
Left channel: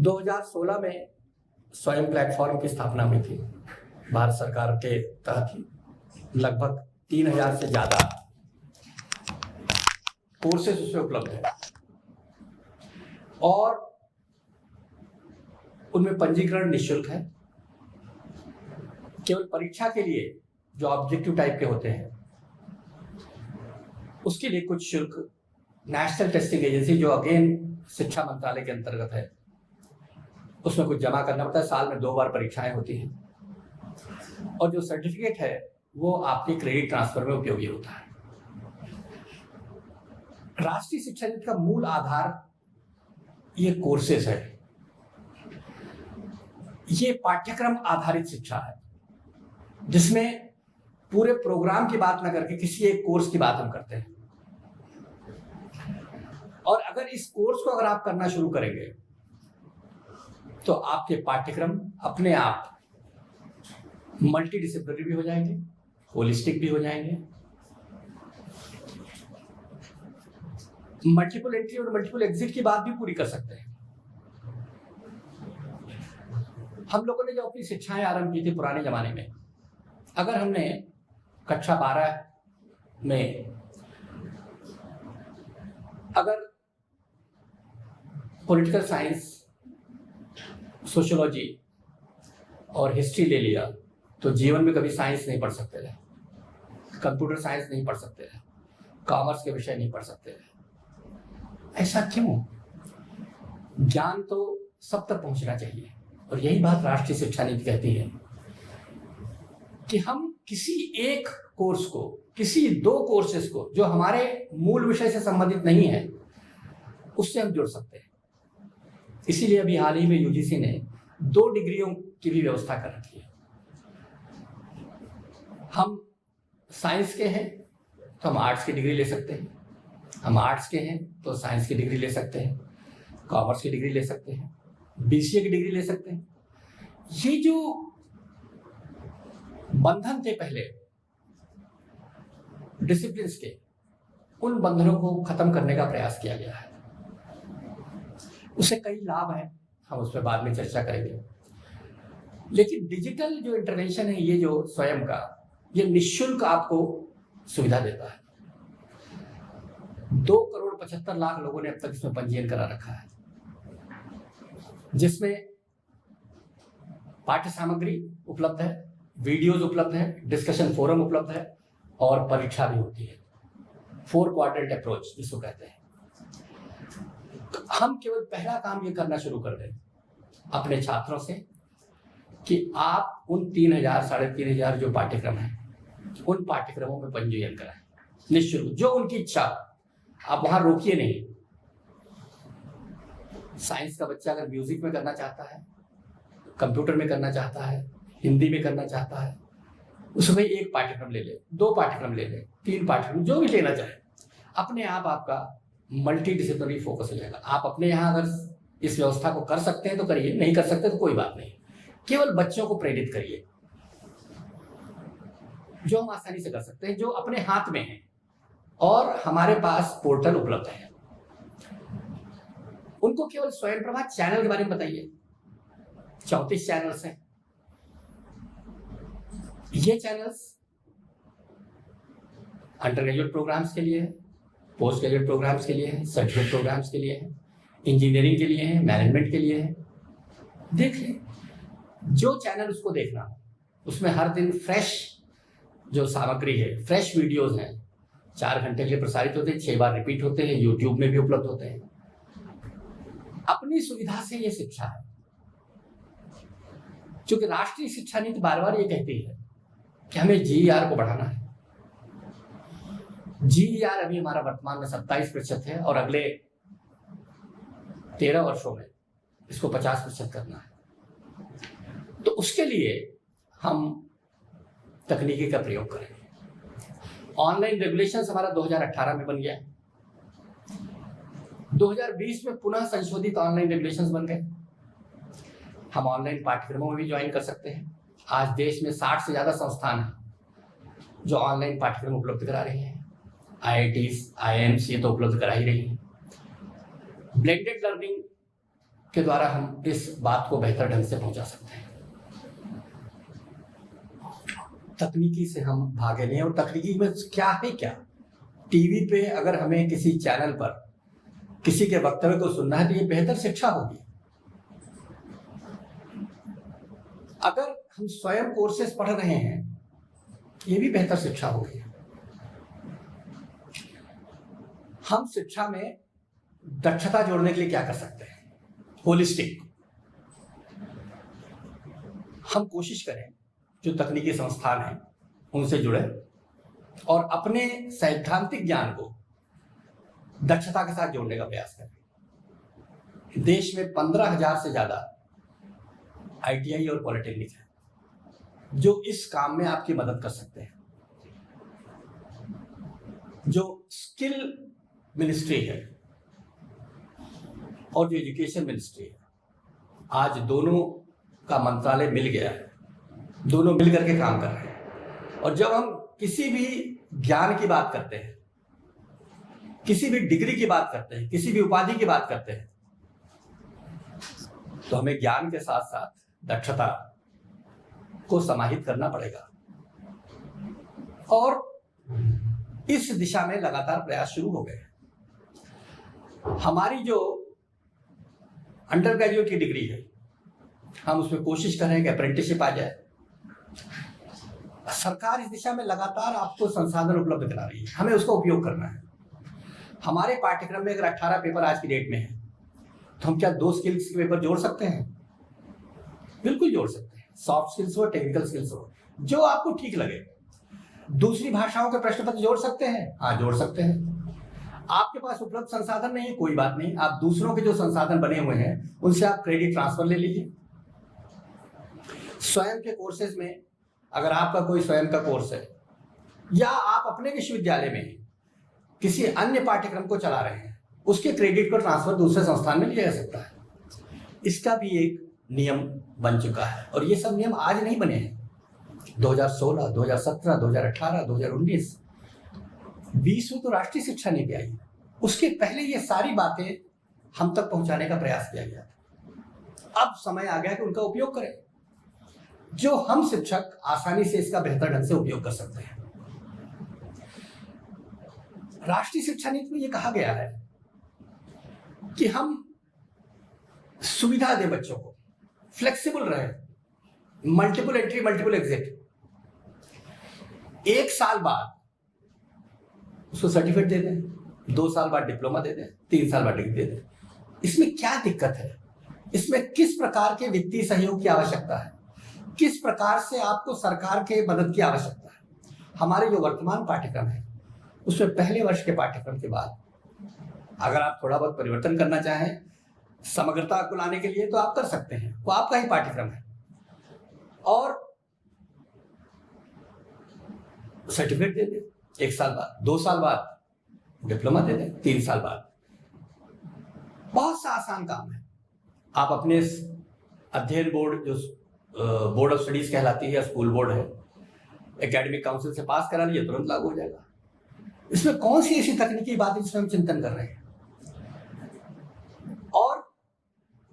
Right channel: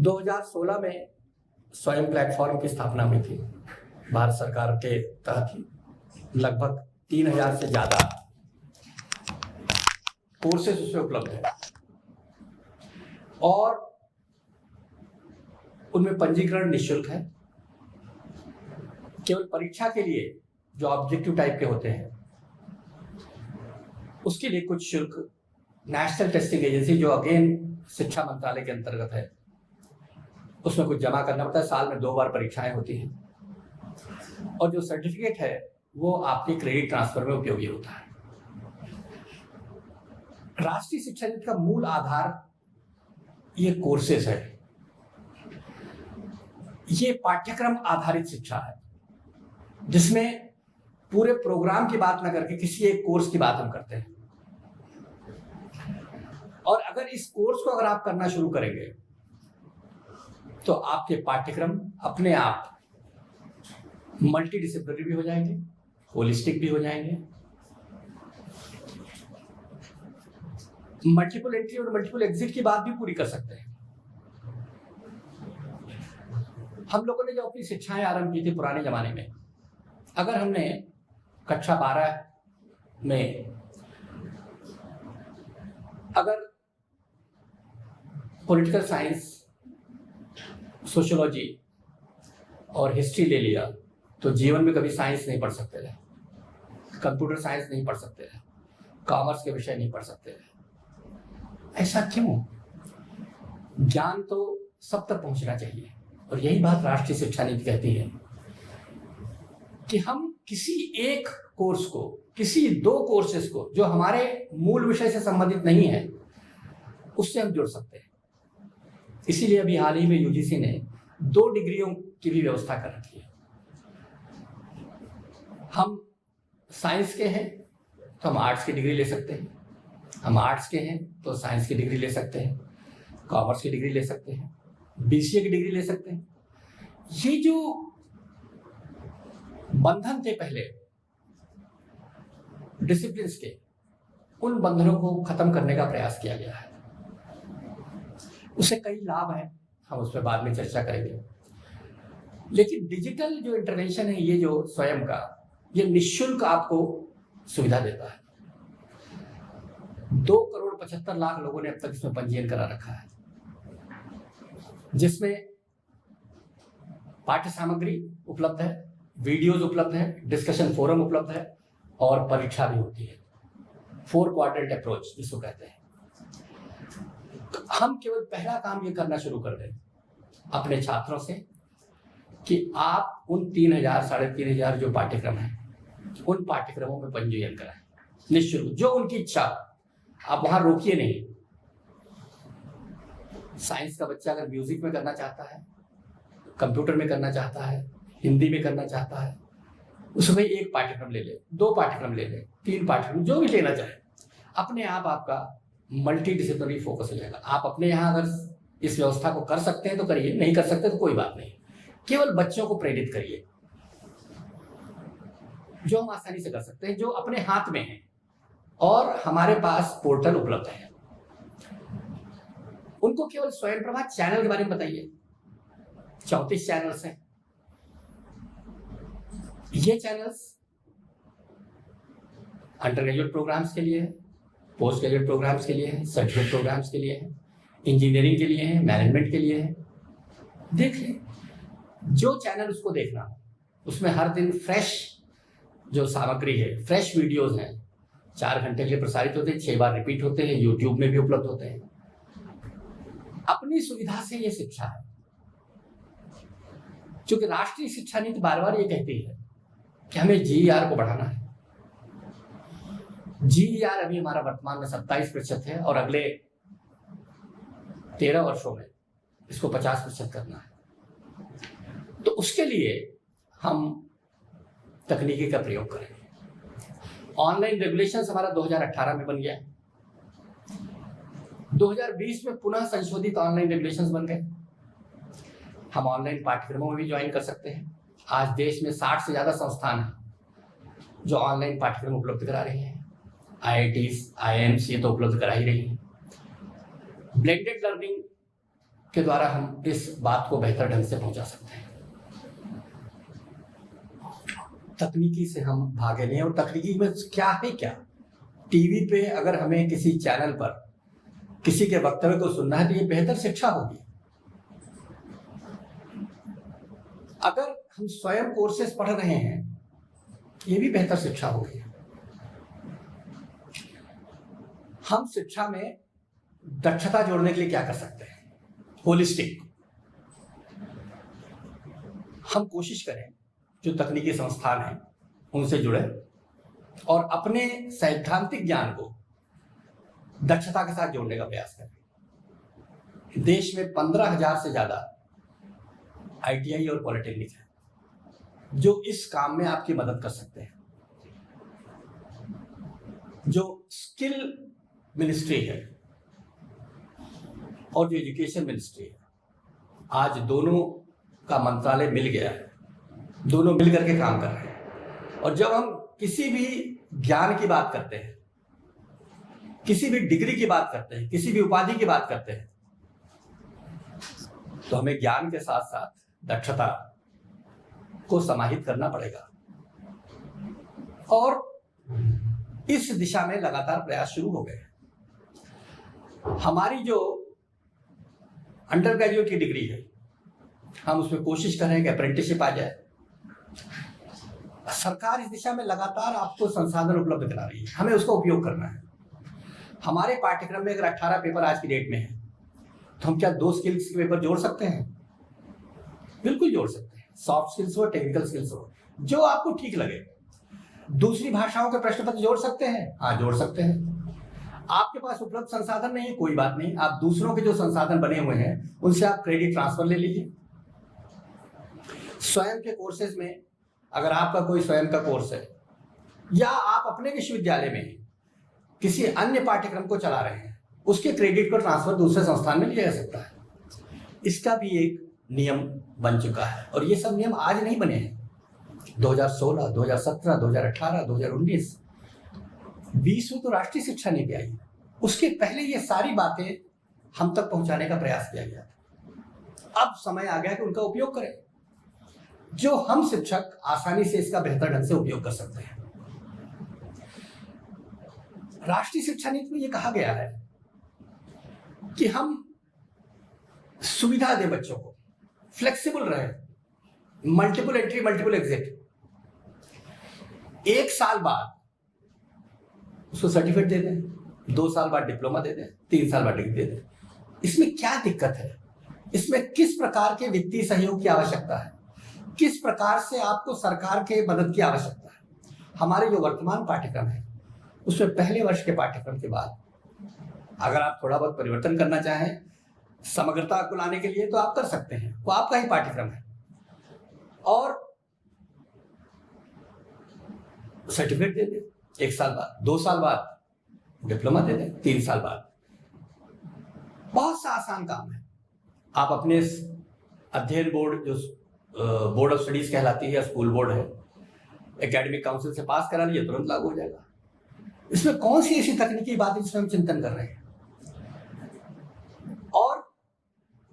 2016 में स्वयं प्लेटफॉर्म की स्थापना हुई थी भारत सरकार के तहत ही। लगभग 3000 से ज्यादा कोर्सेज उसमें उपलब्ध है और उनमें पंजीकरण निःशुल्क है। केवल परीक्षा के लिए जो ऑब्जेक्टिव टाइप के होते हैं उसके लिए कुछ शुल्क नेशनल टेस्टिंग एजेंसी जो अगेन शिक्षा मंत्रालय के अंतर्गत है उसमें कुछ जमा करना पड़ता है। साल में 2 बार परीक्षाएं होती हैं और जो सर्टिफिकेट है वो आपके क्रेडिट ट्रांसफर में उपयोगी होता है। राष्ट्रीय शिक्षा नीति का मूल आधार ये कोर्सेज है, ये पाठ्यक्रम आधारित शिक्षा है जिसमें पूरे प्रोग्राम की बात ना करके किसी एक कोर्स की बात हम करते हैं। और अगर इस कोर्स को अगर आप करना शुरू करेंगे तो आपके पाठ्यक्रम अपने आप मल्टी डिसिप्लिनरी भी हो जाएंगे, होलिस्टिक भी हो जाएंगे, मल्टीपल एंट्री और मल्टीपल एग्जिट की बात भी पूरी कर सकते हैं। हम लोगों ने जो अपनी शिक्षाएं आरंभ की थी पुराने जमाने में, अगर हमने कक्षा 12 में अगर पॉलिटिकल साइंस, सोशियोलॉजी और हिस्ट्री ले लिया तो जीवन में कभी साइंस नहीं पढ़ सकते थे, कंप्यूटर साइंस नहीं पढ़ सकते थे, कॉमर्स के विषय नहीं पढ़ सकते थे। ऐसा क्यों? ज्ञान तो सब तक पहुंचना चाहिए और यही बात राष्ट्रीय शिक्षा नीति कहती है कि हम किसी एक कोर्स को, किसी 2 कोर्सेज को जो हमारे मूल विषय से संबंधित नहीं है, उससे हम जुड़ सकते हैं। इसीलिए अभी हाल ही में यूजीसी ने 2 डिग्रियों की भी व्यवस्था कर रखी है। हम साइंस के हैं तो हम आर्ट्स की डिग्री ले सकते हैं, हम आर्ट्स के हैं तो साइंस की डिग्री ले सकते हैं, कॉमर्स की डिग्री ले सकते हैं, बीसीए की डिग्री ले सकते हैं। ये जो बंधन थे पहले डिसिप्लिन्स के, उन बंधनों को खत्म करने का प्रयास किया गया है। उससे कई लाभ हैं, हम उस पर बाद में चर्चा करेंगे। लेकिन डिजिटल जो इंटरवेंशन है, ये जो स्वयं का, ये निःशुल्क आपको सुविधा देता है। 2,75,00,000 लोगों ने अब तक इसमें पंजीयन करा रखा है, जिसमें पाठ्य सामग्री उपलब्ध है, वीडियोज उपलब्ध है, डिस्कशन फोरम उपलब्ध है और परीक्षा भी होती है। 4 क्वाड्रेंट अप्रोच जिसको कहते हैं। हम केवल पहला काम ये करना शुरू कर दें अपने छात्रों से कि आप उन 3,000 साढ़े 3,000 जो पाठ्यक्रम हैं, उन पाठ्यक्रमों में पंजीयन कराएं निःशुल्क, जो उनकी इच्छा। आप वहां रोकिए नहीं। साइंस का बच्चा अगर म्यूजिक में करना चाहता है, कंप्यूटर में करना चाहता है, हिंदी में करना चाहता है, उसमें 1 पाठ्यक्रम ले ले, 2 पाठ्यक्रम ले ले, 3 पाठ्यक्रम, जो भी लेना चाहे। अपने आप आपका मल्टी डिसिप्लिनरी फोकस हो जाएगा। आप अपने यहाँ अगर इस व्यवस्था को कर सकते हैं तो करिए, नहीं कर सकते तो कोई बात नहीं। केवल बच्चों को प्रेरित करिए, जो हम आसानी से कर सकते हैं, जो अपने हाथ में है। और हमारे पास पोर्टल उपलब्ध है। उनको केवल स्वयं प्रभा चैनल के बारे में बताइए। 34 चैनल्स हैं। ये चैनल्स अंडर ग्रेजुएट प्रोग्राम्स के लिए है, पोस्ट ग्रेजुएट प्रोग्राम्स के लिए है, सर्टिफिकेट प्रोग्राम्स के लिए है, इंजीनियरिंग के लिए है, मैनेजमेंट के लिए है। देख लें, जो चैनल उसको देखना हो, उसमें हर दिन फ्रेश जो सामग्री है, फ्रेश वीडियोस हैं, 4 घंटे के लिए प्रसारित होते हैं, 6 बार रिपीट होते हैं, यूट्यूब में भी उपलब्ध होते हैं। अपनी सुविधा से ये शिक्षा है। क्योंकि राष्ट्रीय शिक्षा नीति बार-बार ये कहती है कि हमें जीईआर को बढ़ाना है। जीईआर अभी हमारा वर्तमान में 27% है और अगले 13 वर्षों में इसको 50% करना है। तो उसके लिए हम तकनीकी का प्रयोग करेंगे। ऑनलाइन रेगुलेशंस हमारा 2018 में बन गया है। 2020 में पुनः संशोधित ऑनलाइन रेगुलेशंस बन गए। हम ऑनलाइन पाठ्यक्रमों में भी ज्वाइन कर सकते हैं। आज देश में 60 से ज्यादा संस्थान हैं जो ऑनलाइन पाठ्यक्रम उपलब्ध करा रही हैं। IITs, IIMs ये तो उपलब्ध करा ही रही हैं। ब्लेंडेड लर्निंग के द्वारा हम इस बात को बेहतर ढंग से पहुंचा सकते हैं। तकनीकी से हम भागे नहीं। और तकनीकी में क्या है, क्या टीवी पे अगर हमें किसी चैनल पर किसी के वक्तव्य को सुनना है तो ये बेहतर शिक्षा होगी। अगर हम स्वयं कोर्सेज पढ़ रहे हैं, ये भी बेहतर शिक्षा होगी। हम शिक्षा में दक्षता जोड़ने के लिए क्या कर सकते हैं? होलिस्टिक हम कोशिश करें, जो तकनीकी संस्थान हैं उनसे जुड़े और अपने सैद्धांतिक ज्ञान को दक्षता के साथ जोड़ने का प्रयास करें। देश में 15,000 से ज्यादा ITI और पॉलिटेक्निक है जो इस काम में आपकी मदद कर सकते हैं। जो स्किल मिनिस्ट्री है और जो एजुकेशन मिनिस्ट्री है, आज दोनों का मंत्रालय मिल गया है, दोनों मिल करके काम कर रहे हैं। और जब हम किसी भी ज्ञान की बात करते हैं, किसी भी डिग्री की बात करते हैं, किसी भी उपाधि की बात करते हैं, तो हमें ज्ञान के साथ साथ दक्षता को समाहित करना पड़ेगा। और इस दिशा में लगातार प्रयास शुरू हो गए। हमारी जो अंडर ग्रेजुएट की डिग्री है, हम उसमें कोशिश कर रहे हैं कि अप्रेंटिसशिप आ जाए। सरकार इस दिशा में लगातार आपको संसाधन उपलब्ध करा रही है, हमें उसका उपयोग करना है। हमारे पाठ्यक्रम में अगर 18 पेपर आज की डेट में है, तो हम क्या 2 स्किल्स के पेपर जोड़ सकते हैं? बिल्कुल जोड़ सकते हैं, सॉफ्ट स्किल्स हो, टेक्निकल स्किल्स हो, जो आपको ठीक लगे। दूसरी भाषाओं के प्रश्न पत्र जोड़ सकते हैं, हाँ जोड़ सकते हैं। आपके पास उपलब्ध संसाधन नहीं है, कोई बात नहीं, आप दूसरों के जो संसाधन बने हुए हैं उनसे आप क्रेडिट ट्रांसफर ले लीजिए। स्वयं के कोर्सेज में अगर आपका कोई स्वयं का कोर्स है या आप अपने विश्वविद्यालय में किसी अन्य पाठ्यक्रम को चला रहे हैं, उसके क्रेडिट को ट्रांसफर दूसरे संस्थान में लिया जा सकता है। इसका भी एक नियम बन चुका है और ये सब नियम आज नहीं बने हैं। 2016, 2017, 2018, 2019, 20 में तो राष्ट्रीय शिक्षा नीति आई, उसके पहले ये सारी बातें हम तक पहुंचाने का प्रयास किया गया। अब समय आ गया कि उनका उपयोग करें, जो हम शिक्षक आसानी से इसका बेहतर ढंग से उपयोग कर सकते हैं। राष्ट्रीय शिक्षा नीति में यह कहा गया है कि हम सुविधा दें बच्चों को, फ्लेक्सिबल रहे, मल्टीपल एंट्री मल्टीपल एग्जिट। 1 साल बाद उसको सर्टिफिकेट दे दें, 2 साल बाद डिप्लोमा दे दें, 3 साल बाद डिग्री दे दें। इसमें क्या दिक्कत है? इसमें किस प्रकार के वित्तीय सहयोग की आवश्यकता है, किस प्रकार से आपको सरकार के मदद की आवश्यकता है? हमारे जो वर्तमान पाठ्यक्रम है उसमें पहले वर्ष के पाठ्यक्रम के बाद अगर आप थोड़ा बहुत परिवर्तन करना चाहें समग्रता को लाने के लिए तो आप कर सकते हैं, वो आपका ही पाठ्यक्रम है। और सर्टिफिकेट दे दें 1 साल बाद, 2 साल बाद डिप्लोमा दे दें, 3 साल बाद। बहुत सा आसान काम है। आप अपने अध्ययन बोर्ड, जो बोर्ड ऑफ स्टडीज कहलाती है या स्कूल बोर्ड है, एकेडमिक काउंसिल से पास करा लीजिए, तुरंत लागू हो जाएगा। इसमें कौन सी ऐसी तकनीकी बात है जिसमें हम चिंतन कर रहे हैं? और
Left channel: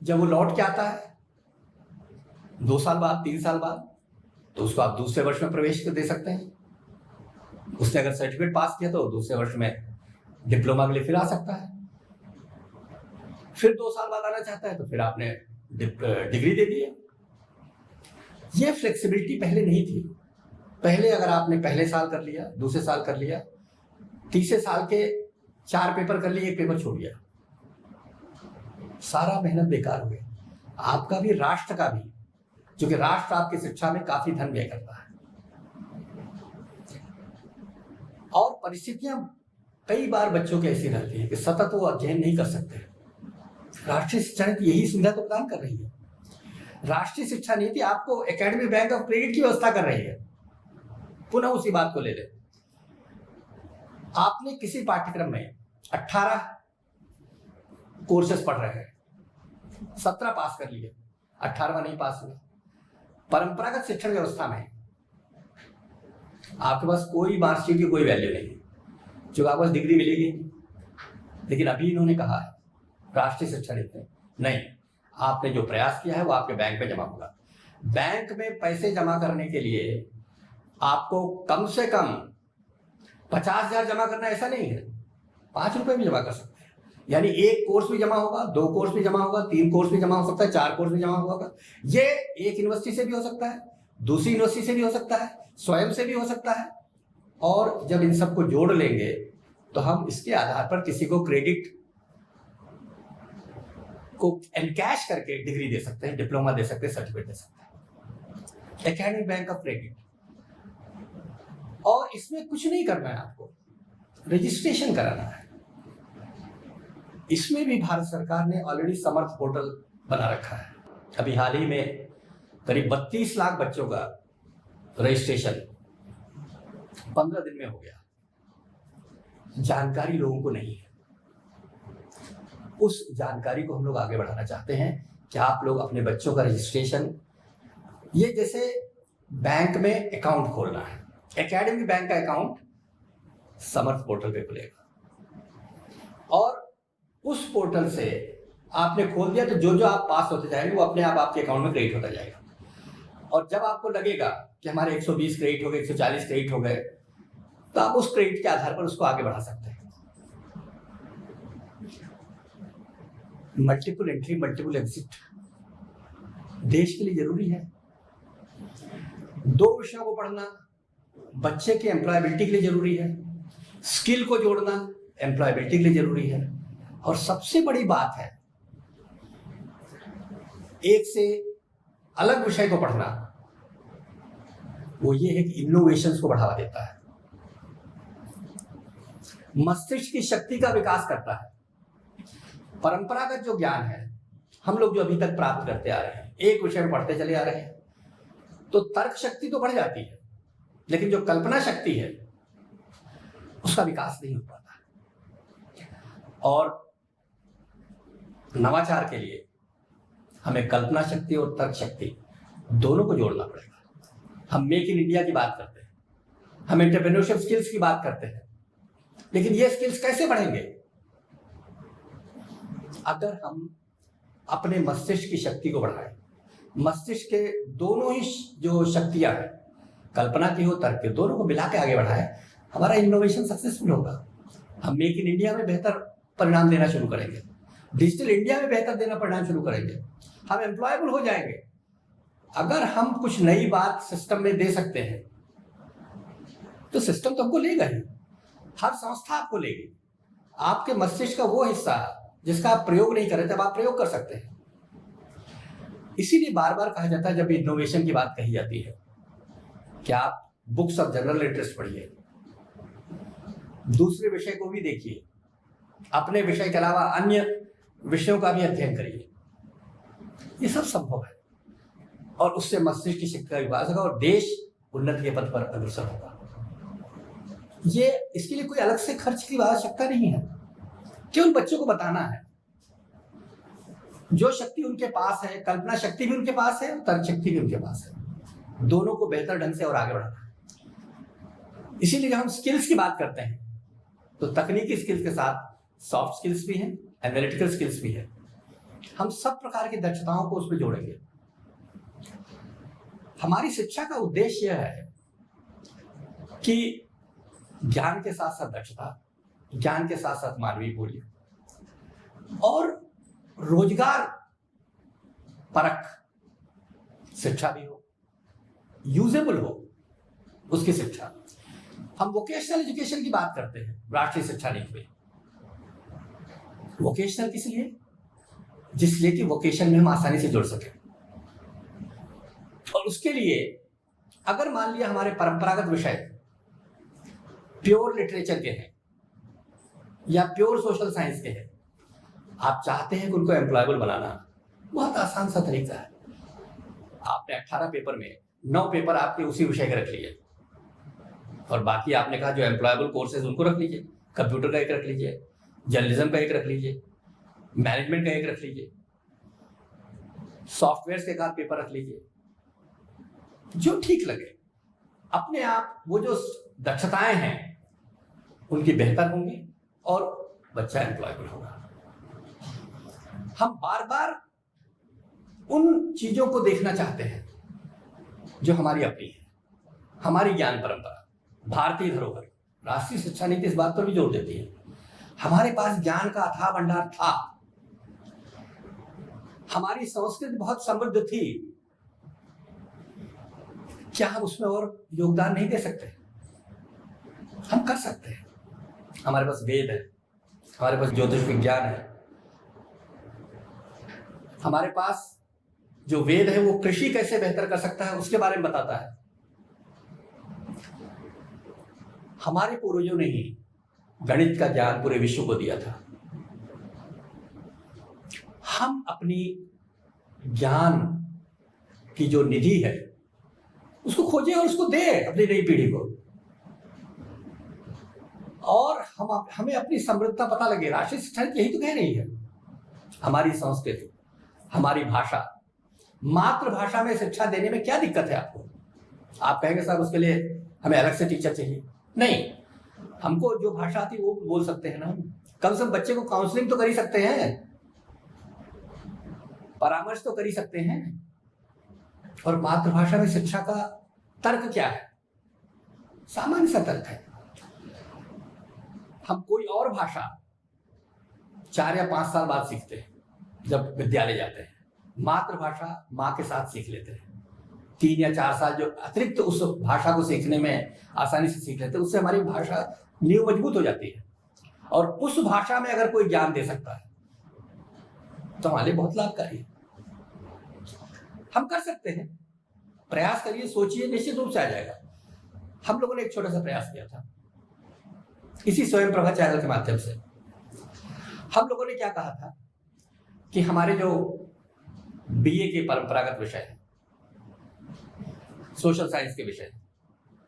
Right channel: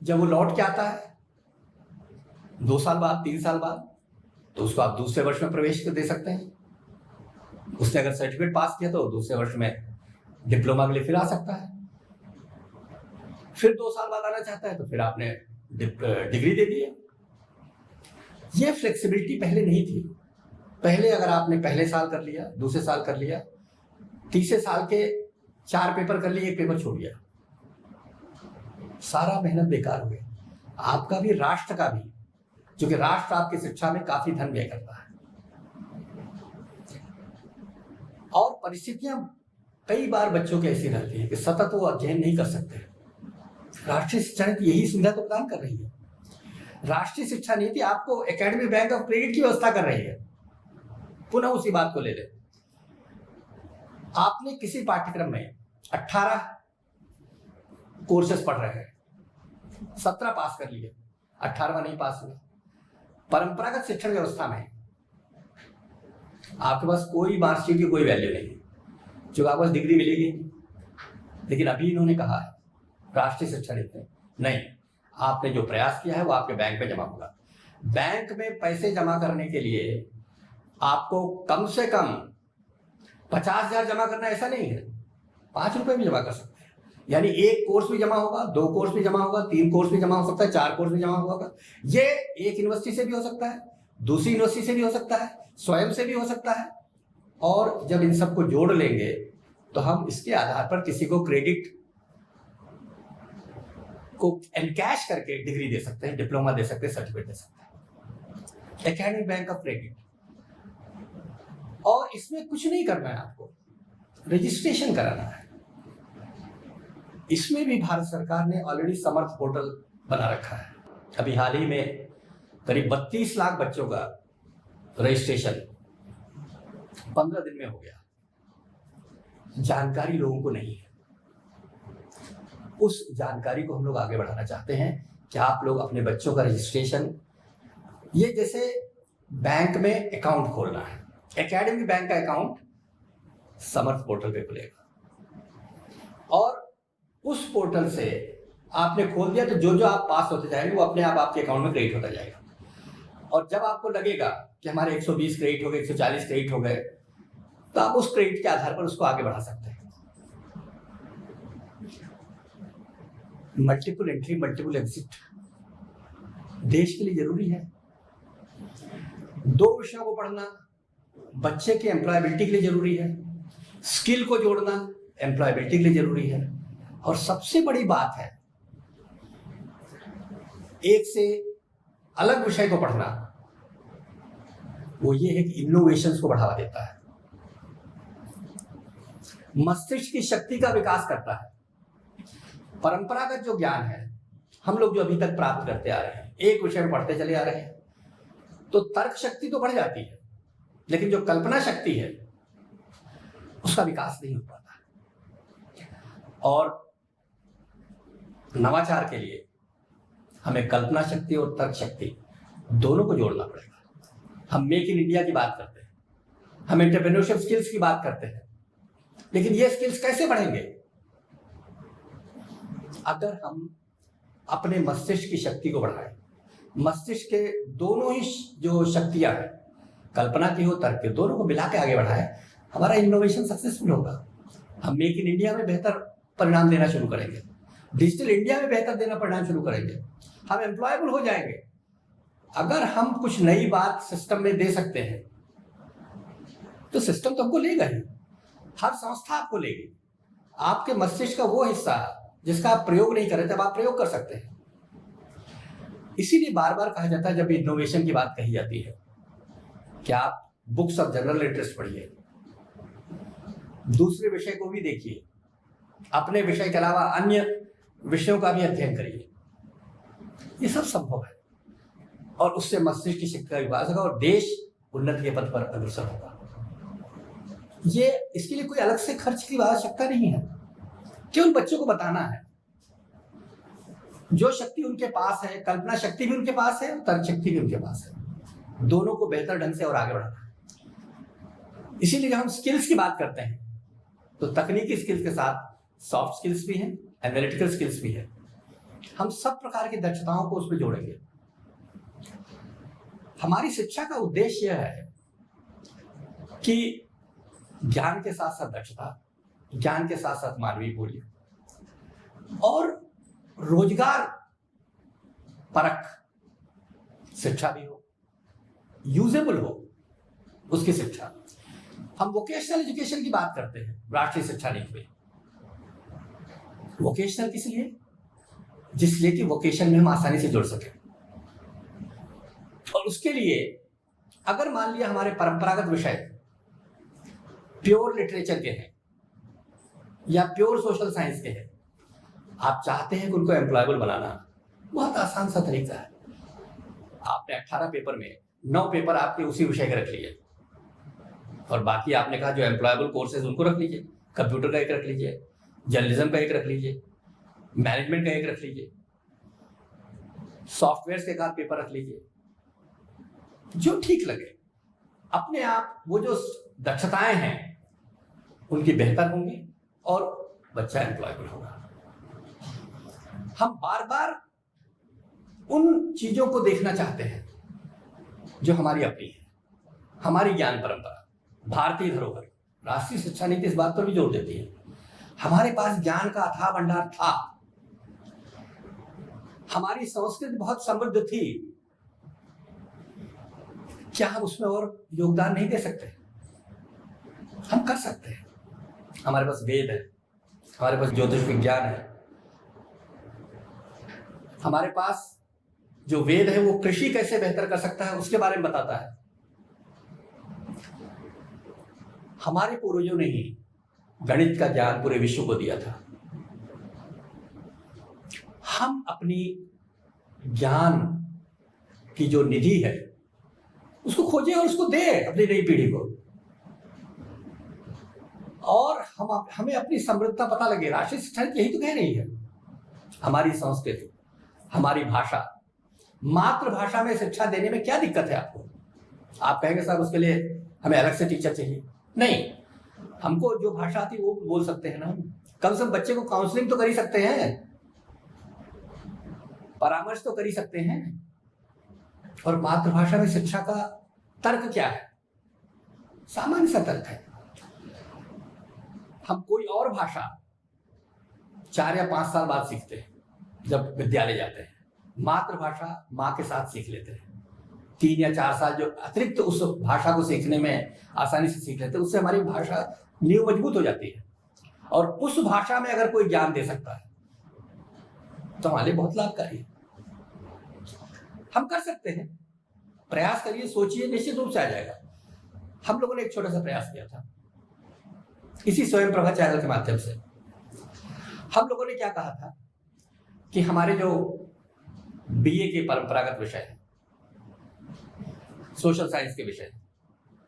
जब वो लौट के आता है 2 साल बाद, 3 साल बाद, तो उसको आप दूसरे वर्ष में प्रवेश कर दे सकते हैं। उसने अगर सर्टिफिकेट पास किया तो दूसरे वर्ष में डिप्लोमा के लिए फिर आ सकता है। फिर 2 साल बाद आना चाहता है तो फिर आपने डिग्री दे दी है। ये फ्लेक्सिबिलिटी पहले नहीं थी। पहले अगर आपने पहले साल कर लिया, दूसरे साल कर लिया, तीसरे साल के 4 पेपर कर लिए, 1 पेपर छोड़ दिया, सारा मेहनत बेकार हो गया, आपका भी राष्ट्र का भी, क्योंकि राष्ट्र आपकी शिक्षा में काफी धन व्यय करता है। और परिस्थितियां कई बार बच्चों की ऐसी रहती है कि सतत वो अध्ययन नहीं कर सकते। राष्ट्रीय शिक्षा नीति यही सुविधा तो प्रदान कर रही है। राष्ट्रीय शिक्षा नीति आपको एकेडमिक बैंक ऑफ क्रेडिट की व्यवस्था कर रही है। पुनः उसी बात को ले ले, आपने किसी पाठ्यक्रम में 18 कोर्सेस पढ़ रहे हैं, 17 पास कर लिए, 18वां नहीं पास हुआ। परंपरागत शिक्षण व्यवस्था में आपके पास कोई मार्कशीट की कोई वैल्यू नहीं, जो आपको बस डिग्री मिलेगी। लेकिन अभी इन्होंने कहा है राष्ट्रीय शिक्षा नीति नहीं, आपने जो प्रयास किया है वो आपके बैंक में जमा होगा। बैंक में पैसे जमा करने के लिए आपको कम से कम 50,000 जमा करना ऐसा नहीं है, 5 रुपए भी जमा कर सकते हैं। यानी 1 कोर्स भी जमा होगा, 2 कोर्स भी जमा होगा, 3 कोर्स भी जमा हो सकता है, 4 कोर्स भी जमा होगा। ये एक यूनिवर्सिटी से भी हो सकता है, दूसरी यूनिवर्सिटी से भी हो सकता है, स्वयं से भी हो सकता है। और जब इन सबको जोड़ लेंगे तो हम इसके आधार पर किसी को क्रेडिट को एनकैश करके डिग्री दे सकते हैं, डिप्लोमा दे सकते हैं, सर्टिफिकेट दे सकते हैं। Academic bank of credit. और इसमें कुछ नहीं करना है, आपको रजिस्ट्रेशन कराना है। इसमें भी भारत सरकार ने ऑलरेडी समर्थ पोर्टल बना रखा है। अभी हाल ही में करीब 32 लाख बच्चों का रजिस्ट्रेशन 15 दिन में हो गया। जानकारी लोगों को नहीं है, उस जानकारी को हम लोग आगे बढ़ाना चाहते हैं कि आप लोग अपने बच्चों का रजिस्ट्रेशन, ये जैसे बैंक में अकाउंट खोलना है, एकेडमिक बैंक का अकाउंट समर्थ पोर्टल पे खुलेगा और उस पोर्टल से आपने खोल दिया तो जो जो आप पास होते जाएंगे वो अपने आप आपके अकाउंट में क्रेडिट होता जाएगा। और जब आपको लगेगा कि हमारे 120 क्रेडिट हो गए, 140 क्रेडिट हो गए, तो आप उस क्रेडिट के आधार पर उसको आगे बढ़ा सकते हैं। मल्टीपल एंट्री मल्टीपल एग्जिट देश के लिए जरूरी है। 2 विषयों को पढ़ना बच्चे के एम्प्लॉयबिलिटी के लिए जरूरी है, स्किल को जोड़ना एम्प्लॉयबिलिटी के लिए जरूरी है। और सबसे बड़ी बात है, 1 से अलग विषय को पढ़ना, वो ये है कि इनोवेशंस को बढ़ावा देता है, मस्तिष्क की शक्ति का विकास करता है। परंपरागत जो ज्ञान है हम लोग जो अभी तक प्राप्त करते आ रहे हैं, एक विषय में पढ़ते चले आ रहे हैं, तो तर्क शक्ति तो बढ़ जाती है, लेकिन जो कल्पना शक्ति है उसका विकास नहीं हो पाता। और नवाचार के लिए हमें कल्पना शक्ति और तर्क शक्ति दोनों को जोड़ना पड़ेगा। हम मेक इन इंडिया की बात करते हैं, हम एंटरप्रेन्योरशिप स्किल्स की बात करते हैं, लेकिन ये स्किल्स कैसे बढ़ेंगे? अगर हम अपने मस्तिष्क की शक्ति को बढ़ाएं। मस्तिष्क के दोनों ही जो शक्तियां हैं, कल्पना की हो, तर्क की, दोनों को मिला के आगे बढ़ाएं, हमारा इनोवेशन सक्सेसफुल होगा। हम मेक इन इंडिया में बेहतर परिणाम देना शुरू करेंगे, डिजिटल इंडिया में बेहतर देना परिणाम शुरू करेंगे, हम एम्प्लॉयबल हो जाएंगे। अगर हम कुछ नई बात सिस्टम में दे सकते हैं तो सिस्टम तो हमको लेगा ही, हर संस्था आपको लेगी। आपके मस्तिष्क का वो हिस्सा जिसका आप प्रयोग नहीं कर रहे, तब आप प्रयोग कर सकते हैं। इसीलिए बार बार कहा जाता है जब इनोवेशन की बात कही जाती है कि आप बुक्स ऑफ जनरल इंटरेस्ट पढ़िए, दूसरे विषय को भी देखिए, अपने विषय के अलावा अन्य विषयों का भी अध्ययन करिए। ये सब संभव है और उससे मस्तिष्क की शक्ति का विकास होगा और देश उन्नति के पथ पर अग्रसर होगा। ये इसके लिए कोई अलग से खर्च की आवश्यकता नहीं है, केवल बच्चों को बताना है। जो शक्ति उनके पास है, कल्पना शक्ति भी उनके पास है और तर्क शक्ति भी उनके पास है, दोनों को बेहतर ढंग से और आगे बढ़ाना है। इसीलिए जब हम स्किल्स की बात करते हैं तो तकनीकी स्किल्स के साथ सॉफ्ट स्किल्स भी हैं, एनालिटिकल स्किल्स भी है। हम सब प्रकार की दक्षताओं को उसमें जोड़ेंगे। हमारी शिक्षा का उद्देश्य यह है कि ज्ञान के साथ साथ दक्षता, ज्ञान के साथ साथ मानवीय मूल्य और रोजगार परक शिक्षा भी हो, यूजेबल हो उसकी शिक्षा। हम वोकेशनल एजुकेशन की बात करते हैं राष्ट्रीय शिक्षा नीति में। वोकेशनल किस लिए? जिसलिए कि वोकेशन में हम आसानी से जुड़ सके। और उसके लिए अगर मान लिया हमारे परंपरागत विषय प्योर लिटरेचर के हैं या प्योर सोशल साइंस के हैं, आप चाहते हैं कि उनको एम्प्लॉयबल बनाना, बहुत आसान सा तरीका है। आपने 18 पेपर में 9 पेपर आपके उसी विषय के रख लिए और बाकी आपने कहा जो एम्प्लॉयबल कोर्सेज उनको रख लीजिए। कंप्यूटर का एक रख लीजिए, जर्नलिज्म का एक रख लीजिए, मैनेजमेंट का एक रख लीजिए, सॉफ्टवेयर के एक आध पेपर रख लीजिए, जो ठीक लगे। अपने आप वो जो दक्षताएं हैं उनकी बेहतर होंगी और बच्चा एम्प्लॉयबल होगा। हम बार बार उन चीजों को देखना चाहते हैं जो हमारी अपनी है, हमारी ज्ञान परंपरा, भारतीय धरोहर। राष्ट्रीय शिक्षा नीति इस बात पर भी जोर देती है। हमारे पास ज्ञान का अथाह भंडार था, हमारी संस्कृति बहुत समृद्ध थी, क्या हम उसमें और योगदान नहीं दे सकते? हम कर सकते हैं। हमारे पास वेद है, हमारे पास ज्योतिष विज्ञान है, हमारे पास जो वेद है वो कृषि कैसे बेहतर कर सकता है उसके बारे में बताता है। हमारे पूर्वजों ने ही गणित का ज्ञान पूरे विश्व को दिया था। हम अपनी ज्ञान की जो निधि है उसको खोजें और उसको दें अपनी नई पीढ़ी को, और हमें अपनी समृद्धता पता लगे। राष्ट्रीय शिक्षा नीति यही तो कह रही है। हमारी संस्कृति, हमारी भाषा, मातृभाषा में शिक्षा देने में क्या दिक्कत है आपको? आप कहेंगे साहब उसके लिए हमें अलग से टीचर चाहिए। नहीं, हमको जो भाषा आती है वो बोल सकते हैं ना। कम से कम बच्चे को काउंसलिंग तो कर ही सकते हैं, परामर्श तो कर ही सकते हैं। और मातृभाषा में शिक्षा का तर्क क्या है? सामान्य सा तर्क है। हम कोई और भाषा 4 या 5 साल बाद सीखते हैं जब विद्यालय जाते हैं। मातृभाषा माँ के साथ सीख लेते हैं। 3 या 4 साल जो अतिरिक्त उस भाषा को सीखने में आसानी से सीख लेते हैं, उससे हमारी भाषा नींव मजबूत हो जाती है। और उस भाषा में अगर कोई ज्ञान दे सकता है तो हमारे लिए बहुत लाभकारी है। हम कर सकते हैं, प्रयास करिए, सोचिए, निश्चित रूप से आ जाएगा। हम लोगों ने एक छोटा सा प्रयास किया था इसी स्वयं प्रभा चैनल के माध्यम से। हम लोगों ने क्या कहा था कि हमारे जो बीए के परंपरागत विषय हैं, सोशल साइंस के विषय,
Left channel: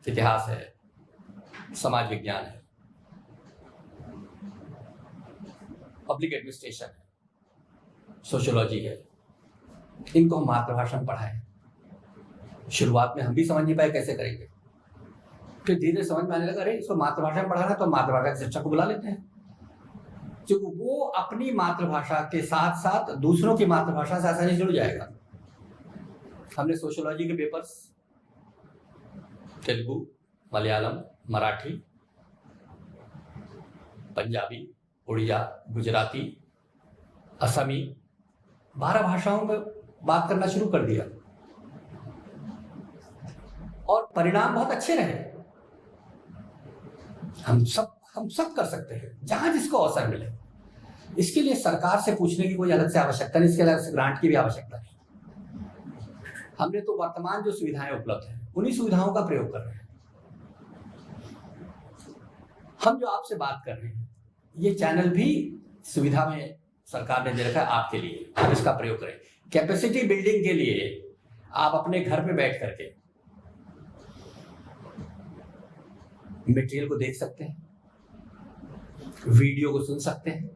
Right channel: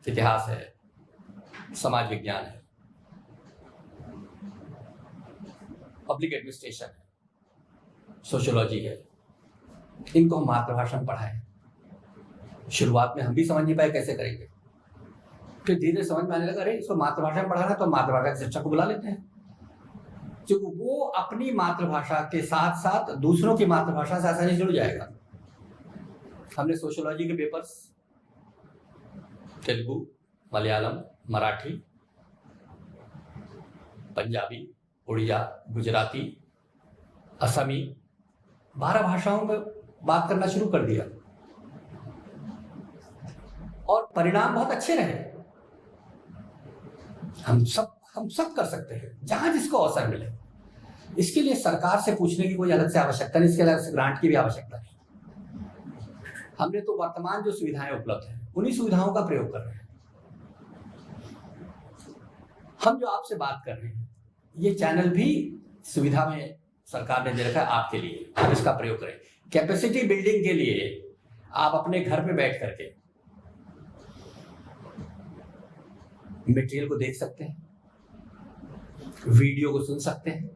इतिहास है, समाज विज्ञान है, पब्लिक एडमिनिस्ट्रेशन है, सोशियोलॉजी है, इनको हम मातृभाषा में पढ़ाएं। शुरुआत में हम भी समझ नहीं पाए कैसे करेंगे, फिर धीरे समझ में आने लगा, अरे इसको मातृभाषा में पढ़ाना तो मातृभाषा के शिक्षक को बुला लेते हैं, क्योंकि वो अपनी मातृभाषा के साथ साथ दूसरों की मातृभाषा से आसानी जुड़ जाएगा। हमने सोशियोलॉजी के पेपर्स तेलुगु, मलयालम, मराठी, पंजाबी, उड़िया, गुजराती, असमी, 12 भाषाओं में बात करना शुरू कर दिया और परिणाम बहुत अच्छे रहे। हम सब कर सकते हैं जहां जिसको अवसर मिले। इसके लिए सरकार से पूछने की कोई अलग से आवश्यकता नहीं, इसके अलग से ग्रांट की भी आवश्यकता नहीं। हमने तो वर्तमान जो सुविधाएं उपलब्ध हैं उन्हीं सुविधाओं का प्रयोग कर रहे हैं। हम जो आपसे बात कर रहे हैं ये चैनल भी सुविधा में सरकार ने दे रखा है आपके लिए, आप इसका प्रयोग करें। कैपेसिटी बिल्डिंग के लिए आप अपने घर पे बैठ करके मटेरियल को देख सकते हैं, वीडियो को सुन सकते हैं,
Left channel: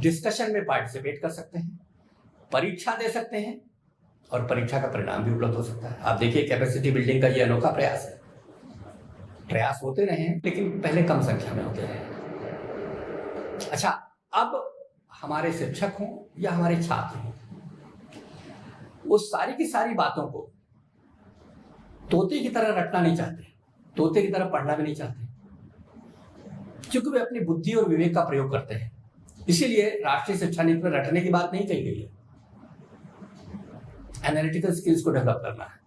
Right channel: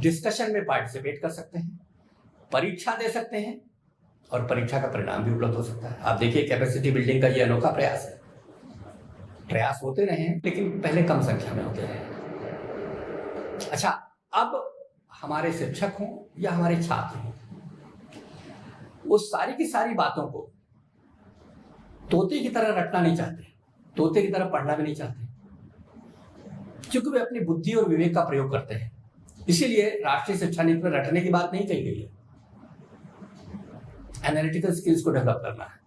डिस्कशन में पार्टिसिपेट कर सकते हैं, परीक्षा दे सकते हैं और परीक्षा का परिणाम भी उपलब्ध हो सकता है। आप देखिए कैपेसिटी बिल्डिंग का ये अनोखा प्रयास है। प्रयास होते रहे हैं लेकिन पहले कम संख्या में होते रहे। अच्छा, अब हमारे शिक्षक हों या हमारे छात्र हों, वो सारी की सारी बातों को तोते की तरह रटना नहीं चाहते, तोते की तरह पढ़ना भी नहीं चाहते, क्योंकि वे अपनी बुद्धि और विवेक का प्रयोग करते हैं। इसीलिए राष्ट्रीय शिक्षा नीति में रटने की बात नहीं कही गई है, एनालिटिकल स्किल्स को डेवलप करना है,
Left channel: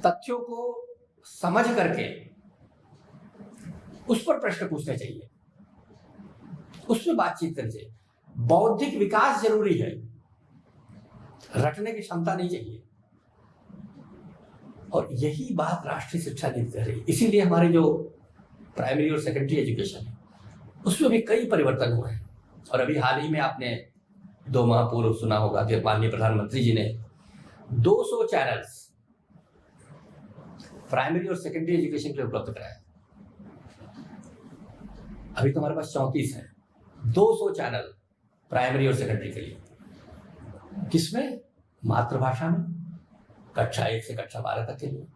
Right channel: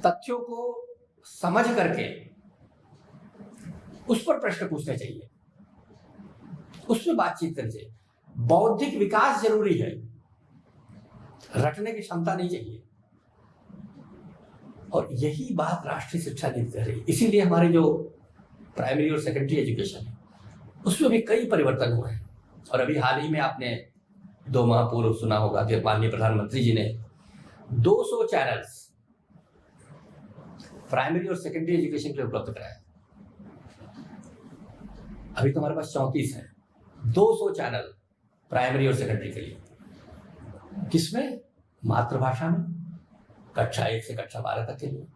तथ्यों को समझ करके उस पर प्रश्न पूछने चाहिए, उसमें बातचीत करनी चाहिए। बौद्धिक विकास जरूरी है, रटने की क्षमता नहीं चाहिए। और यही बात राष्ट्रीय शिक्षा नीति कर रही है। इसीलिए हमारे जो प्राइमरी और सेकेंडरी एजुकेशन है उसमें भी कई परिवर्तन हुए हैं। और अभी हाल ही में आपने 2 माह पूर्व सुना होगा कि माननीय प्रधानमंत्री जी ने 200 चैनल्स प्राइमरी और सेकेंडरी एजुकेशन के लिए उपलब्ध कराया। अभी तो हमारे पास 34 है, 200 चैनल प्राइमरी और सेकेंडरी के लिए। किसमें? मातृभाषा में, कक्षा 1 से कक्षा 12 तक के लिए।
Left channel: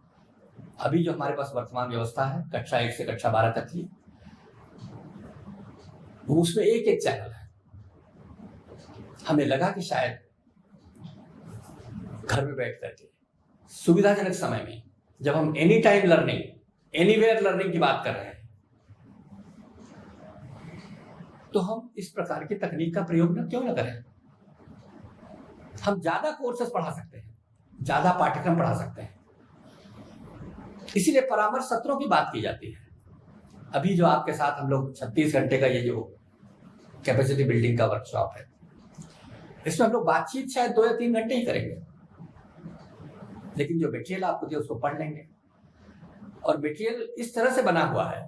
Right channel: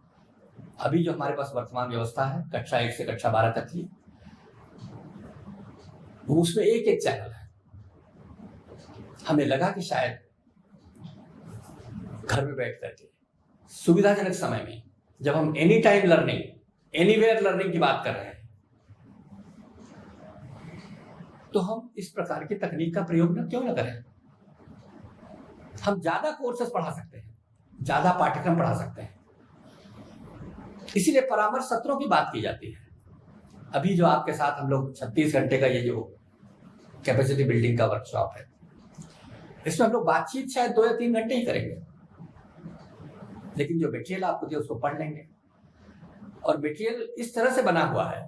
अभी जो हमारे पास वर्तमान व्यवस्था है कक्षा 1 से कक्षा 12 तक की, उसमें एक चैनल है। हमें लगा कि शायद घर में बैठ करके सुविधाजनक समय में, जब हम any time learning, anywhere learning की बात कर रहे हैं, तो हम इस प्रकार की तकनीक का प्रयोग क्यों न करें। हम ज्यादा कोर्सेस पढ़ा सकते हैं, ज्यादा पाठ्यक्रम पढ़ा सकते हैं। इसीलिए परामर्श सत्रों की बात की जाती है। अभी जो आपके साथ हम लोग 36 घंटे का ये जो कैपेसिटी बिल्डिंग का वर्कशॉप है, इसमें हम लोग बातचीत शायद 2 या 3 घंटे ही करेंगे, लेकिन जो मटेरियल आपको दिया उसको पढ़ लेंगे। और मटेरियल इस तरह से बना हुआ है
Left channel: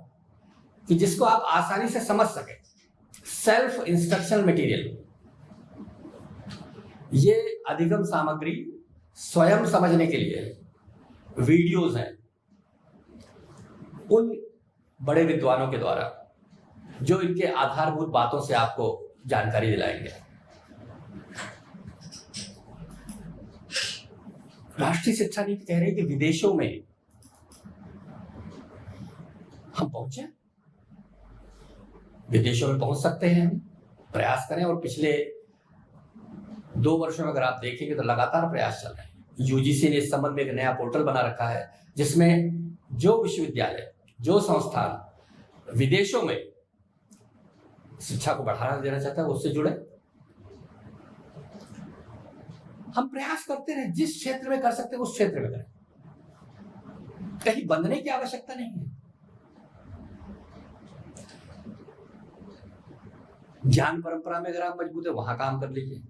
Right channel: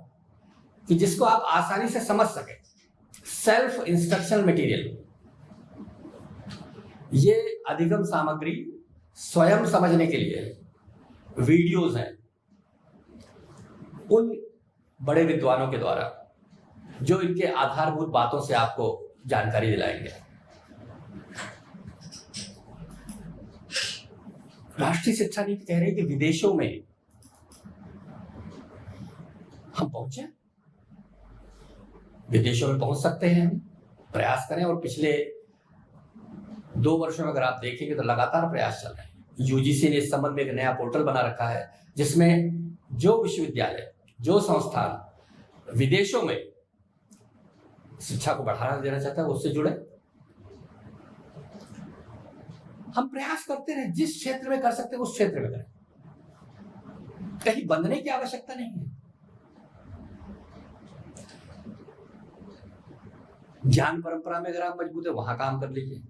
कि जिसको आप आसानी से समझ सके। सेल्फ इंस्ट्रक्शनल मटेरियल, ये अधिगम सामग्री स्वयं समझने के लिए वीडियोस हैं उन बड़े विद्वानों के द्वारा, जो इनके आधारभूत बातों से आपको जानकारी दिलाएंगे। राष्ट्रीय शिक्षा नीति कह रही है कि विदेशों में हम पहुंचे, विदेशों में पहुंच सकते हैं, हम प्रयास करें। और पिछले 2 वर्षों में अगर आप देखेंगे तो लगातार प्रयास चल रहे हैं। यूजीसी ने इस संबंध में एक नया पोर्टल बना रखा है, जिसमें जो विश्वविद्यालय, जो संस्थान विदेशों में शिक्षा को बढ़ावा देना चाहता है उससे जुड़े। हम प्रयास करते रहे, जिस क्षेत्र में कर सकते हैं उस क्षेत्र में करें, कहीं बंधने की आवश्यकता नहीं है। ज्ञान परंपरा में अगर आप मजबूत है वहां काम कर लीजिए,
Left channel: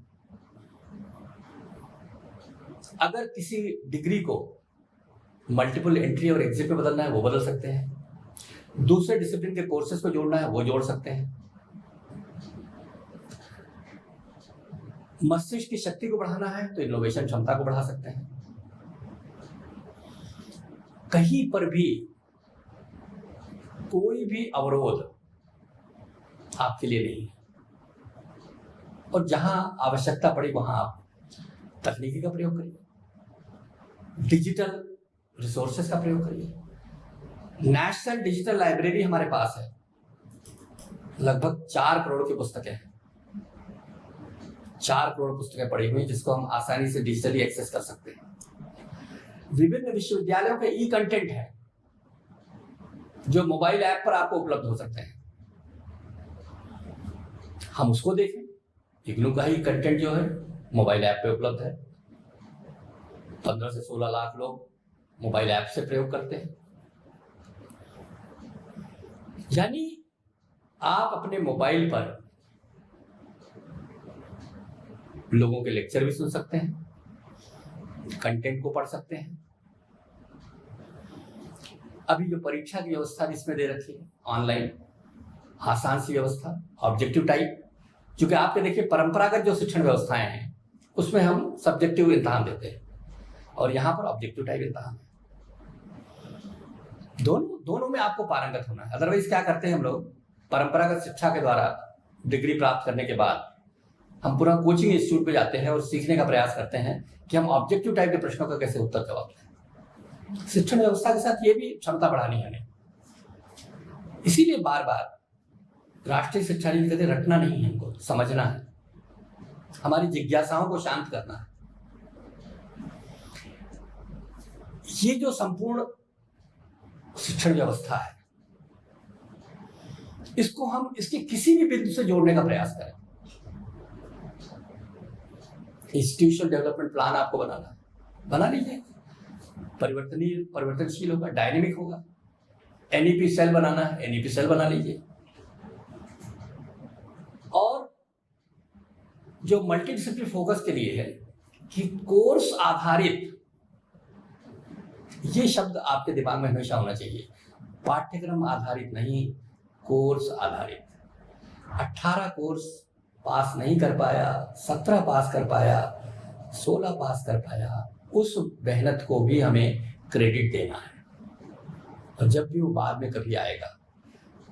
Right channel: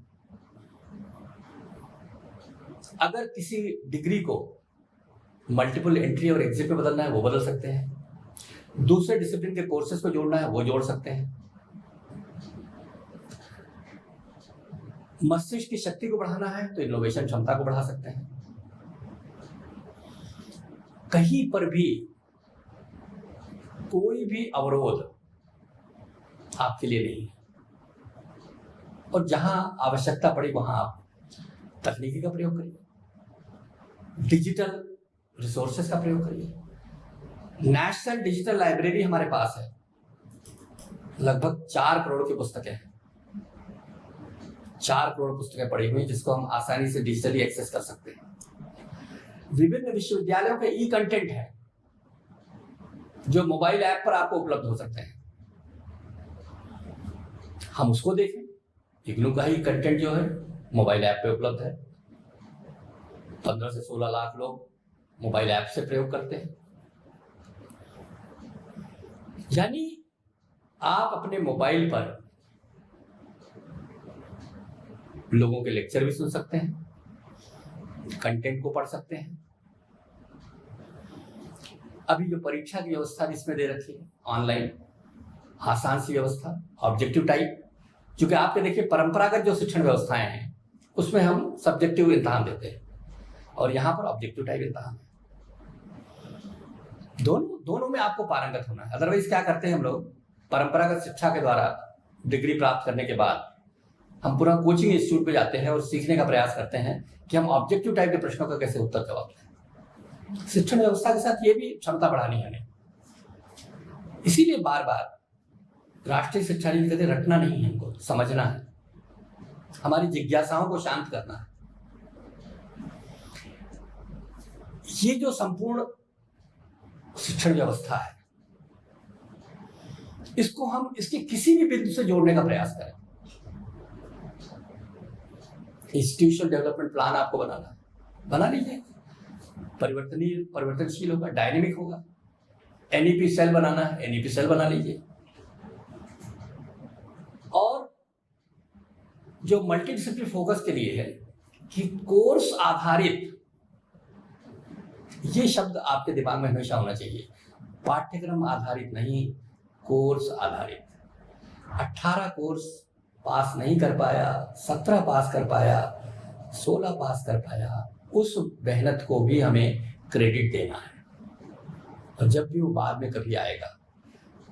अगर किसी डिग्री को मल्टीपल एंट्री और एग्जिट में बदलना है वो बदल सकते हैं। दूसरे डिसिप्लिन के कोर्सेज को जोड़ना है वो जोड़ सकते हैं। मस्तिष्क की शक्ति को बढ़ाना है तो इनोवेशन क्षमता को बढ़ा सकते हैं। कहीं पर भी कोई भी अवरोध आपके लिए नहीं है, और जहां आवश्यकता पड़ी वहां आप तकनीकी का प्रयोग करिए, डिजिटल रिसोर्सेस का प्रयोग करिए। नेशनल डिजिटल लाइब्रेरी हमारे पास है, लगभग 4 करोड़ की पुस्तकें हैं। 4 करोड़ पुस्तकें पढ़ी हुई जिसको हम आसानी से डिजिटली एक्सेस कर सकते हैं। विभिन्न विश्वविद्यालयों के ई कंटेंट है जो मोबाइल ऐप पर आपको उपलब्ध हो सकते हैं, हम उसको देखें। इग्नू का ही कंटेंट जो है मोबाइल ऐप पे उपलब्ध है। 15 से 16 लाख लोग मोबाइल ऐप से प्रयोग करते हैं। यानी आप अपने मोबाइल पर लोगों के लेक्चर भी सुन सकते हैं, कंटेंट को पढ़ सकते हैं। अभी जो परीक्षा की व्यवस्था जिसमें दे रखी है ऑनलाइन, आसान सी व्यवस्था, ऑब्जेक्टिव टाइप, क्योंकि आपके देखिए परंपरागत जो शिक्षण व्यवस्थाएं हैं उसमें हम सब्जेक्टिव इम्तहान देते हैं और यहाँ पर ऑब्जेक्टिव टाइप इम्तहान है। दोनों में आपको पारंगत होना है। अदरवाइज क्या करते हैं हम लोग, परंपरागत शिक्षा के द्वारा डिग्री प्राप्त करने के बाद हम पूरा कोचिंग इंस्टीट्यूट पे जाते हैं और सीखने का प्रयास करते हैं कि हम ऑब्जेक्टिव टाइप के प्रश्नों का कैसे उत्तर जवाब दें। शिक्षण व्यवस्था के साथ ये भी क्षमता बढ़ानी है हमें। इसीलिए बार बार राष्ट्रीय शिक्षा नीति कहते रटना नहीं है, हमको समझना है, हमारी जिज्ञासाओं को शांत करना है। ये जो संपूर्ण शिक्षण व्यवस्था है इसको हम इसके किसी भी बिंदु से जोड़ने का प्रयास करें। इंस्टीट्यूशनल डेवलपमेंट प्लान आपको बनाना है, बना लीजिए। परिवर्तनशील होगा, डायनेमिक होगा। एनईपी सेल बनाना है, एनईपी सेल बना लीजिए। और जो मल्टी डिसिप्लिन फोकस के लिए है कि कोर्स आधारित, ये शब्द आपके दिमाग में हमेशा होना चाहिए। पाठ्यक्रम आधारित नहीं, कोर्स आधारित। 18 कोर्स पास नहीं कर पाया, 17 पास कर पाया, 16 पास कर पाया, उस मेहनत को भी हमें क्रेडिट देना है। और जब भी वो बाद में कभी आएगा,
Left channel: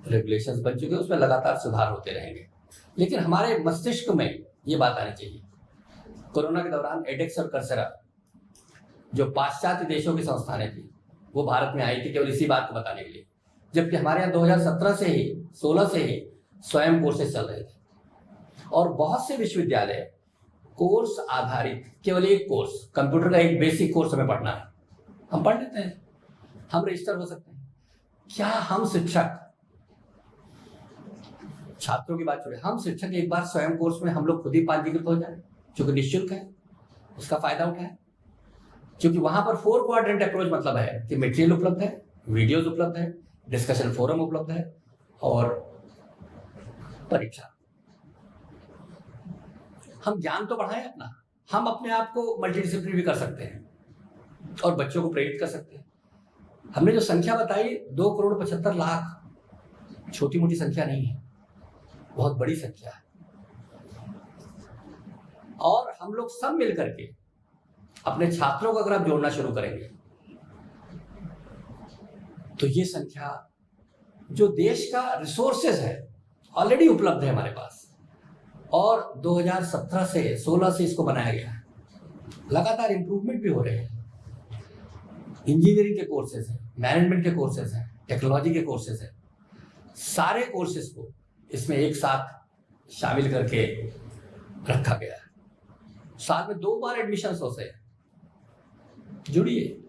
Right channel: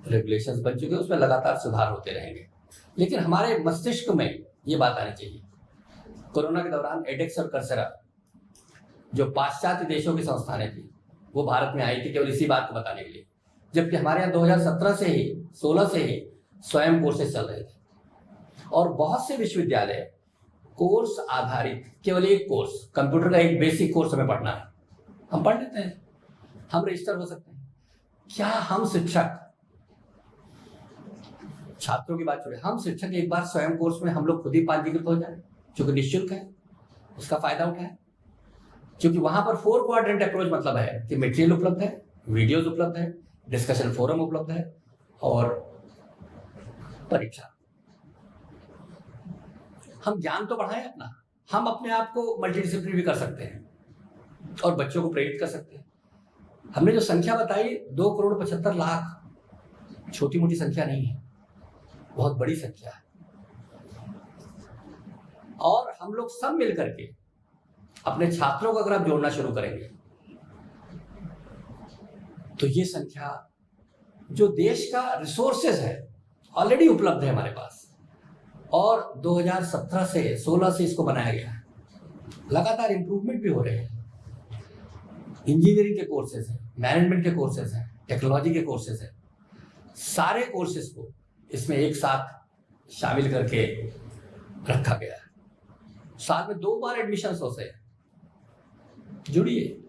रेगुलेशंस बन चुके हैं, उसमें लगातार सुधार होते रहेंगे। लेकिन हमारे मस्तिष्क में ये बात आनी चाहिए। कोरोना के दौरान एडेक्स और कर्सेरा जो पाश्चात्य देशों की संस्थानें थी वो भारत में आई थी केवल इसी बात को बताने के लिए, जबकि हमारे यहाँ 2017 से ही 16 से ही स्वयं कोर्सेज चल रहे थे। और बहुत से विश्वविद्यालय कोर्स आधारित, केवल एक कोर्स, कंप्यूटर का एक बेसिक कोर्स हमें पढ़ना है, हम पढ़ लेते हैं, हम रजिस्टर हो सकते हैं। क्या हम शिक्षक, छात्रों की बात छोड़े, हम शिक्षक एक बार स्वयं कोर्स में हम लोग खुद ही पंजीकृत हो जाए, क्योंकि निःशुल्क है, उसका फायदा उठाए। क्योंकि वहां पर 4 क्वाड्रेंट अप्रोच मतलब है कि मटेरियल उपलब्ध है, वीडियोज उपलब्ध है, डिस्कशन फोरम उपलब्ध है और परीक्षा। हम ज्ञान तो बढ़ाएं अपना, हम अपने आप को मल्टीडिसिप्लिनरी भी कर सकते हैं और बच्चों को प्रेरित कर सकते हैं। हमने जो संख्या बताई 2 करोड़ 75 लाख, छोटी मोटी संख्या नहीं है, बहुत बड़ी संख्या है। और हम लोग सब मिल करके अपने छात्रों को अगर आप जोड़ना शुरू करेंगे तो ये संख्या जो देश का रिसोर्सेज है ऑलरेडी उपलब्ध है हमारे पास, और 2017 से 16 से इसको बनाया गया है, लगातार इंप्रूवमेंट भी हो रहे हैं। इंजीनियरिंग के कोर्सेज हैं, मैनेजमेंट के कोर्सेज हैं, टेक्नोलॉजी के कोर्सेज हैं, सारे कोर्सेज को इसमें एक साथ शामिल करके रखा गया है। साल में 2 बार एडमिशन होते हैं। जुड़िए,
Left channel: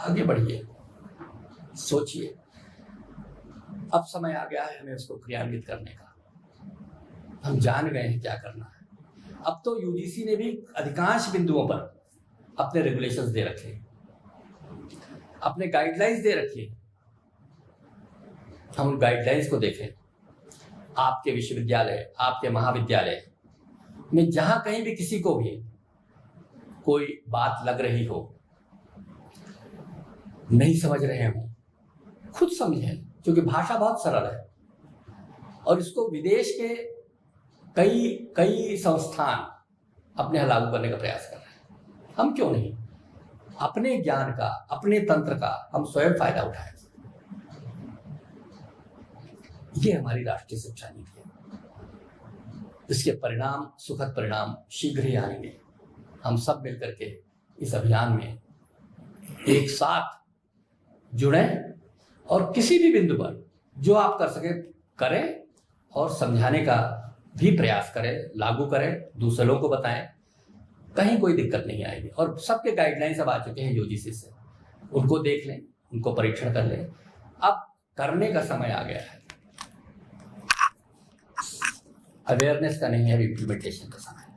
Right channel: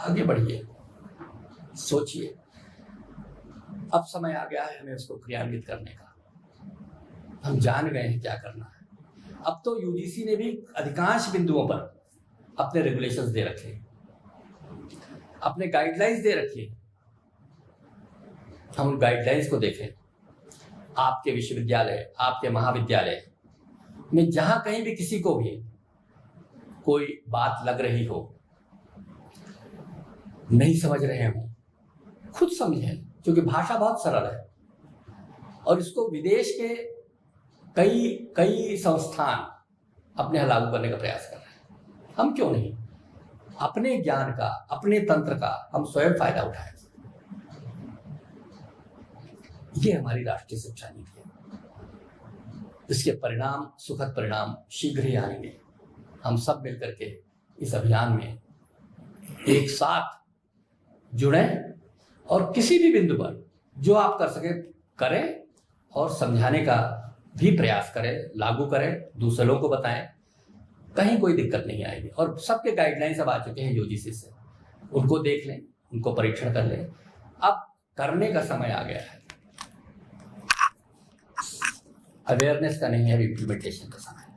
आगे बढ़िए, सोचिए। अब समय आ गया है हमें उसको क्रियान्वित करने का। हम जान गए हैं क्या करना है। अब तो यूजीसी ने भी अधिकांश बिंदुओं पर अपने रेगुलेशंस दे रखे हैं, अपने गाइडलाइंस दे रखी है। हम उन गाइडलाइंस को देखें। आपके विश्वविद्यालय, आपके महाविद्यालय में जहां कहीं भी किसी को भी कोई बात लग रही हो, नहीं समझ रहे हो, खुद समझें, क्योंकि भाषा बहुत सरल है और इसको विदेश के कई संस्थान अपने यहाँ लागू करने का प्रयास कर रहे हैं। हम क्यों नहीं? अपने ज्ञान का, अपने तंत्र का हम स्वयं फायदा उठाएं। ये हमारी राष्ट्रीय शिक्षा नीति है। इसके परिणाम, सुखद परिणाम शीघ्र ही आएंगे। हम सब मिलकर के इस अभियान में एक साथ जुड़ें और किसी भी बिंदु पर जो आप कर सके करें और समझाने का भी प्रयास करें, लागू करें, दूसरों को बताएं। कहीं कोई दिक्कत नहीं आएगी। और सबके गाइडलाइंस अब आ चुके हैं यूजीसी से, उनको देख लें, उनको परीक्षण कर लें। अब करने का समय आ गया है। अवेयरनेस का नहीं है, इम्प्लीमेंटेशन का समय है।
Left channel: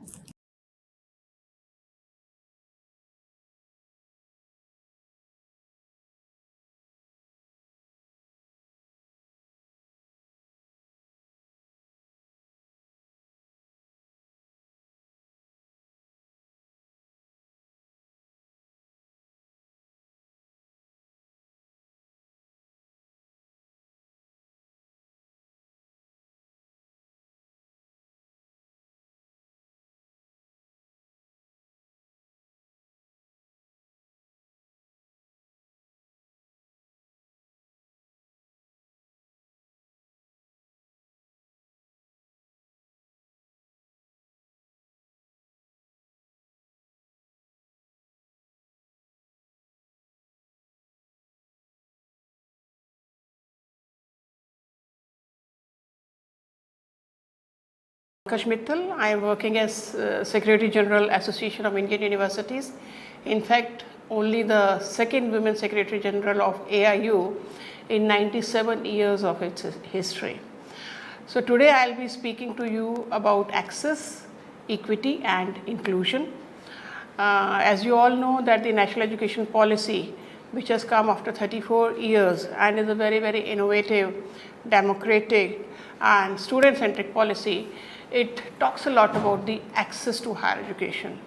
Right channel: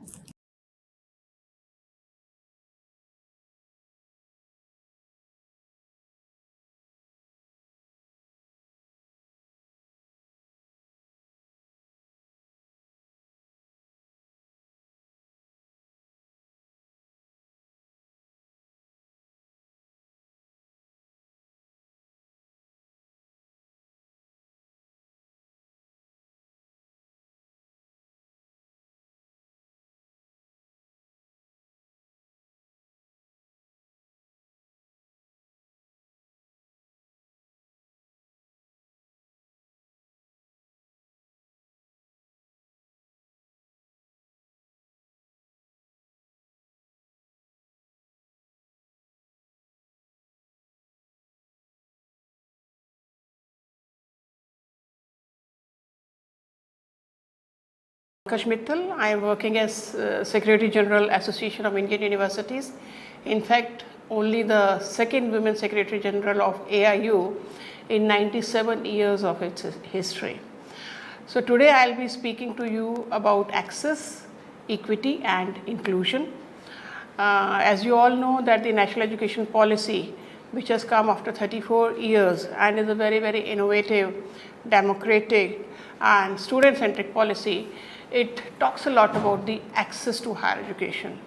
Mittal. I am working as Secretary General Association of Indian Universities. In fact, only the second women Secretary General of AIU in 97 years of its history. So today I will be speaking to you about access, equity and inclusion. As you all know that the National Education Policy, which has come after 34 years and is a very, very innovative, democratic and student-centric policy, it talks a lot about the access to higher education.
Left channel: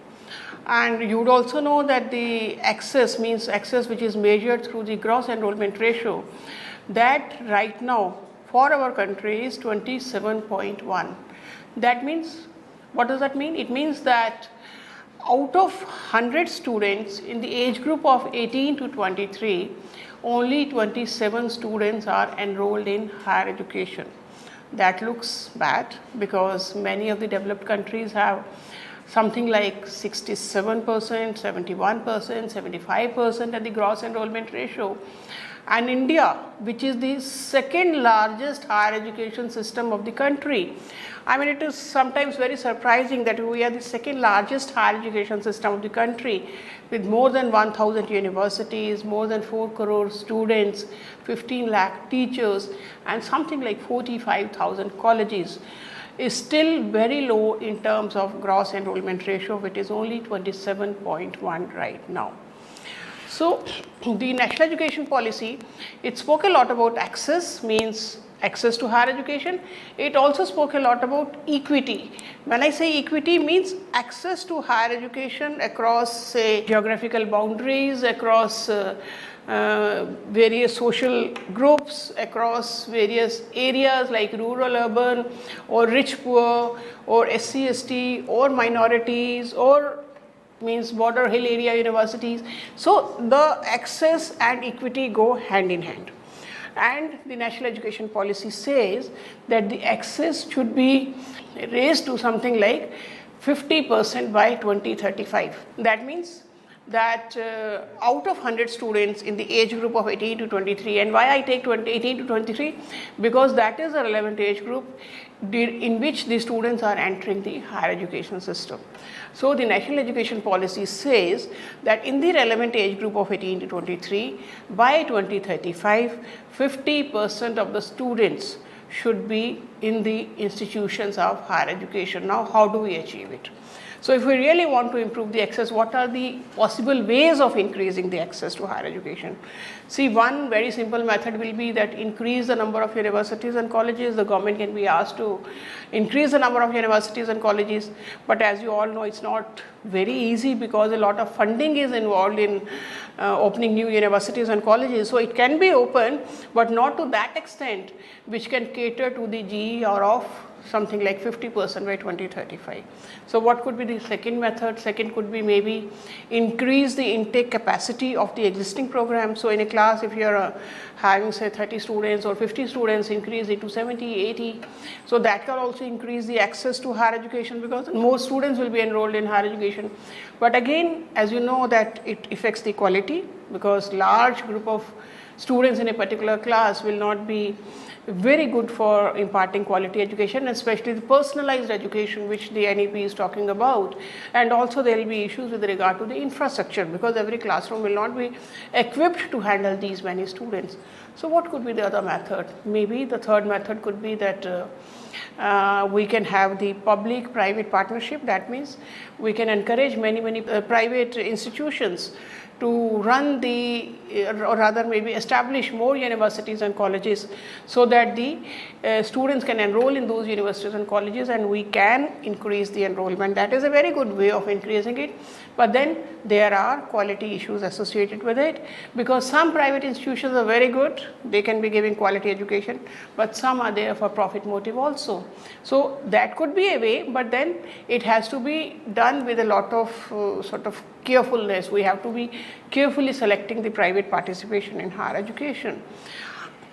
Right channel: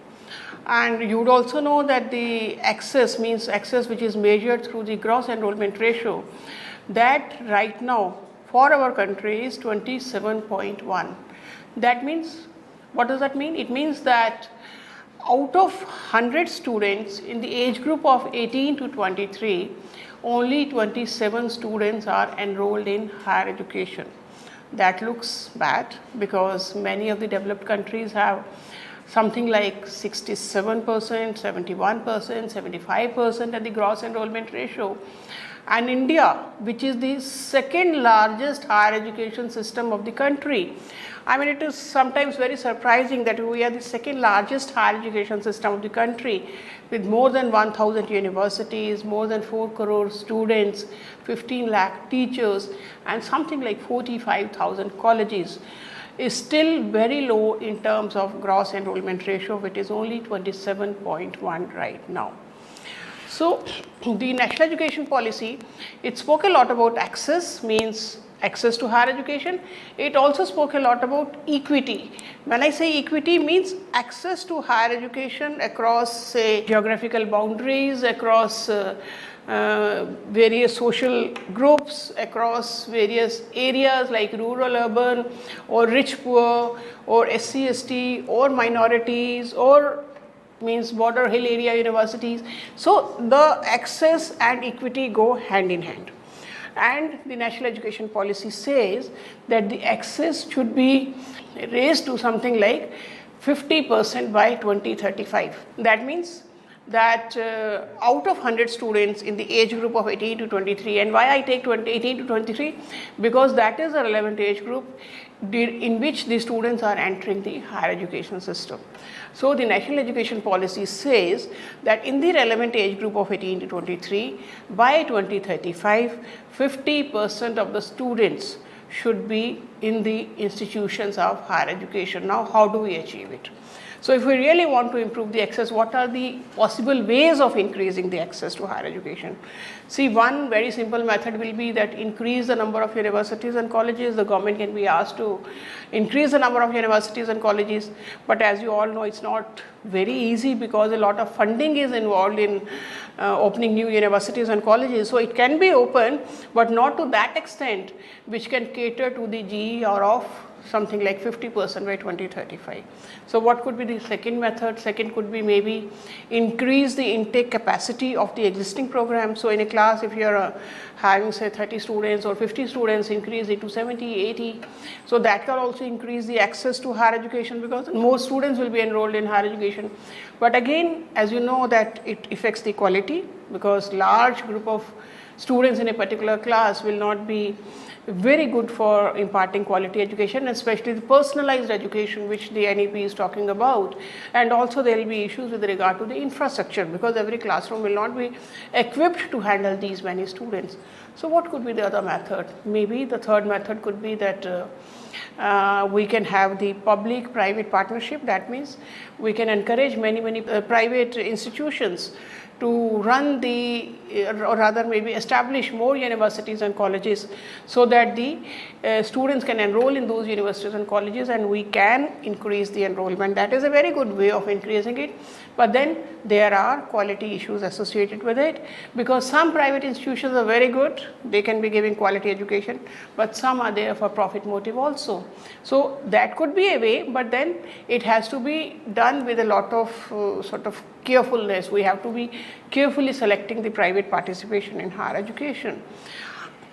And you would also know that the access means access which is measured through the gross enrollment ratio, that right now for our country is 27.1. That means, what does that mean? It means that out of 100 students in the age group of 18 to 23, only 27 students are enrolled in higher education. That looks bad because many of the developed countries have something like 67%, 71%, 75% at the gross enrollment ratio. And India, which is the second largest higher education system of the country, I mean, it is sometimes very surprising that we are the second largest higher education system of the country with more than 1,000 universities, more than 4 crore students, 15 lakh teachers and something like 45,000 colleges, is still very low in terms of gross enrollment ratio, which is only 27.1 right now. So the National Education Policy, it spoke a lot about access, means access to higher education. It also spoke a lot about equity. When I say equity, means access to higher education across, say, geographical boundaries, across various social groups, across various areas like rural, urban, or rich, poor, or SC, ST, or minorities, or means border hill area universities. So the access and equity go hand in hand. And the National Education Policy says that the access should be raised to something like 50% by 2035. That means that out of 100 students in the age group of 18 to 23, and why I take 18 to 23? Because that is a relevant age group in which the students are entering the higher education system. So the National Education Policy says that in the relevant age group of 18 to 23, by 2035, 50% of the students should be in the institutions of higher education. Now, how do we achieve it? So if we really want to improve the access, what are the possible ways of increasing the access to higher education? See, one very simple method will be that increase the number of universities and colleges. The government can be asked to increase the number of universities and colleges, but as you all know, it's not very easy because a lot of funding is involved in opening new universities and colleges. So it can be open, but not to that extent which can cater to the GER of something like 50% by 2035. So what could be the second method? Second could be maybe increase the intake capacity of the existing program. So in a class, if you're having say 30 students or 50 students, increase it to 70, 80. So that can also increase the access to higher education because more students will be enrolled in higher education. But again, as you know, that it affects the quality because large group of students in a particular class will not be very good for imparting quality education, especially the personalized education which the NEP is talking about. And also there will be issues with regard to the infrastructure because every classroom will not be equipped to handle these many students. So what could be the other method? Maybe the third method could be that we can have the public-private partnership. That means we can encourage many private institutions to run the, or rather maybe establish more universities and colleges so that the students can enroll in those universities and colleges and we can increase the enrollment. That is a very good way of increasing it. But then there are quality issues associated with it because some private institutions are very good, they can be giving quality education, but some are there for profit motive also. So that could be a way, but then it has to be done with a lot of sort of carefulness. We have to be carefully selecting the private participation in higher education.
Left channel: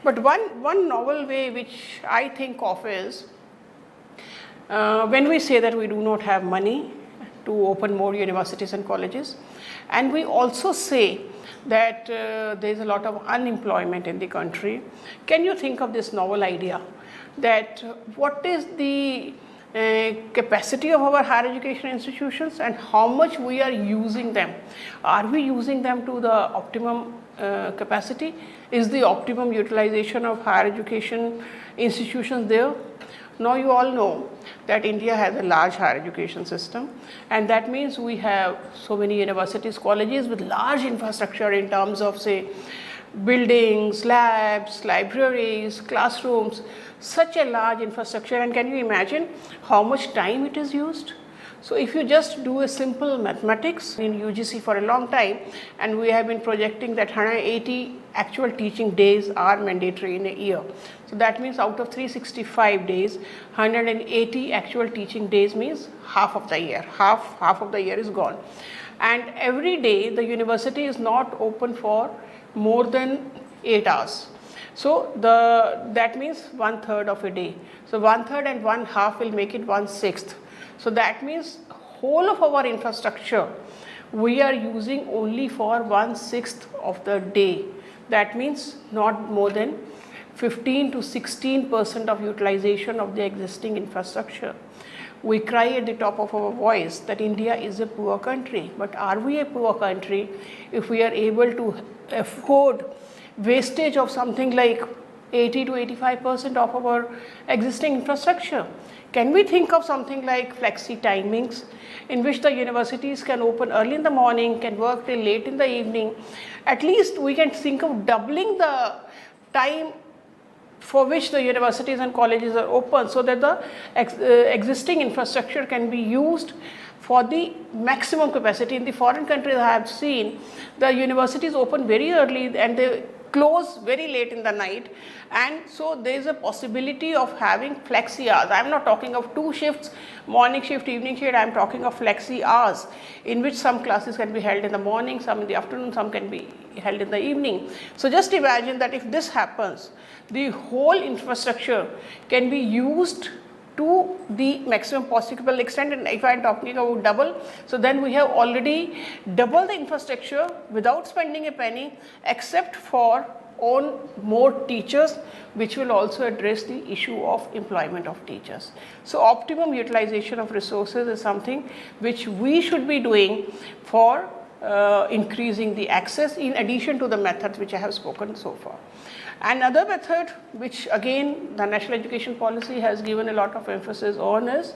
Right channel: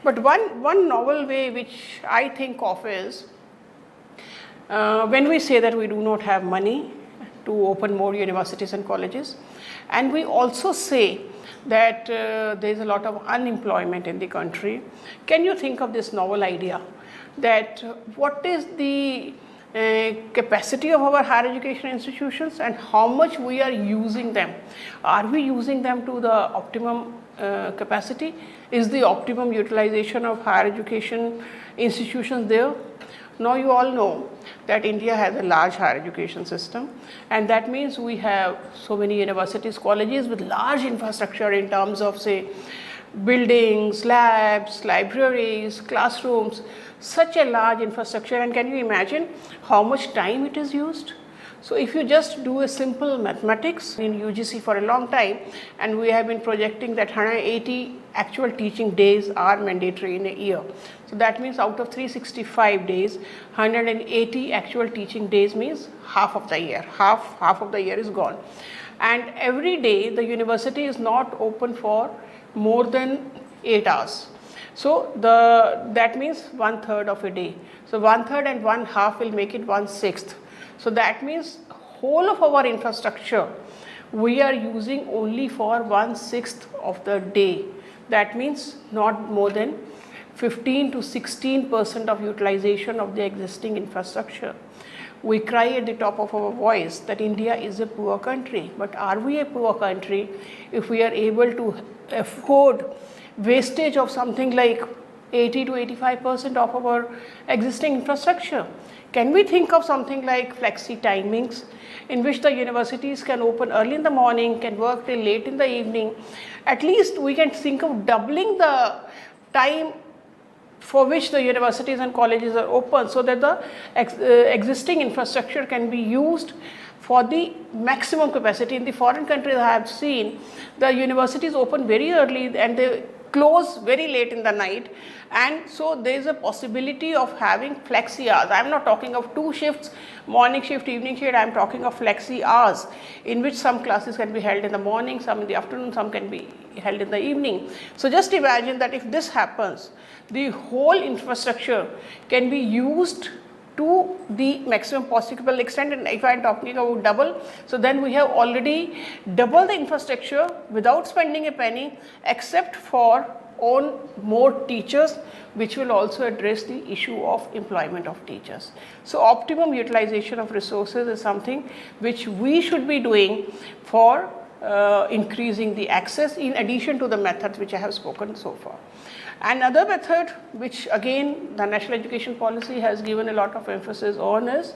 But one novel way which I think of is when we say that we do not have money to open more universities and colleges, and we also say that there is a lot of unemployment in the country. Can you think of this novel idea that what is the capacity of our higher education institutions and how much we are using them? Are we using them to the optimum capacity? Is the optimum utilization of higher education institutions there? Now you all know that India has a large higher education system, and that means we have so many universities, colleges with large infrastructure in terms of say buildings, labs, libraries, classrooms, such a large infrastructure. And can you imagine how much time it is used? So if you just do a simple mathematics in UGC for a long time, and we have been projecting that 180 actual teaching days are mandatory in a year. So that means out of 365 days, 180 actual teaching days means half of the year. Half of the year is gone. And every day the university is not open for more than 8 hours. So that means 1/3 of a day. So 1/3 and 1/2 will make it 1/6. So that means whole of our infrastructure we are using only for 1/6 of the day. That means not more than 15 to 16% of utilization of the existing infrastructure. We cry at the top of our voice that India is a poor country, but are we a poor country if we are able to afford wastage of something like 80 to 85% of our existing infrastructure? Can we think of something like flexi timings in which the universities can open early in the morning, can work till late in the evening? At least we can think of doubling the time for which the universities and colleges are open so that the existing infrastructure can be used for the maximum capacity. In the foreign countries I have seen, the universities open very early and they close very late in the night, and so there is a possibility of having flexi hours. I am not talking of 2 shifts, morning shift, evening shift. I am talking of flexi hours in which some classes can be held in the morning, some in the afternoon, some can be held in the evening. So just imagine that if this happens, the whole infrastructure can be used to the maximum possible extent. And if I am talking about double, so then we have already doubled the infrastructure without spending a penny, except for on more teachers, which will also address the issue of employment of teachers. So optimum utilization of resources is something which we should be doing for increasing the access, in addition to the methods which I have spoken so far. Another method, which again the National Education Policy has given a lot of emphasis on, is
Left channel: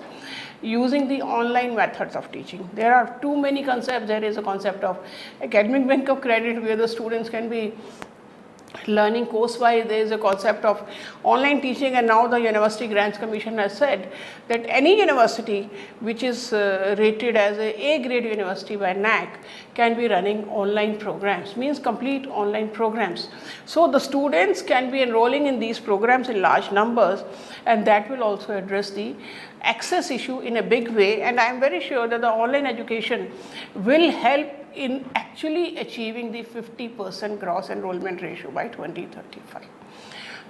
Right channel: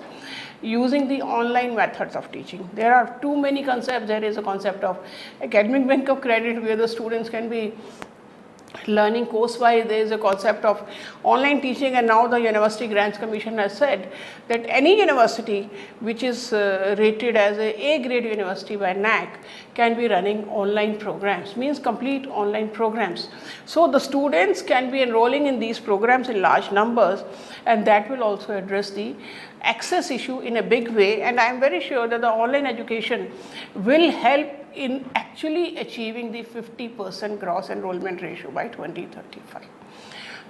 using the online methods of teaching. There are too many concepts. There is a concept of academic bank of credit where the students can be learning course-wise. There is a concept of online teaching, and now the University Grants Commission has said that any university which is rated as a grade university by NAC can be running online programs, means complete online programs. So the students can be enrolling in these programs in large numbers, and that will also address the access issue in a big way. And I am very sure that the online education will help in actually achieving the 50% gross enrollment ratio by 2035.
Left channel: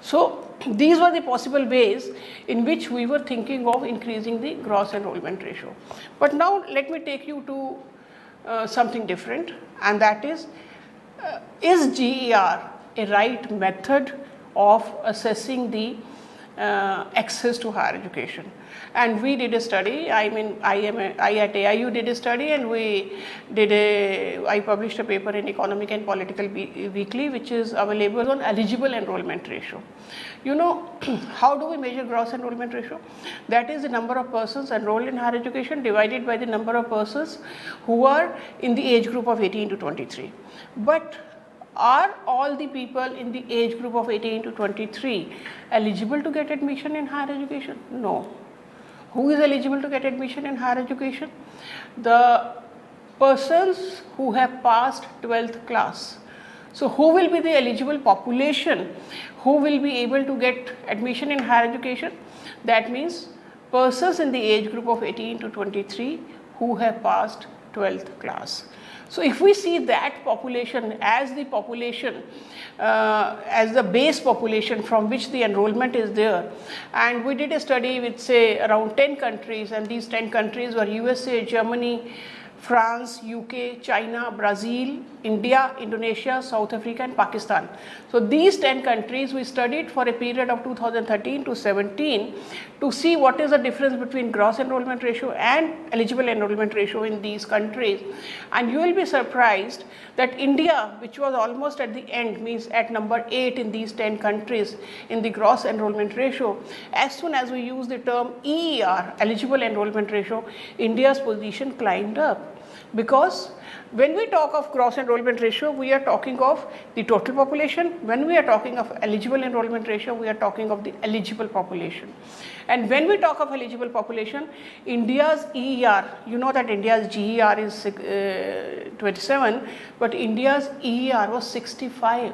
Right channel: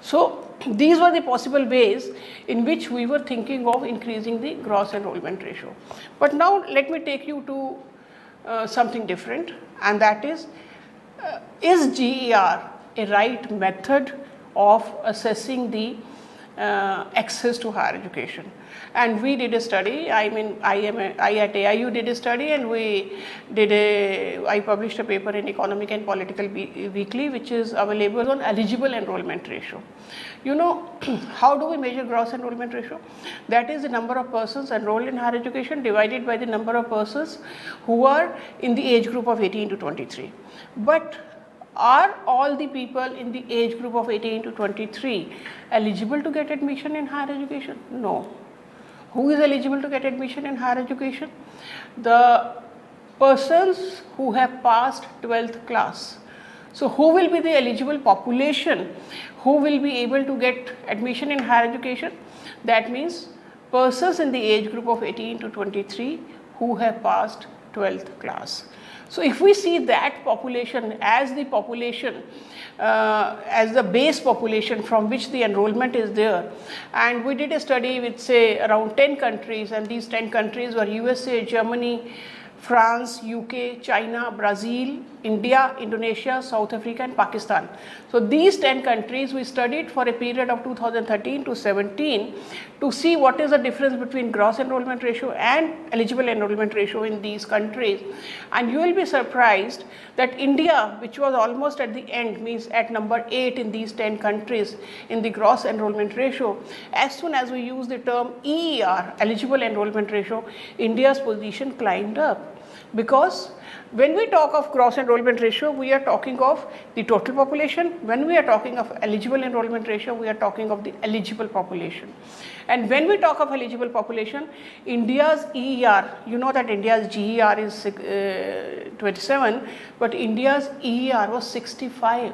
So these were the possible ways in which we were thinking of increasing the gross enrollment ratio. But now let me take you to something different, and that is GER a right method of assessing the access to higher education? And we did a study. I at AIU did a study, and I published a paper in Economic and Political Weekly, which is available on eligible enrollment ratio. You know, how do we measure gross enrollment ratio? That is the number of persons enrolled in higher education divided by the number of persons who are in the age group of 18 to 23. But are all the people in the age group of 18 to 23 eligible to get admission in higher education? No. Who is eligible to get admission in higher education? The persons who have passed 12th class. So who will be the eligible population who will be able to get admission in higher education? That means persons in the age group of 18 to 23 who have passed 12th class. So if we see that population as the population, as the base population from which the enrollment is there, and we did a study with say around 10 countries, and these 10 countries were USA, Germany, France, UK, China, Brazil, India, Indonesia, South Africa and Pakistan. So these 10 countries we studied for a period of 2013 to 17 to see what is the difference between gross enrollment ratio and eligible enrollment ratio in these countries. And you will be surprised that India, which was almost at the end, means at number 8 in these 10 countries in the gross enrollment ratio, as soon as we use the term EER, eligible enrollment ratio, India's position climbed up. Because when we talk of gross enrollment ratio, we are talking of the total population. When we are talking of eligible enrollment ratio, we are talking of the eligible population. And when we talk of eligible population, India's EER, you know that India's GER is 27, but India's EER was 65.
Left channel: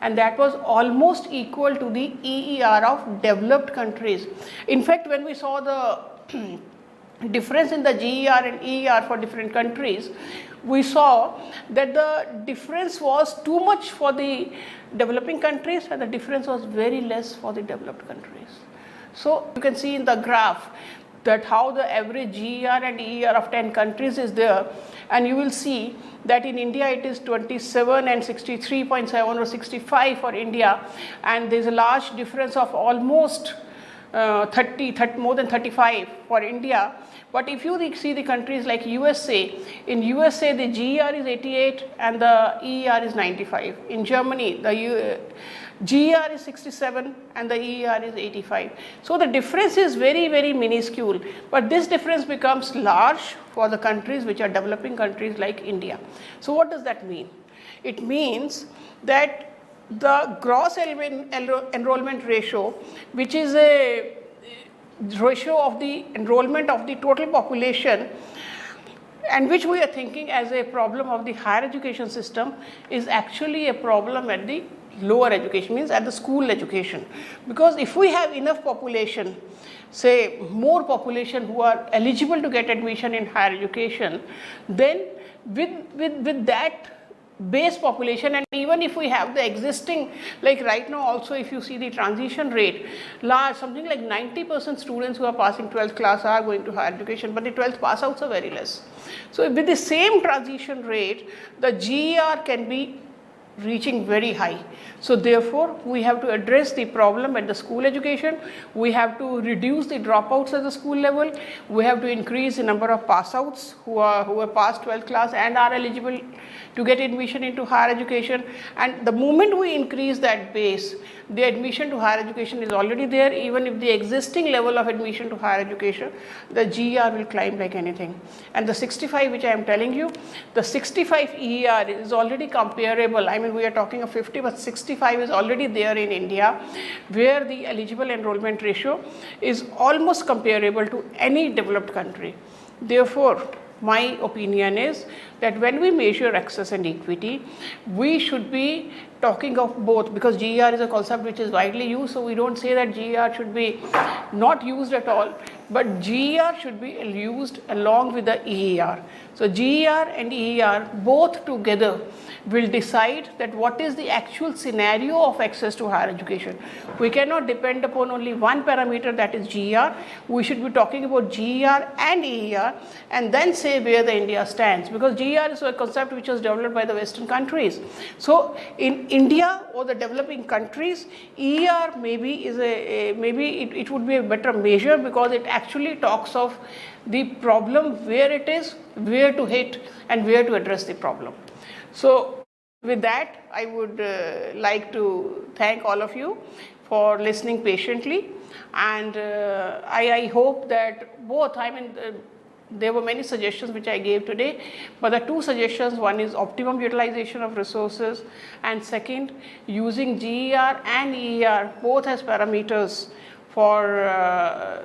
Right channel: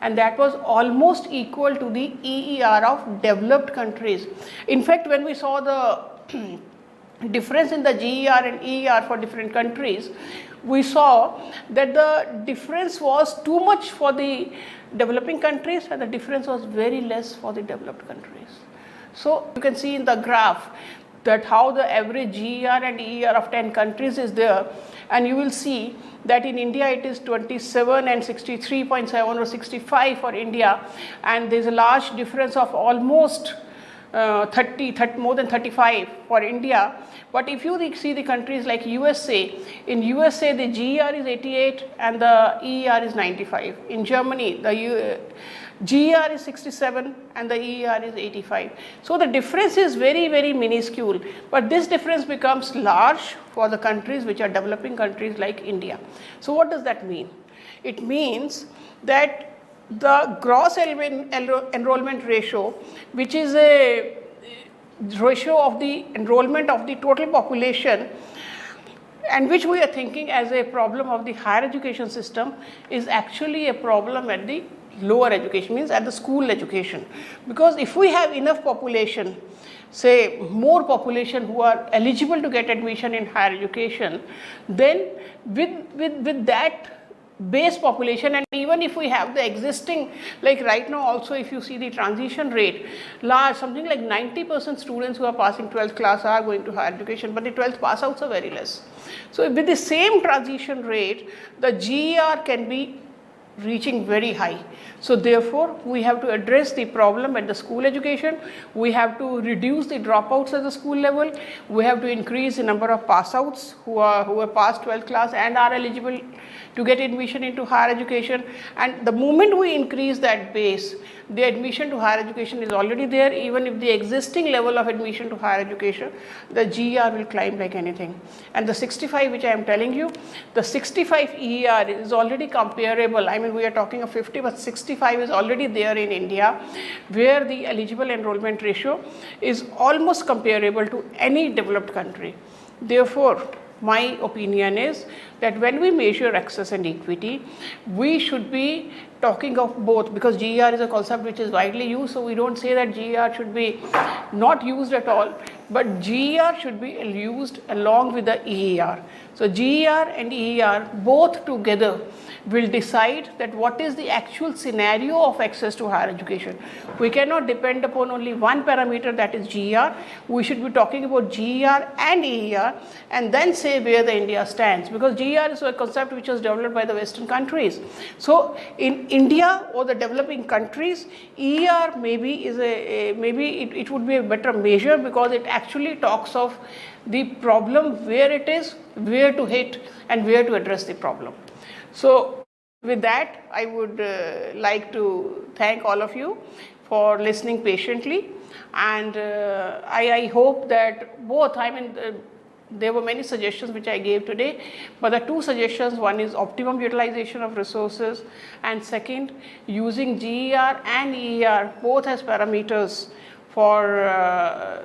And that was almost equal to the EER of developed countries. In fact, when we saw the difference in the GER and EER for different countries, we saw that the difference was too much for the developing countries and the difference was very less for the developed countries. So you can see in the graph that how the average GER and EER of 10 countries is there, and you will see that in India it is 27 and 63.7 or 65 for India, and there is a large difference of almost more than 35 for India. But if you see the countries like USA, in USA the GER is 88 and the EER is 95. In Germany the GER is 67 and the EER is 85. So the difference is very, very minuscule, but this difference becomes large for the countries which are developing countries like India. So what does that mean? It means that the gross enrollment ratio, which is a ratio of the enrollment of the total population, and which we are thinking as a problem of the higher education system, is actually a problem at the lower education, means at the school education. Because if we have enough population, say more population who are eligible to get admission in higher education, then with that base population, and even if we have the existing, like right now also if you see the transition rate, large, something like 90% students who are passing 12th class are going to higher education, but the 12th pass outs are very less. So with the same transition rate, the GER can be reaching very high. So therefore, we have to address the problem at the school education. We have to reduce the dropouts at the school level. We have to increase the number of pass outs who are past 12th class and are eligible to get admission into higher education. And the moment we increase that base, the admission to higher education is already there. Even if the existing level of admission to higher education, the GER will climb like anything. And the 65 which I am telling you, the 65 EER is already comparable. I mean, we are talking of 50, but 65 is already there in India, where the eligible enrollment ratio is almost comparable to any developed country. Therefore, my opinion is that when we measure access and equity, we should be talking of both, because GER is a concept which is widely used, so we don't say that GER should be not used at all, but GER should be used along with the EER. So GER and EER both together will decide that what is the actual scenario of access to higher education. We cannot depend upon only one parameter, that is GER. We should be talking about GER and EER and then say where the India stands, because GER is a concept which was developed by the Western countries. So in India or the developing countries, EER maybe is it would be a better measure, because it actually talks of the problem, where it is, where to hit and where to address the problem. So with that, I would like to thank all of you for listening patiently, and I hope that both, there were many suggestions which I gave today, but the two suggestions, one is optimum utilization of resources, and second, using GER and EER both as parameters for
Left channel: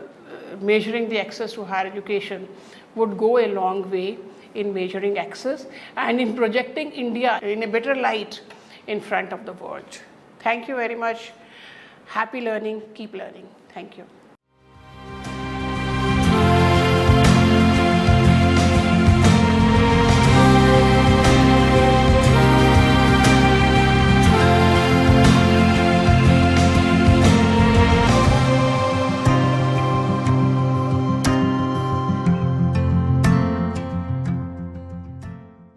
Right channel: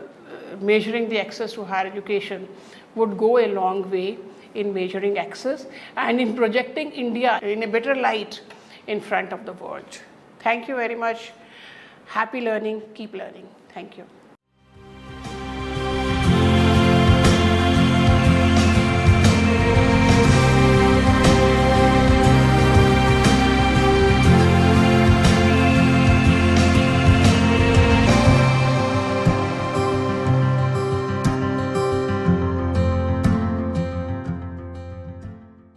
measuring the access to higher education would go a long way in measuring access and in projecting India in a better light in front of the world. Thank you very much. Happy learning. Keep learning. Thank you.